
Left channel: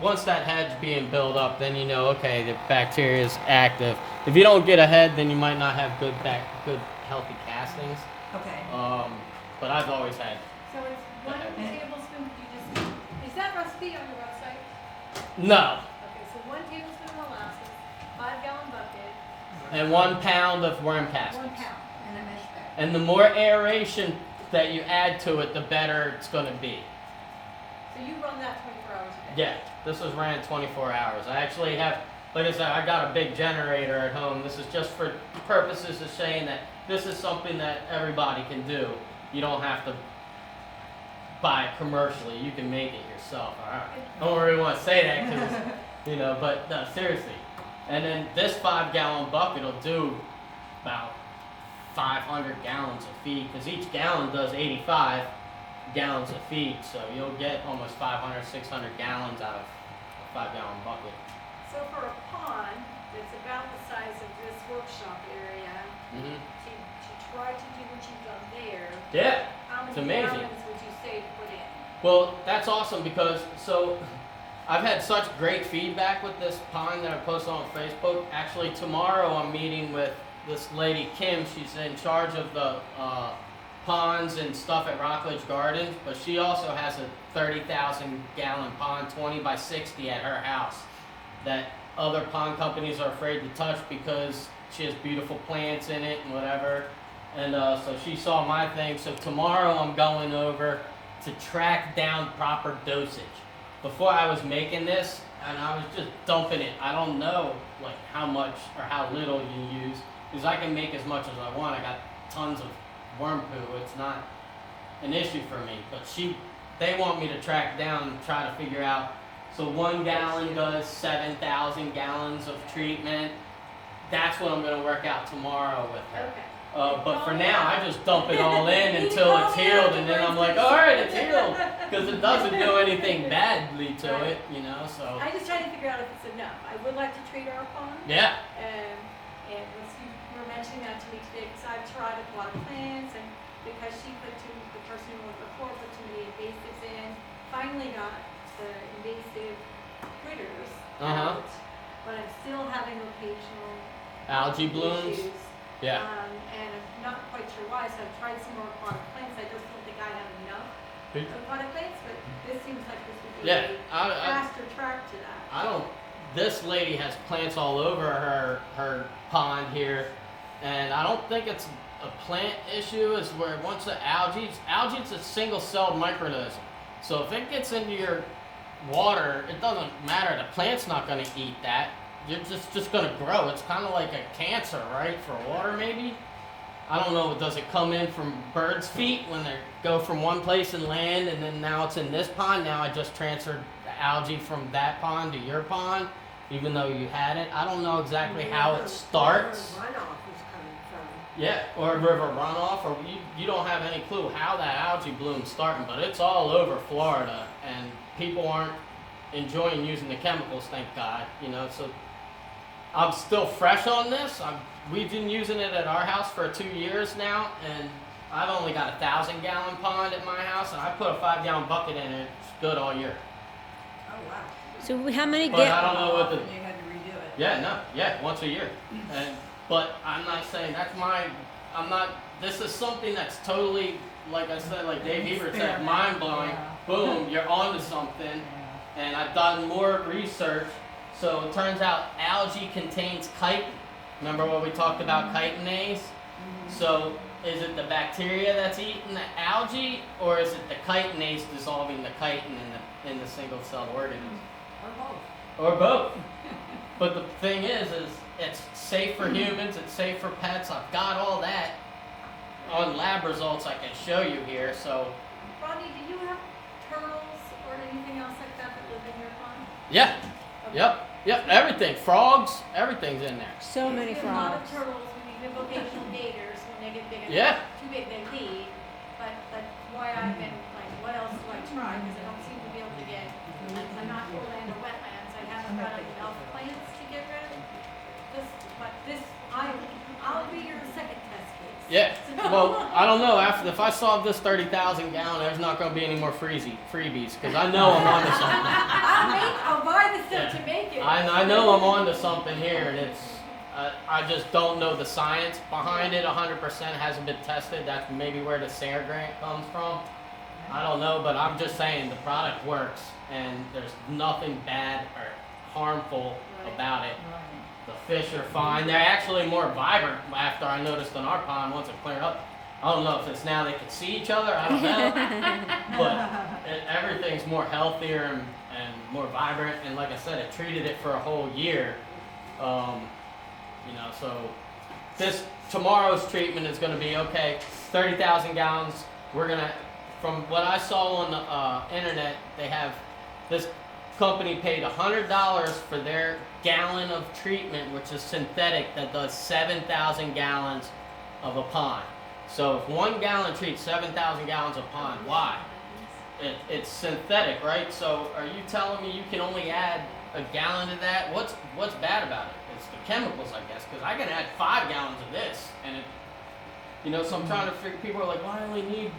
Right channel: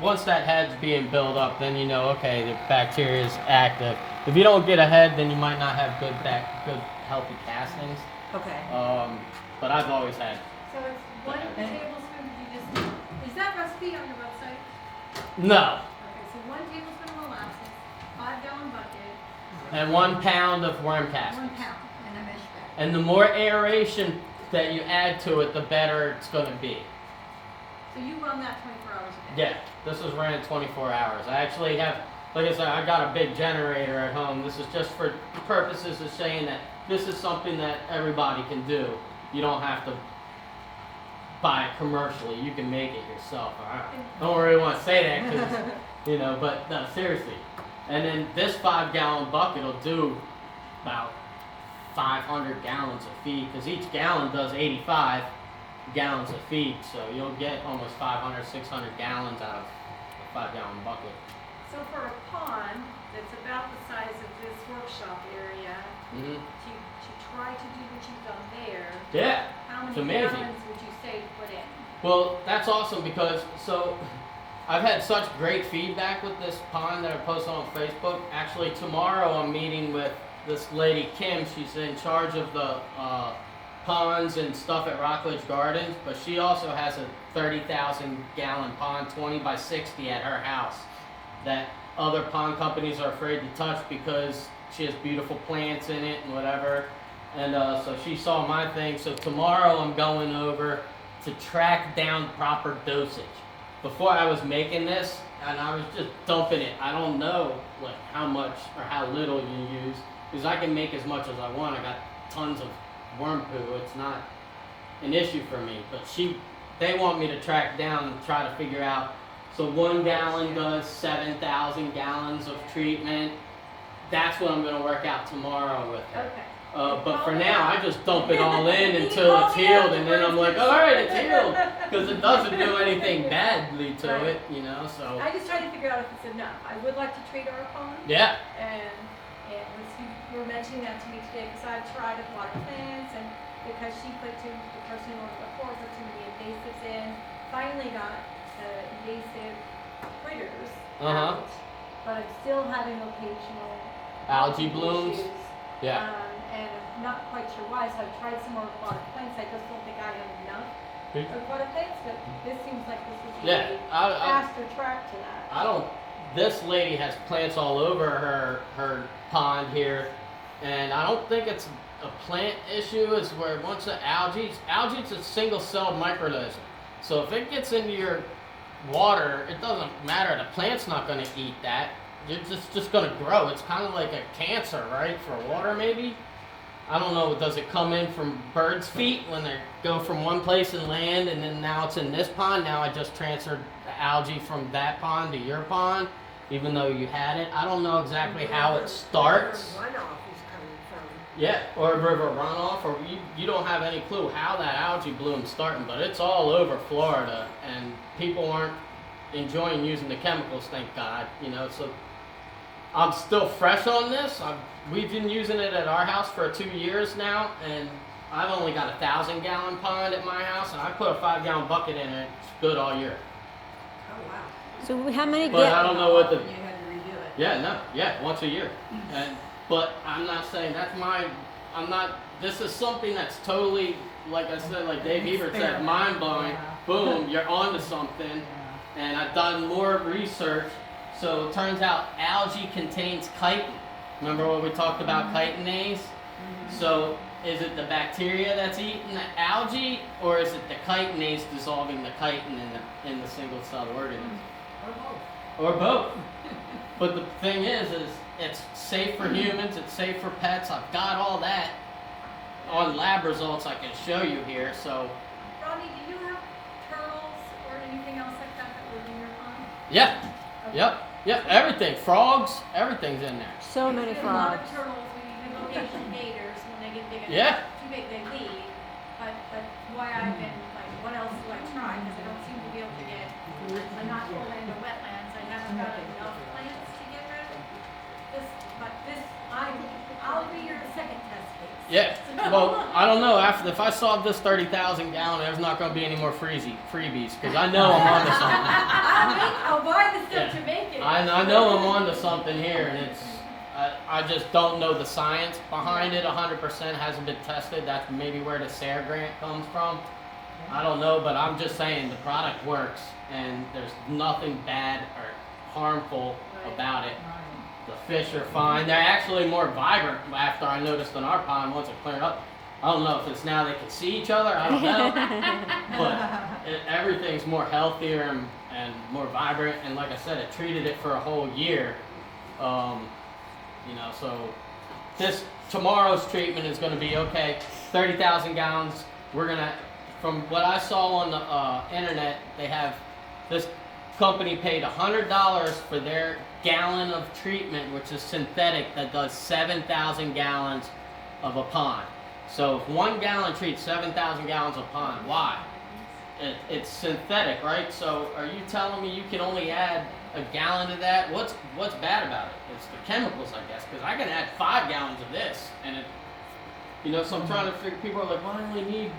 Once that head's being built up, then you know, okay, the bacteria is active. If you don't get a head, then you might not have good healthy castings. Okay. But I've always had. So it's 1 tablespoon, is that recipe on your website? No. Okay, so 1 tablespoon of molasses, 5-gallon bucket, And 1 pound of worm 1 castings. pound. And a mesh bag. And the more aeration that you add to it, the better it's going to be. So you run that 24 hours a day? Yeah, this was ran 24 hours. I actually have, like I said, I got a big generator at home. This is just for purposes of saying that this is something that everybody can do. You don't have to buy it commercially. You can make it yourself. I don't really want to say that because, but no, seriously. And then this 5-gallon bucket will do about 500 gallons of feed because each gallon does 85 gallons of feed. So you'll get almost 500, 600 gallons out of a 5-gallon bucket. So for a pond that's about the size of this workshop area, Mm-hmm. to try to do what you've done there, Yeah. how It's many amazing. gallons would you say to put in? Well, that's awesome because so I've had such great feedback with this pond that I posted on Facebook. Actually, tomorrow I'm meeting with this lady Kim. She's in charge of the ponds and stuff at Rockledge Gardens, but she also has a 30,000 gallon pond, 20 by 60 at her house that other pond companies are afraid to touch because she has beautiful plants in it and whatever. And so she saw my thing. So tomorrow I'm going over to track down proper dosage. Before I was making this and I was just dumping it. I don't know like how much or how little you use because I can make as much as I want. I got tons of worm poo. It's not an issue for me. But they want me to track down and try to figure out. So 1 gallon does 7,000 gallons of treatment. That's what I'm going to work out tomorrow with her. Okay. But for now, I just dump it all in until it's healed, and then I'm like, all right, it's healed, because it doesn't do anything badly to it, you know. So I just try to figure out if it's enough. I would like to treat our pond. yeah, And you were mentioning that to me today because I've tried aquatic plants and because the person who was before put too many invasives in, finally got the invasive critters out, but I'm still having occasional algae blooms. issues. Yeah. And I'm not quite sure why, so I've tried some more aquatic plants. I just don't think I have enough aquatic plants, but this seems like this would be a faster track to that. I don't. This lady has plants all over her pond here, and I don't think it's a plant issue. It's where once the algae's a single-celled microorganism. So if it gets into your water, it doesn't matter. The plant's not going to eat that. It's just going to grow. It's kind of like a cancer, right? For water, maybe. I don't know. Does it come in from birds' feet when they go from one place and land, and then now it's in this pond? Now I just transferred the algae from that pond to your pond, even though you had it. I don't know exactly how it starts. Runoff is coming from. Yeah, or a river runoff, or you don't have any clue how that algae bloom's starting, but it's all over Florida, and people aren't enjoying using the chemicals, thank God. You know, so I'm still fresh on this. We've been using it at our house for 2 years now, and I've only got a 1,000-gallon pond at my house, and I put a 5-gallon bucket in it. It's good all year. Oh, wow. So how many But I don't know what the. And you had to redo it. Yeah, once a year. But I'm not saying I'm not. This is something that's totally, like I said, like Dave Ebert said, mind blowing. Boom, you're onto something. And I've done more research. So it turns out algae contains chitin. Remember what we talked about chitinase? So is it the bacteria that's eating the algae, or is it the chitinase dissolving the chitin in the single-celled organism? Or both. But the thing is it's safe for humans, it's safe for pets. I've got all that on lab results I can show you here. So Ronnie, do you have turtles or anything else like that live in your pond? yeah, Okay. yep, everything, frogs, everything's in there. So many We see a lot frogs. of turtles, we have vocational gators when they get big enough. Yeah. Too big, they leave. But why I've been like, what else do I try? Because I don't seem to be able to get, I'm not going into wetlands. I haven't got enough plants to get rid of I'll be your second test case. Yeah. Well, I don't know. If I solve this 30,000 gallon, there's not going to be any more freebies because I know I'm onto something. I'll buy the stuff to make it. I know I'm onto something here, and it's. I just don't know the science behind it. 100% hasn't been tested. That's maybe where the SARE grant comes from. I don't know, but I'm just saying the product works, and there's nothing bad or harmful about it. The fish are fine. They're actually more vibrant after I noticed in our pond once it cleared up. I don't know if it's now they can see each other. I don't know. But everything's more healthier and more vibrant. And like I said, it treated it for a whole year. So tomorrow's treatment is going to be okay. 30,000 gallons. We're going to, from what I saw on the internet, they have this company paid $100 for their gallon of treatment, which is synthetic, that does 7,000 gallons of a pond. So if 1 gallon treats 7,000 gallons of pond, why? It's synthetic, right? So are you telling me you can only add a gallon to that? What's bad about it? It's the chemicals, I guess, because I can add 5 gallons of this, and so I'm trying to figure. People are like, well, I only need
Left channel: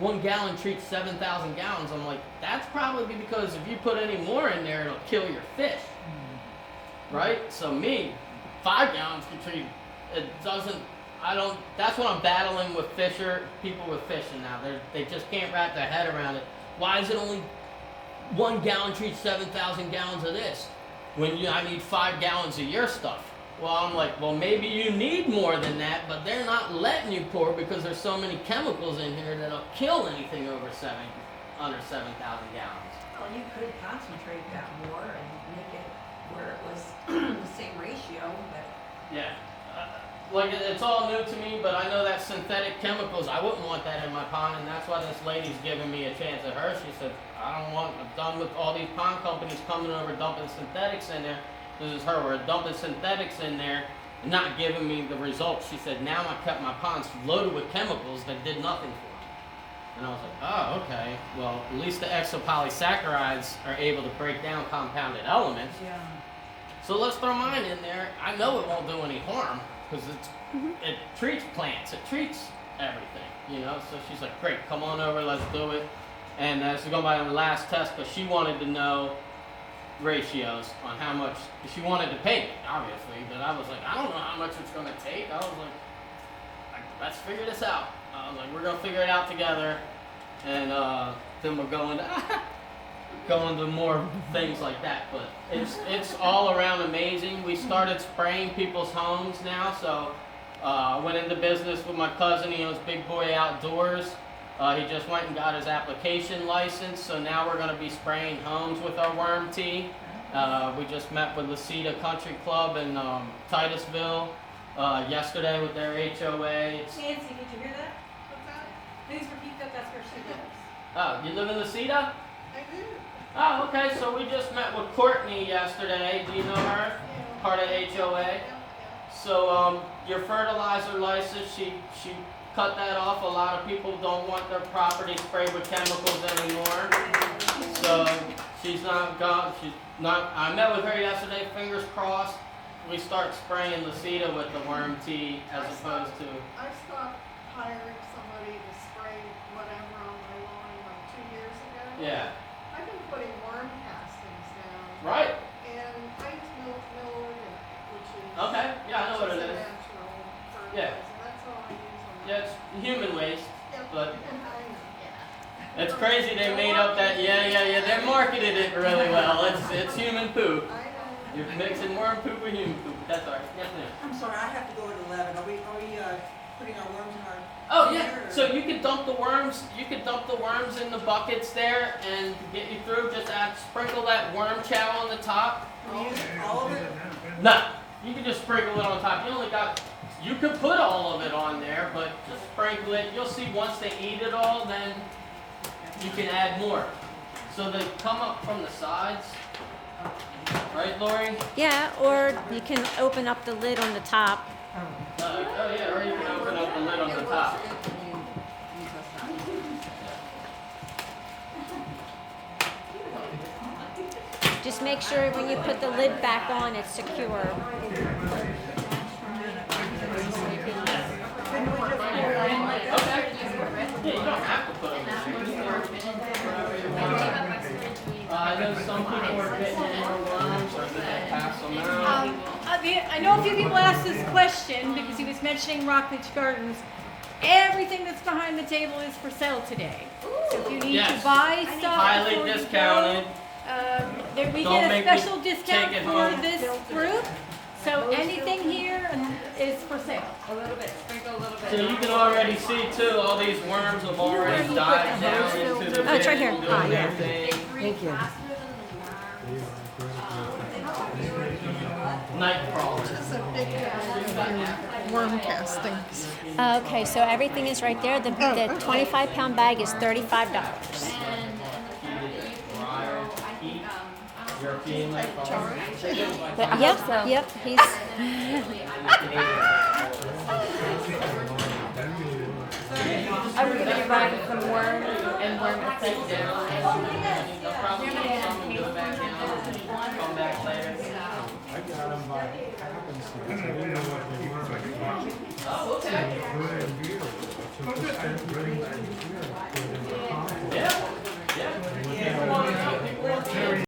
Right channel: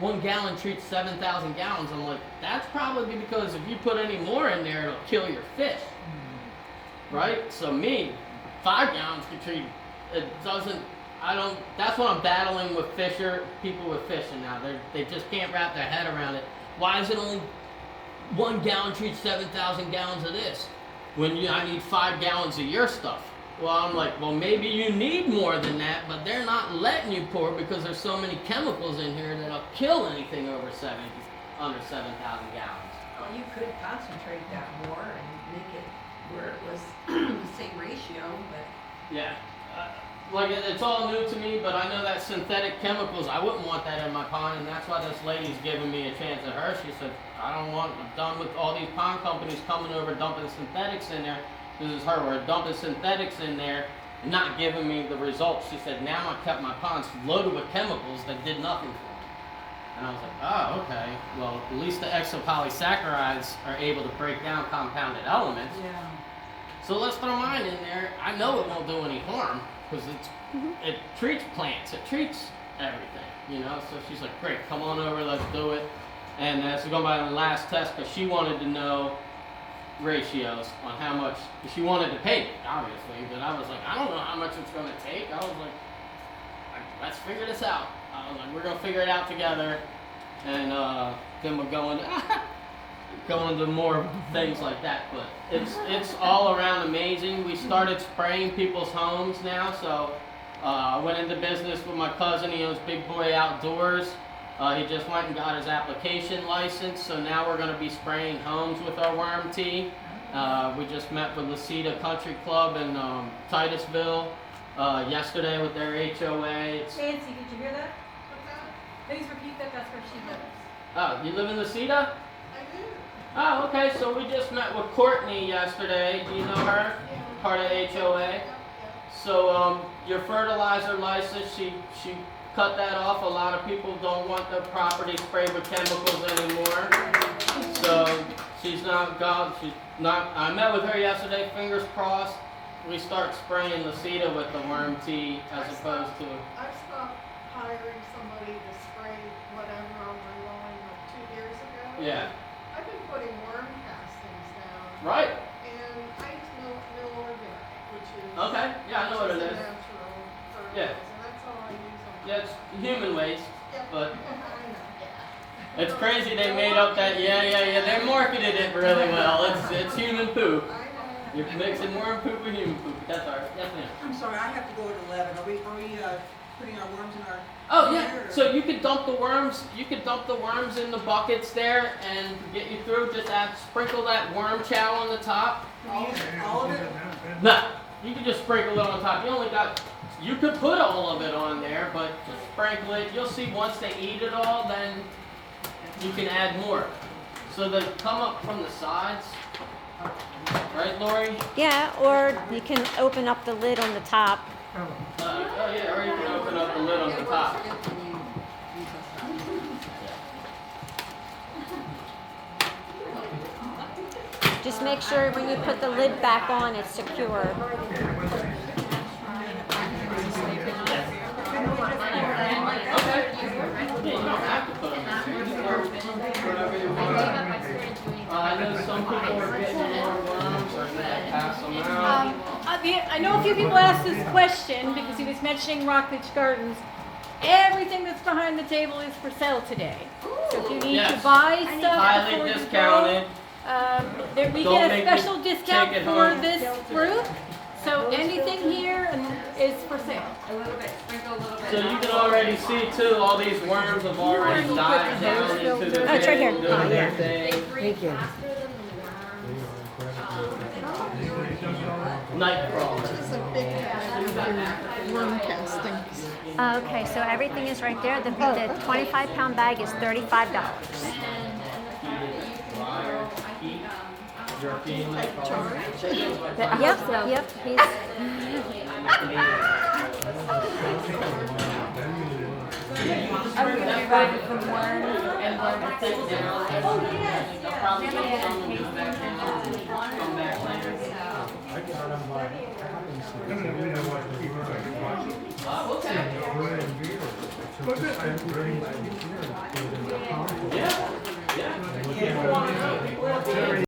1 gallon treats 7,000 gallons. I'm like, that's probably because if you put any more in there, it'll kill your fish. Right? So 5 gallons could treat, it doesn't, that's what I'm battling with people with fishing now. They just can't wrap their head around it. Why is it only 1 gallon treats 7,000 gallons of this? When I need 5 gallons of your stuff. Well, I'm like, well, maybe you need more than that, but they're not letting you pour because there's so many chemicals in here that'll kill anything under 7,000 gallons. Well, you could concentrate that more and make it where it was the same ratio, but. Yeah. Like, it's all new to me, but I know that synthetic chemicals, I wouldn't want that in my pond, and that's why this lady's giving me a chance at her. She said, I'm done with all these pond companies coming over dumping synthetics in there. This is her word, dumping synthetics in there, and not giving me the results. She said, now I kept my ponds loaded with chemicals that did nothing for me. And I was like, oh, okay. Well, at least the exopolysaccharides are able to break down compounded elements. Yeah. So let's throw mine in there. I know it won't do any harm, because it treats plants, it treats everything, you know. So she's like, great, come on over, let's do it. And this is going by the last test, but she wanted to know ratios on how much, she wanted to pay it, obviously, but I was like, I don't know how much it's going to take. I was like, let's figure this out. I was like, we're going to figure it out together, and then we'll go into more things like that. But it's all around amazing. We started spraying people's homes now, so I went into business with my cousin. He owns Big Boy Outdoors. He just went and got his application license, so now we're going to be spraying homes with our worm tea. We just met with Lasita Country Club in Titusville yesterday with their HOA. Nancy, did you hear that? Please repeat that, that's where she lives. Oh, you live in Lasita? I do. Oh, okay, so we just met with Courtney yesterday. Do you know her? Yeah. Part of HOA. Yeah. So your fertilizer license, she cut that off. A lot of people don't want their property sprayed with chemicals anymore. So she's not gone. I met with her yesterday. Fingers crossed. We start spraying Lasita with the worm tea as opposed to. I stopped hiring somebody to spray whatever on my lawn like 2 years ago. Yeah. I've been putting worm castings down. Right. And I use mill organic, which is. Okay. Yeah, I know what it which is. a natural fertilizer. Yeah. That's all I use on. Yeah, it's human waste, Yeah, but. I know. It's crazy they made up that, yeah, they marketed it really well. It's human poop. I know. You're mixing worm poop with human poop. That's all right. Yes, ma'am. I'm sorry, I have to go at 11. Are we putting our worms in our? Oh yeah. So you can dump the worms. You can dump the worms in the buckets there and get you through. Just sprinkle that worm chow on the top. All of it? No, you can just sprinkle it on top. You could put all of it on there, but just sprinkle it. You'll see once they eat it all, then you can add more. So they come up from the sides. Right, Lori? Yeah, or you can open up the lid on the top. Oh yeah, or you can open up the lid on the top. Just make sure when you put the lid back on, it's secure. Yeah, you don't have to put them in whatever you want. I know some people are getting more worms, or they pass them out. I know a few people asked this question because he was mentioning Rockledge Gardens. Everything that's behind the table is for sale today. So if you need to buy stuff Highly before you discounted. go, we Don't get a make me special discount take it for home. this group. So anything here is for sale. A little bit, sprinkle a little bit. So you can already see too, all these worms have already died down into the Oh, it's right here. table, Ah, doing yeah. their thing. Thank you. Faster than the worms. Night crawlers. Worm castings. Okay, so everything is right there. The 25-pound bag is $35. Yep, he's. I got them by happenstance. I didn't know what they were. Oh, okay. Brand beer. took the 10 grains and put it in the compost. Yeah, yeah. And People want to know, people want to